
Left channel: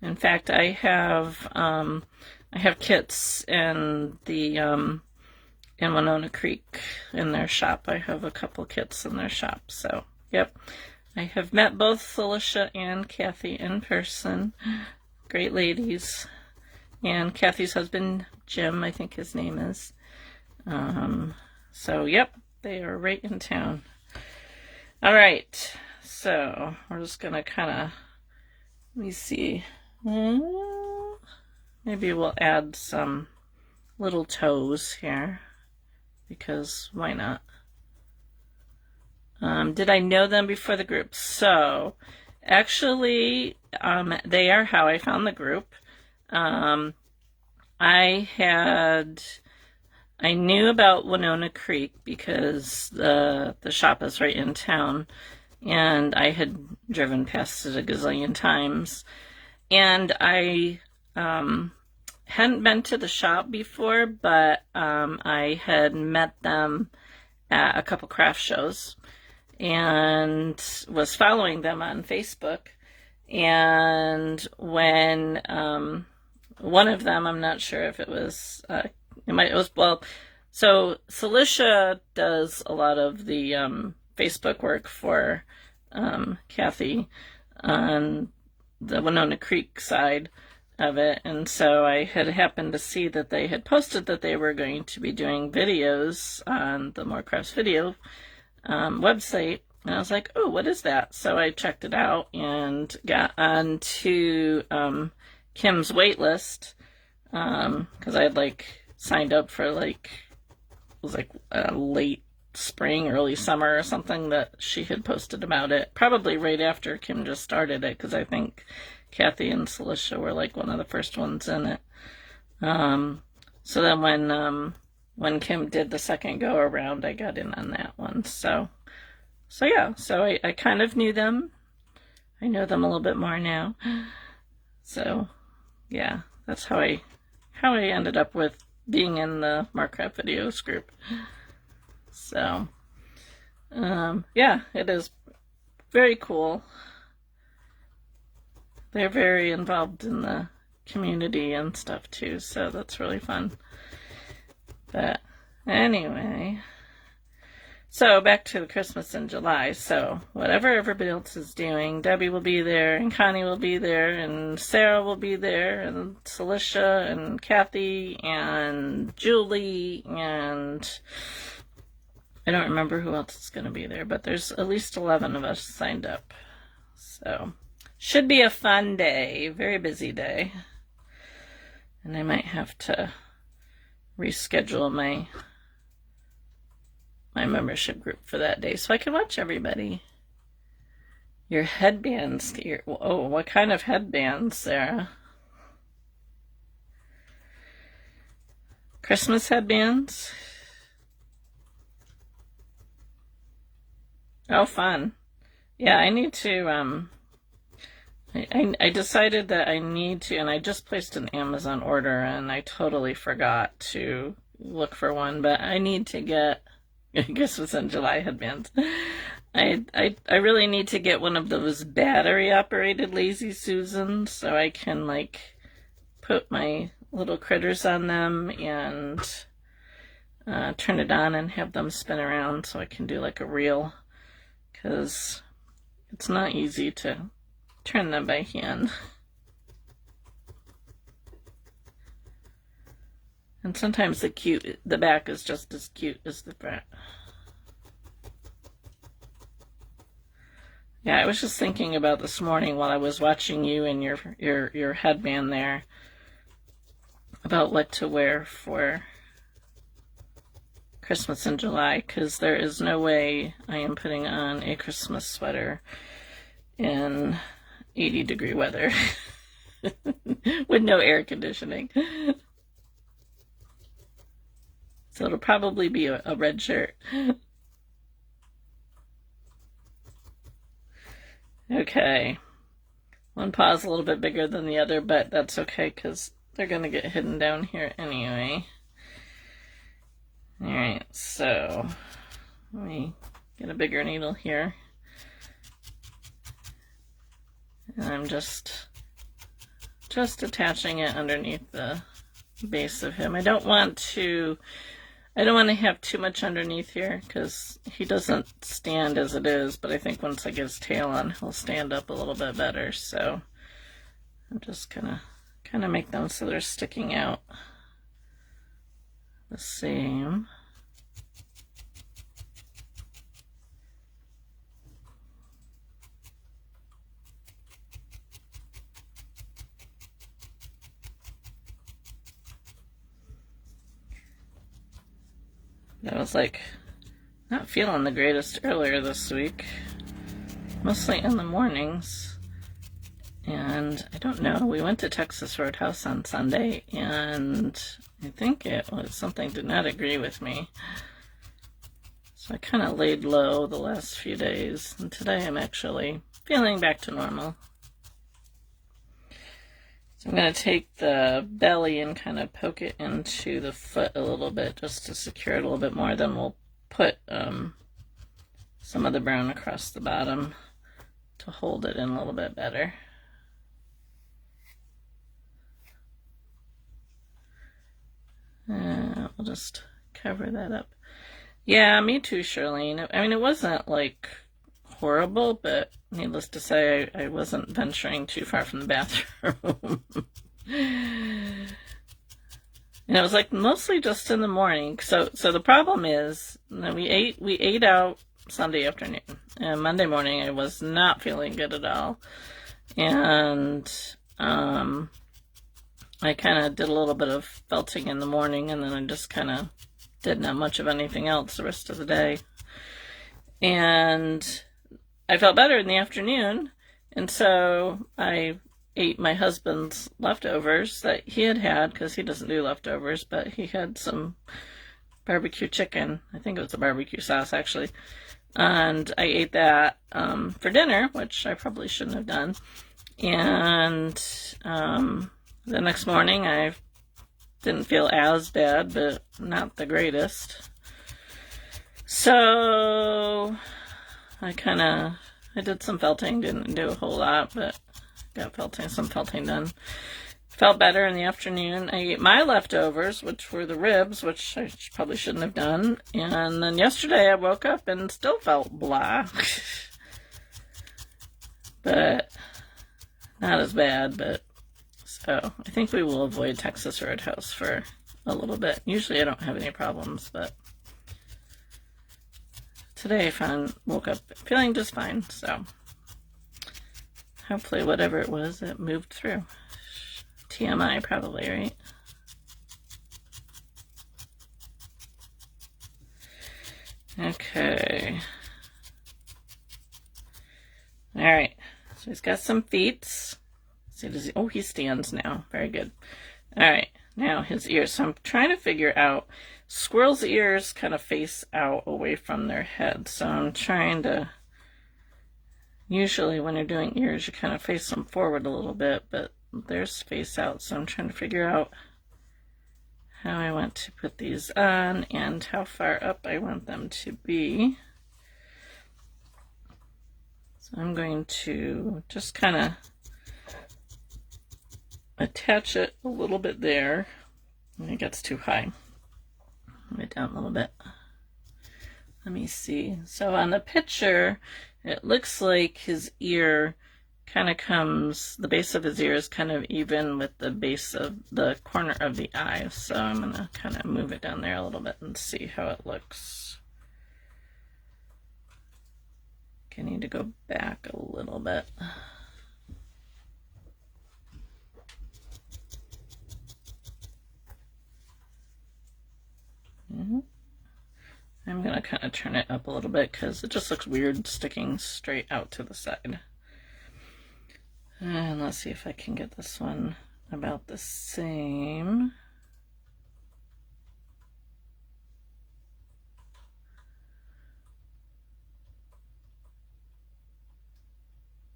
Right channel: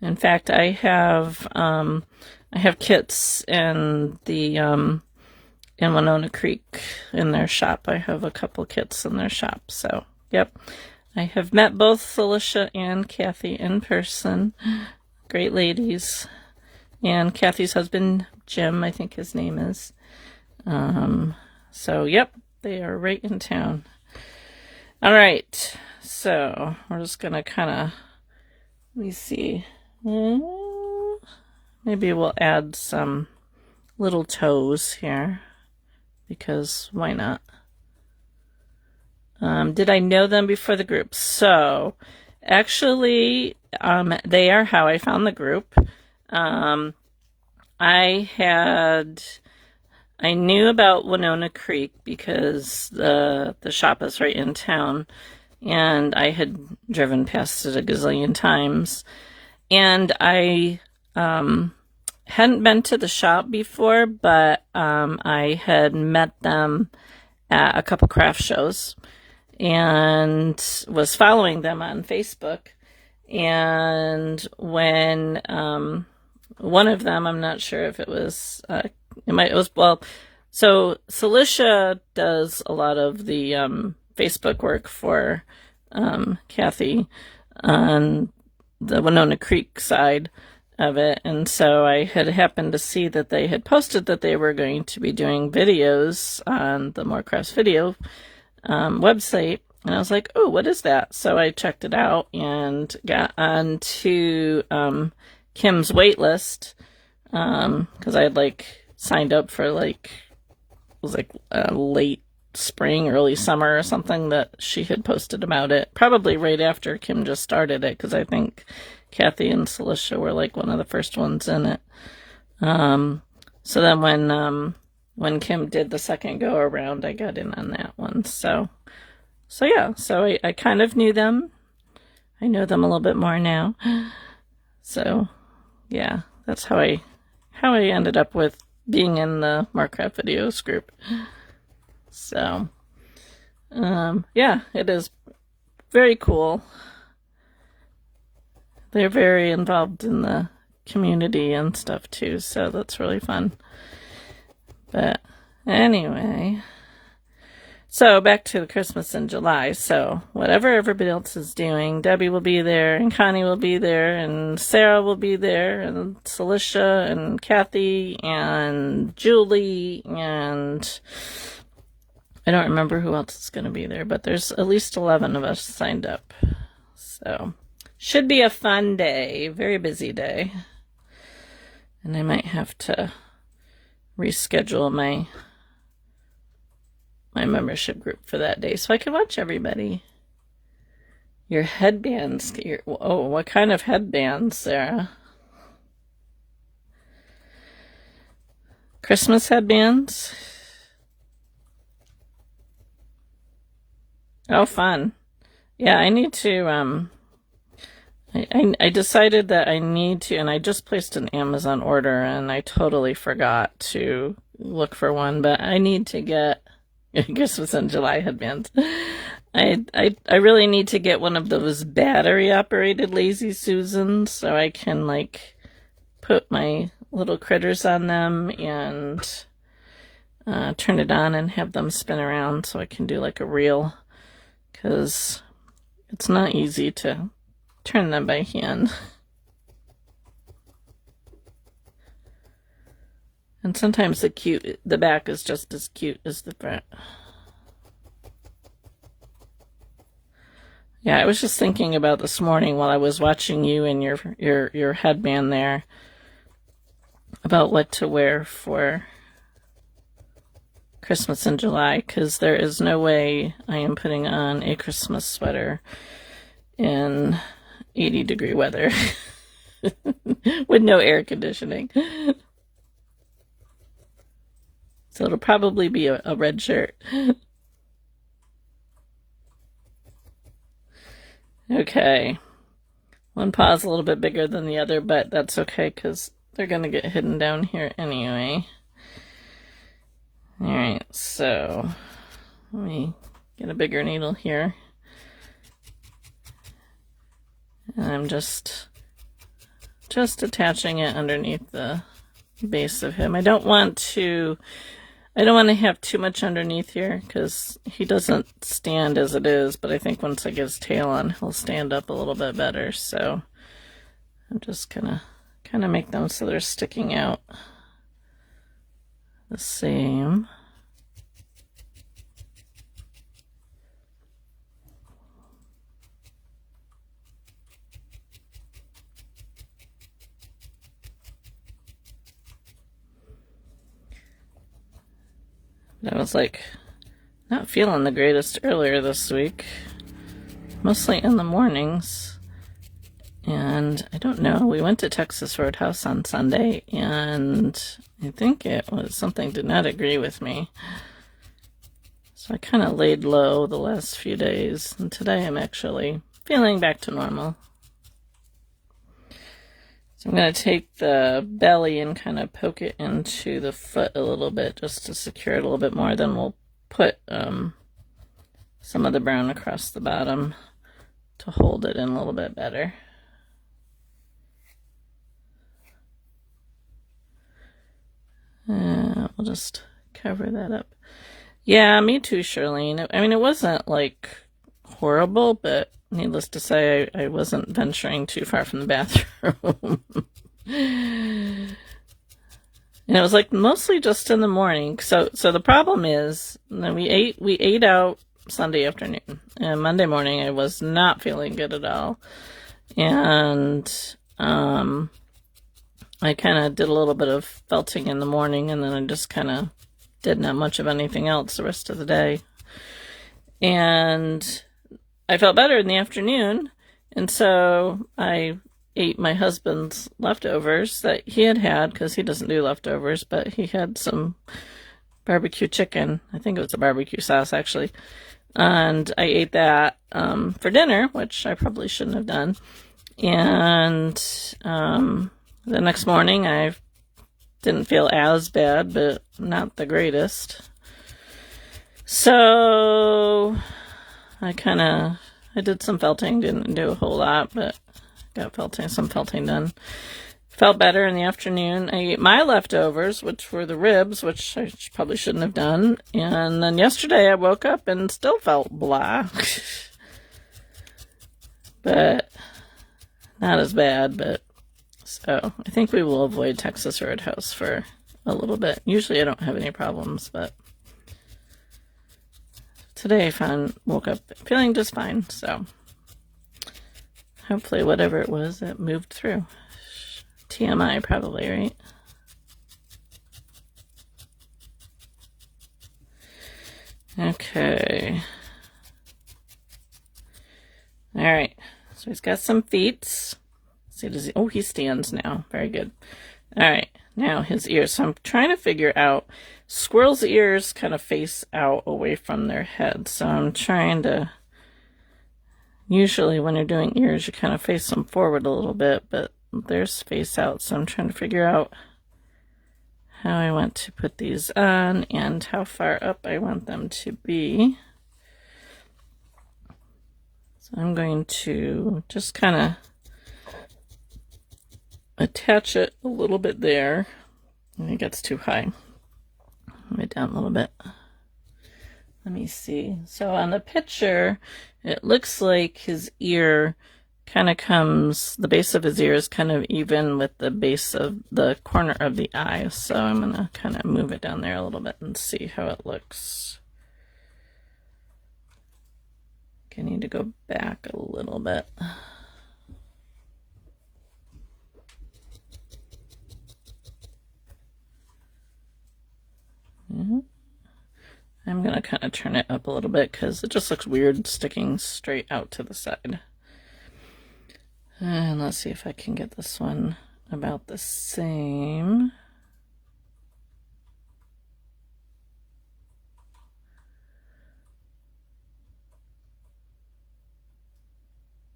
In fact, I have kits in the in Winona Creek in their shop. I have a couple kits in their shop. So, yep. I have met both Celicia and Kathy in person. Great ladies. And Kathy's husband, Jim, I think his name is. So, yep, they are right in town. All right. So, we're just going to kind of, let me see. Maybe we'll add some little toes here, because why not? Did I know them before the group? So, actually, they are how I found the group. I knew about Winona Creek because the shop is right in town, and I had driven past it a gazillion times, and I hadn't been to the shop before, but I had met them at a couple craft shows and was following them on Facebook. And when one of them, I'm not sure if it was, so Celicia does a lot of the Facebook work for Kathy on the Winona Creek side of it, and so I had happened to see that they had posted that they were going to be doing videos on the More Crafts Video website, and I was like, oh, what is that? So I checked it out and got onto Kim's wait list, because I had signed up for it was late spring, early summer or something, that she had posted about it, probably right after Kim just started it, because I think Kathy and Celicia were one of the first ones in it. So then when Kim did the second go around, I got in on that one. So yeah, so I kind of knew them. I know them a little bit more now. So yeah, that's how I ended up with being in the More Craft Videos group. So yeah, it is very cool. They're very involved in the community and stuff too, so that's really fun. But anyway, so back to Christmas in July. So whatever everybody else is doing, Debbie will be there, and Connie will be there, and Sarah will be there, and Celicia, and Kathy, and Julie, and I don't remember who else is going to be there, but there's at least 11 of us signed up. So should be a fun day, very busy day. And I might have to reschedule my membership group for that day so I can watch everybody. Your headbands, oh, what kind of headbands, Sarah? Christmas headbands. Oh, fun. Yeah, I need to, I decided that I need to, and I just placed an Amazon order, and I totally forgot to look for one, but I need to get, I guess it was in July headbands. I really need to get one of those battery-operated Lazy Susans so I can, like, put my little critters on them and turn it on and have them spin around so I can do, like, a reel, because it's not easy to turn them by hand. And sometimes the back is just as cute as the front. Yeah, I was just thinking about this morning while I was watching you and your headband there about what to wear for Christmas in July, because there is no way I am putting on a Christmas sweater in 80-degree weather with no air conditioning. So it'll probably be a red shirt. Okay. One paw's a little bit bigger than the other, but that's okay because they're going to get hidden down here anyway. Alright, so let me get a bigger needle here. And I'm just attaching it underneath the base of him. I don't want to have too much underneath here because he doesn't stand as it is, but I think once I get his tail on, he'll stand up a little bit better. So I'm just gonna kind of make them so they're sticking out the same. I was like not feeling the greatest earlier this week, mostly in the mornings. And I don't know, we went to Texas Roadhouse on Sunday, and I think it was something did not agree with me. So I kind of laid low the last few days, and today I'm actually feeling back to normal. So I'm going to take the belly and kind of poke it into the foot a little bit just to secure it a little bit more. Then we'll put some of the brown across the bottom to hold it in a little bit better. We'll just cover that up. Yeah, me too, Charlene. I mean, it wasn't like horrible, but needless to say, I wasn't venturing too far from the bathroom. And it was like mostly just in the morning. So the problem is, we ate out Sunday afternoon, and Monday morning I was not feeling good at all, and I kind of did a little bit of felting in the morning, and then I just kind of did not much of anything else the rest of the day. And I felt better in the afternoon, and so I ate my husband's leftovers that he had because he doesn't do leftovers, but he had some barbecue chicken. I think it was a barbecue sauce, actually. And I ate that for dinner, which I probably shouldn't have done. And the next morning, I didn't feel as bad, but not the greatest. So I did some felting, didn't do a whole lot, but got some felting done. Felt better in the afternoon. I ate my leftovers, which were the ribs, which I probably shouldn't have done. And then yesterday I woke up and still felt blah. But not as bad, but so I think we will avoid Texas Roadhouse for a little bit. Usually I don't have any problems, but today I woke up feeling just fine, so hopefully whatever it was, it moved through. TMI probably, right? Okay. All right. So he's got some feet. See, he stands now. Very good. All right. now his ears. So I'm trying to figure out, squirrels' ears kind of face out away from their head. So I'm trying to, usually when you're doing ears, you kind of face them forward a little bit, but theirs face out. So I'm trying to figure out how I want to put these on and how far up I want them to be. So I'm going to just kind of attach it a little bit there. I think it's too high. Move it down a little bit. Let me see. So on the picture, it looks like his ear kind of comes, the base of his ear is kind of even with the base of the corner of the eye. So I'm going to kind of move it down there a little bit and see how it looks. I need to go back a little bit. I'm going to kind of turn it up a little bit because it just looks weird sticking straight out to the side. And let's see if I can get this one about the same.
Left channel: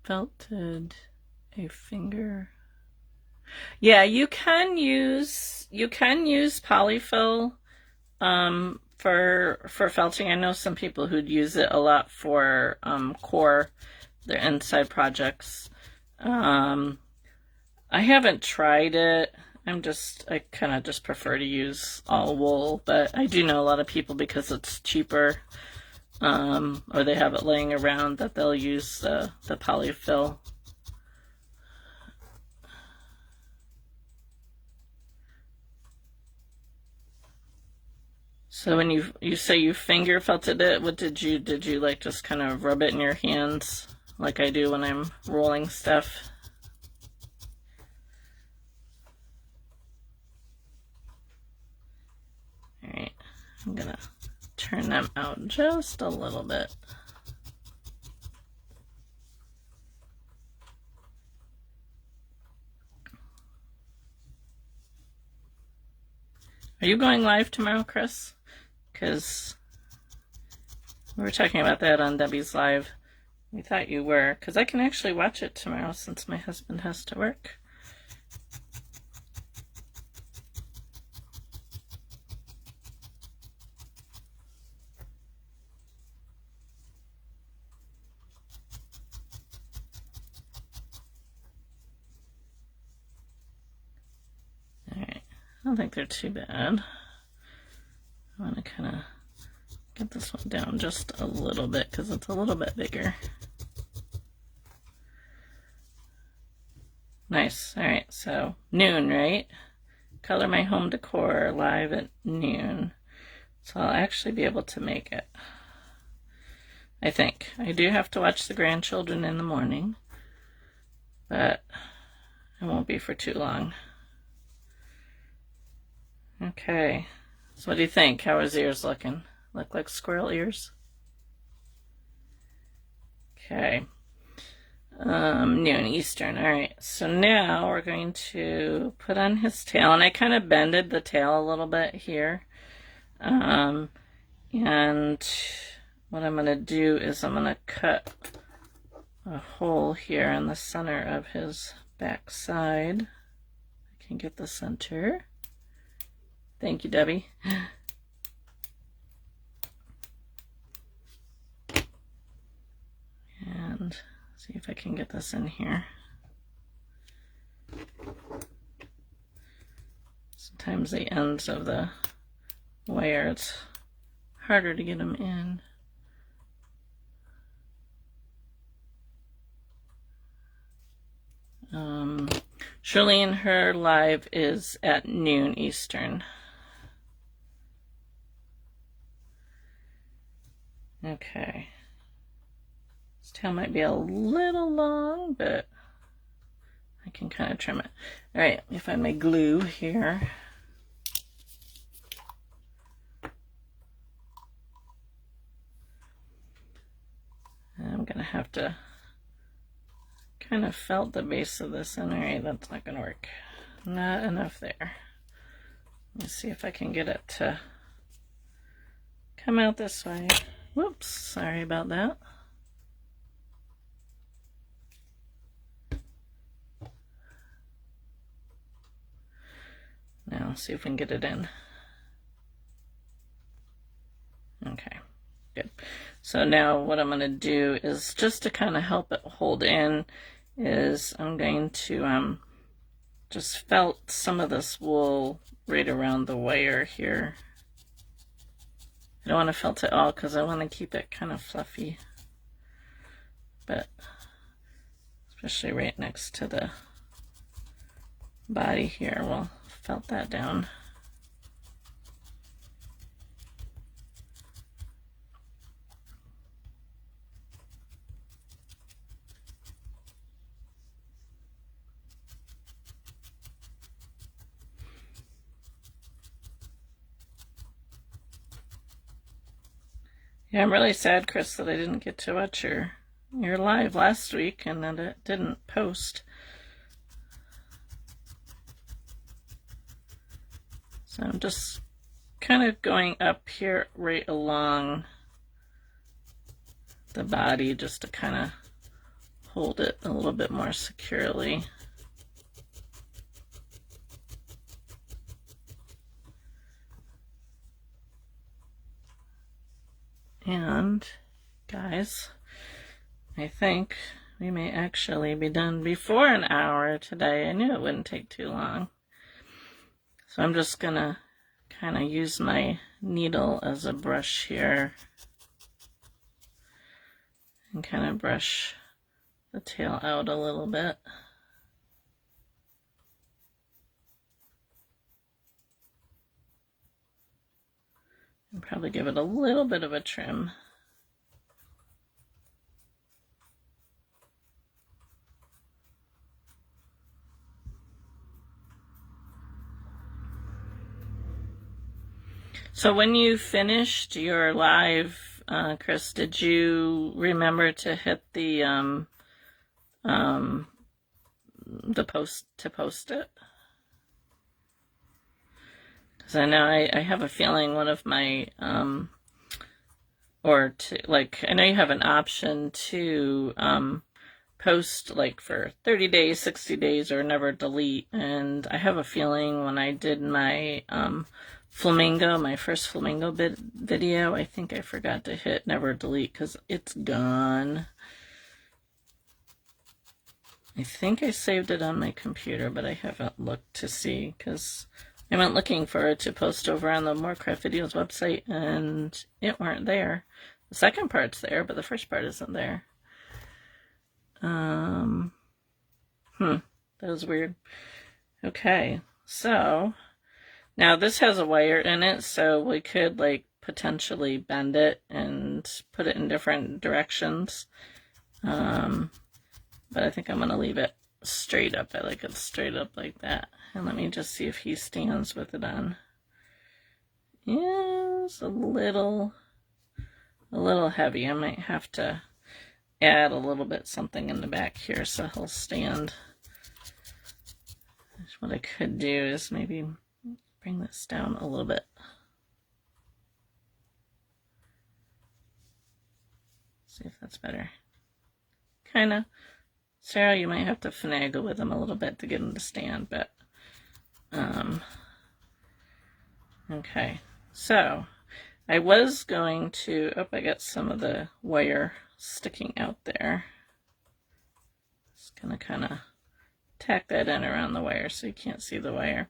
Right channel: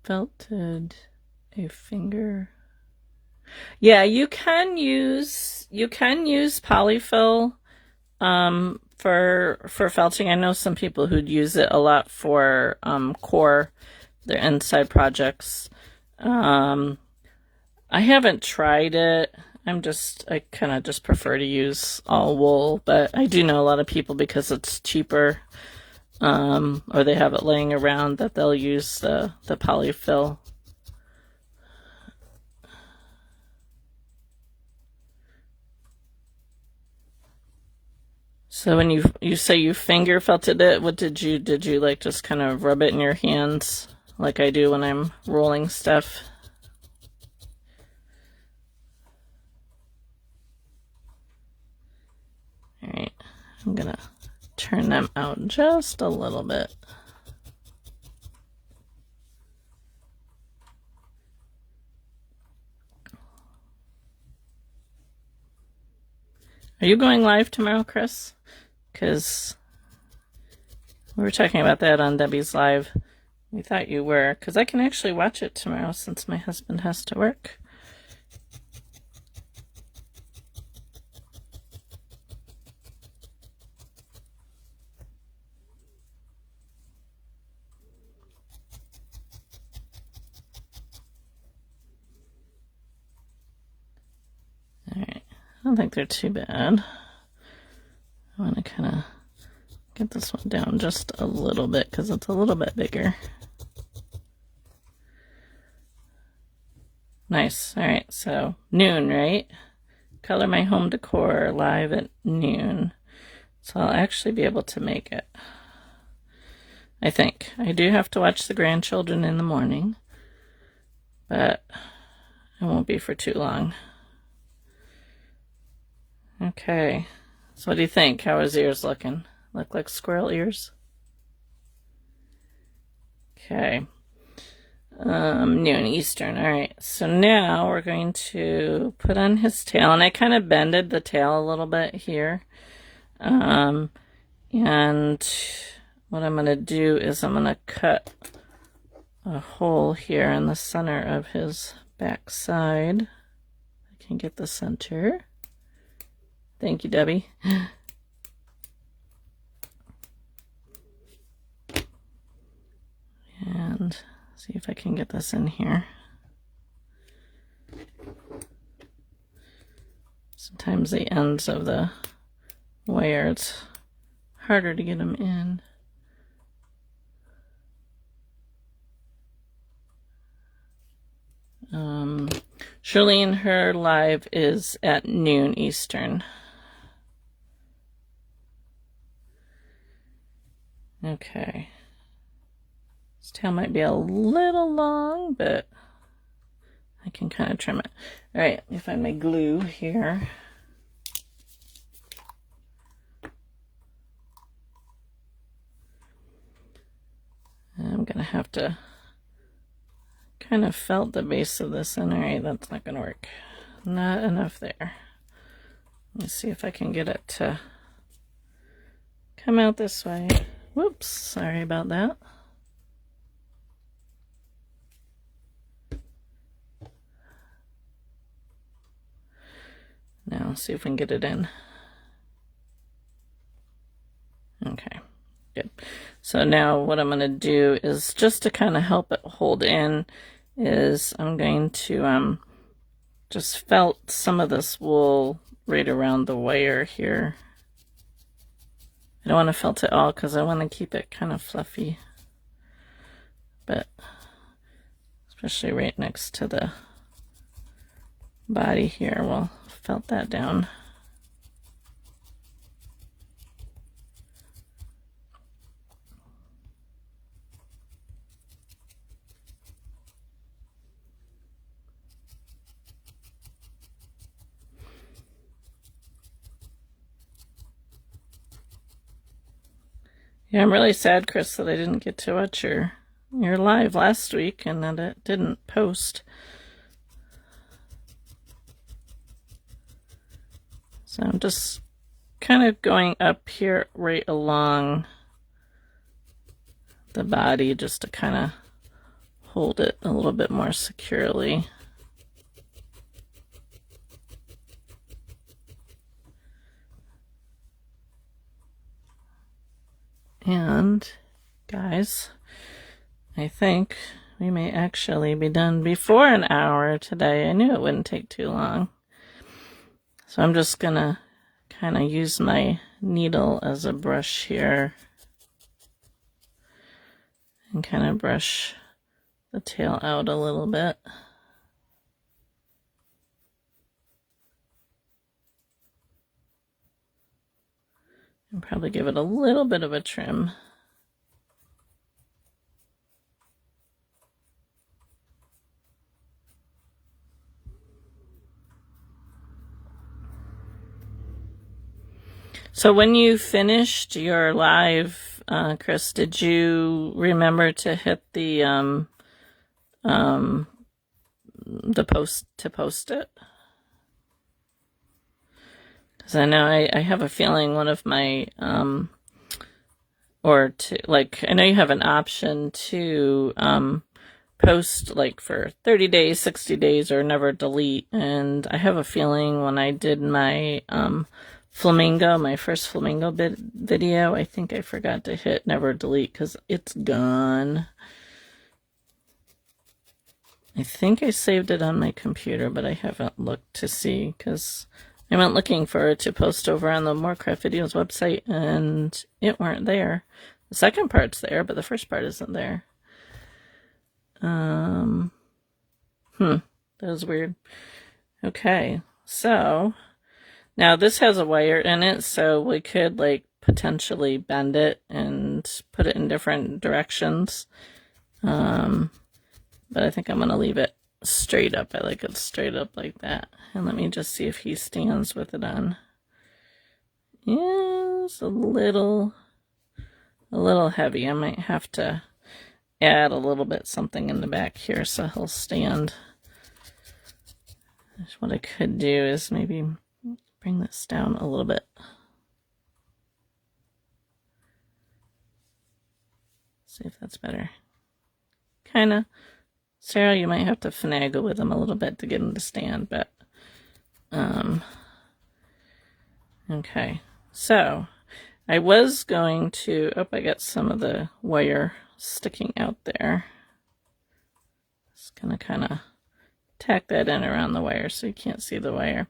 Felted a finger. Yeah, you can use polyfill for felting. I know some people who'd use it a lot for core, their inside projects. I haven't tried it. I kind of just prefer to use all wool, but I do know a lot of people, because it's cheaper, or they have it laying around, that they'll use the polyfill. So when you say you finger felted it, what did you like just kind of rub it in your hands like I do when I'm rolling stuff? All right, I'm gonna turn them out just a little bit. Are you going live tomorrow, Chris? Because we were talking about that on Debbie's live. We thought you were, because I can actually watch it tomorrow since my husband has to work. All right, I don't think they're too bad. I want to kind of get this one down just a little bit because it's a little bit bigger. Nice. All right, so noon, right? Color my home decor live at noon. So I'll actually be able to make it. I think. I do have to watch the grandchildren in the morning, but it won't be for too long. Okay. So what do you think? How are his ears looking? Look like squirrel ears? Okay. Noon Eastern. All right. So now we're going to put on his tail, and I kind of bended the tail a little bit here. And what I'm going to do is I'm going to cut a hole here in the center of his back side. I can get the center. Thank you, Debbie. And see if I can get this in here. Sometimes the ends of the wire, it's harder to get them in. Charlene, her live is at noon Eastern. Okay. This tail might be a little long, but I can kind of trim it. All right, let me find my glue here. I'm gonna have to kind of felt the base of this in. All right, that's not gonna work. Not enough there. Let's see if I can get it to come out this way. Whoops, sorry about that. Now let's see if we can get it in. Okay, good. So now what I'm going to do is, just to kind of help it hold in, is I'm going to just felt some of this wool right around the wire here. I don't want to felt it all because I want to keep it kind of fluffy, but especially right next to the body here, we'll felt that down. Yeah, I'm really sad, Chris, that I didn't get to watch your live last week and that it didn't post. So I'm just kind of going up here right along the body just to kind of hold it a little bit more securely. And guys, I think we may actually be done before an hour today. I knew it wouldn't take too long. So I'm just gonna kind of use my needle as a brush here and kind of brush the tail out a little bit. And probably give it a little bit of a trim. So when you finished your live, Chris, did you remember to hit the post to post it? Because I know I have a feeling one of my or to, like, I know you have an option to post like for 30 days, 60 days, or never delete. And I have a feeling when I did my flamingo, my first flamingo video, I think I forgot to hit never delete because it's gone. I think I saved it on my computer, but I haven't looked to see because I went looking for it to post over on the Morecraft Videos website and it weren't there. The second part's there, but the first part isn't there. That was weird. Okay, so now this has a wire in it, so we could like potentially bend it and put it in different directions. But I think I'm gonna leave it straight up. I like it straight up like that. And let me just see if he stands with it on. Yeah, it's a little heavy. I might have to add a little bit something in the back here so he'll stand. What I could do is maybe bring this down a little bit. See if that's better. Kind of. Sarah, you might have to finagle with him a little bit to get him to stand, but okay. So I was going to, I got some of the wire sticking out there. Just gonna kind of tack that in around the wire so you can't see the wire.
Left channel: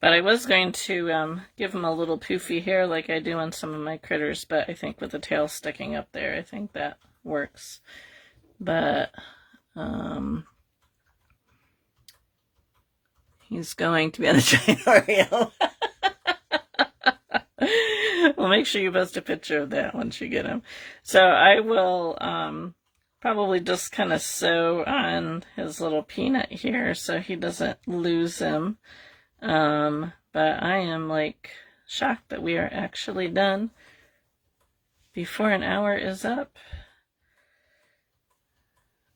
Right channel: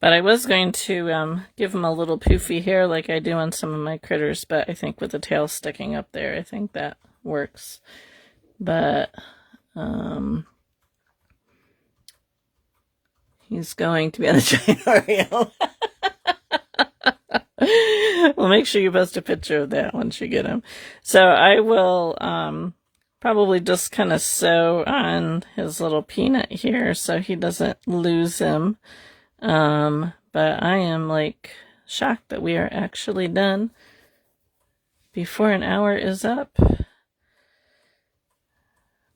But I was going to give him a little poofy hair like I do on some of my critters, but I think with the tail sticking up there, I think that works. But he's going to be on the giant Oreo. Well, make sure you post a picture of that once you get him. So I will probably just kind of sew on his little peanut here so he doesn't lose him. But I am like shocked that we are actually done before an hour is up.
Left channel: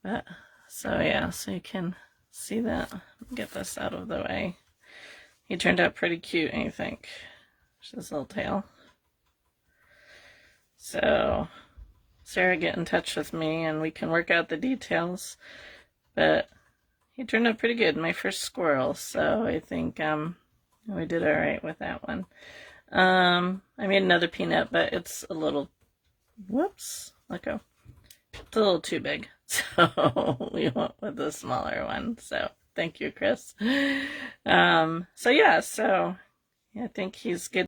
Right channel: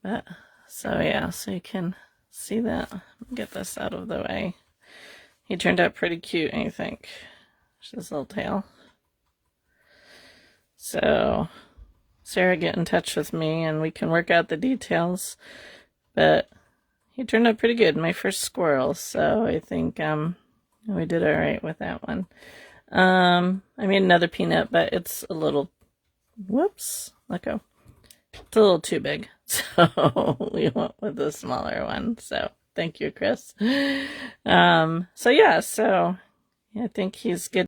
But, so yeah, so you can see that. Get this out of the way. he turned out pretty cute, I think. His little tail. So Sarah, get in touch with me and we can work out the details. But he turned out pretty good, my first squirrel, so I think we did all right with that one. I made another peanut, but it's a little, whoops, let go. It's a little too big, so we went with the smaller one. So thank you, Chris. So yeah, so I think he's good.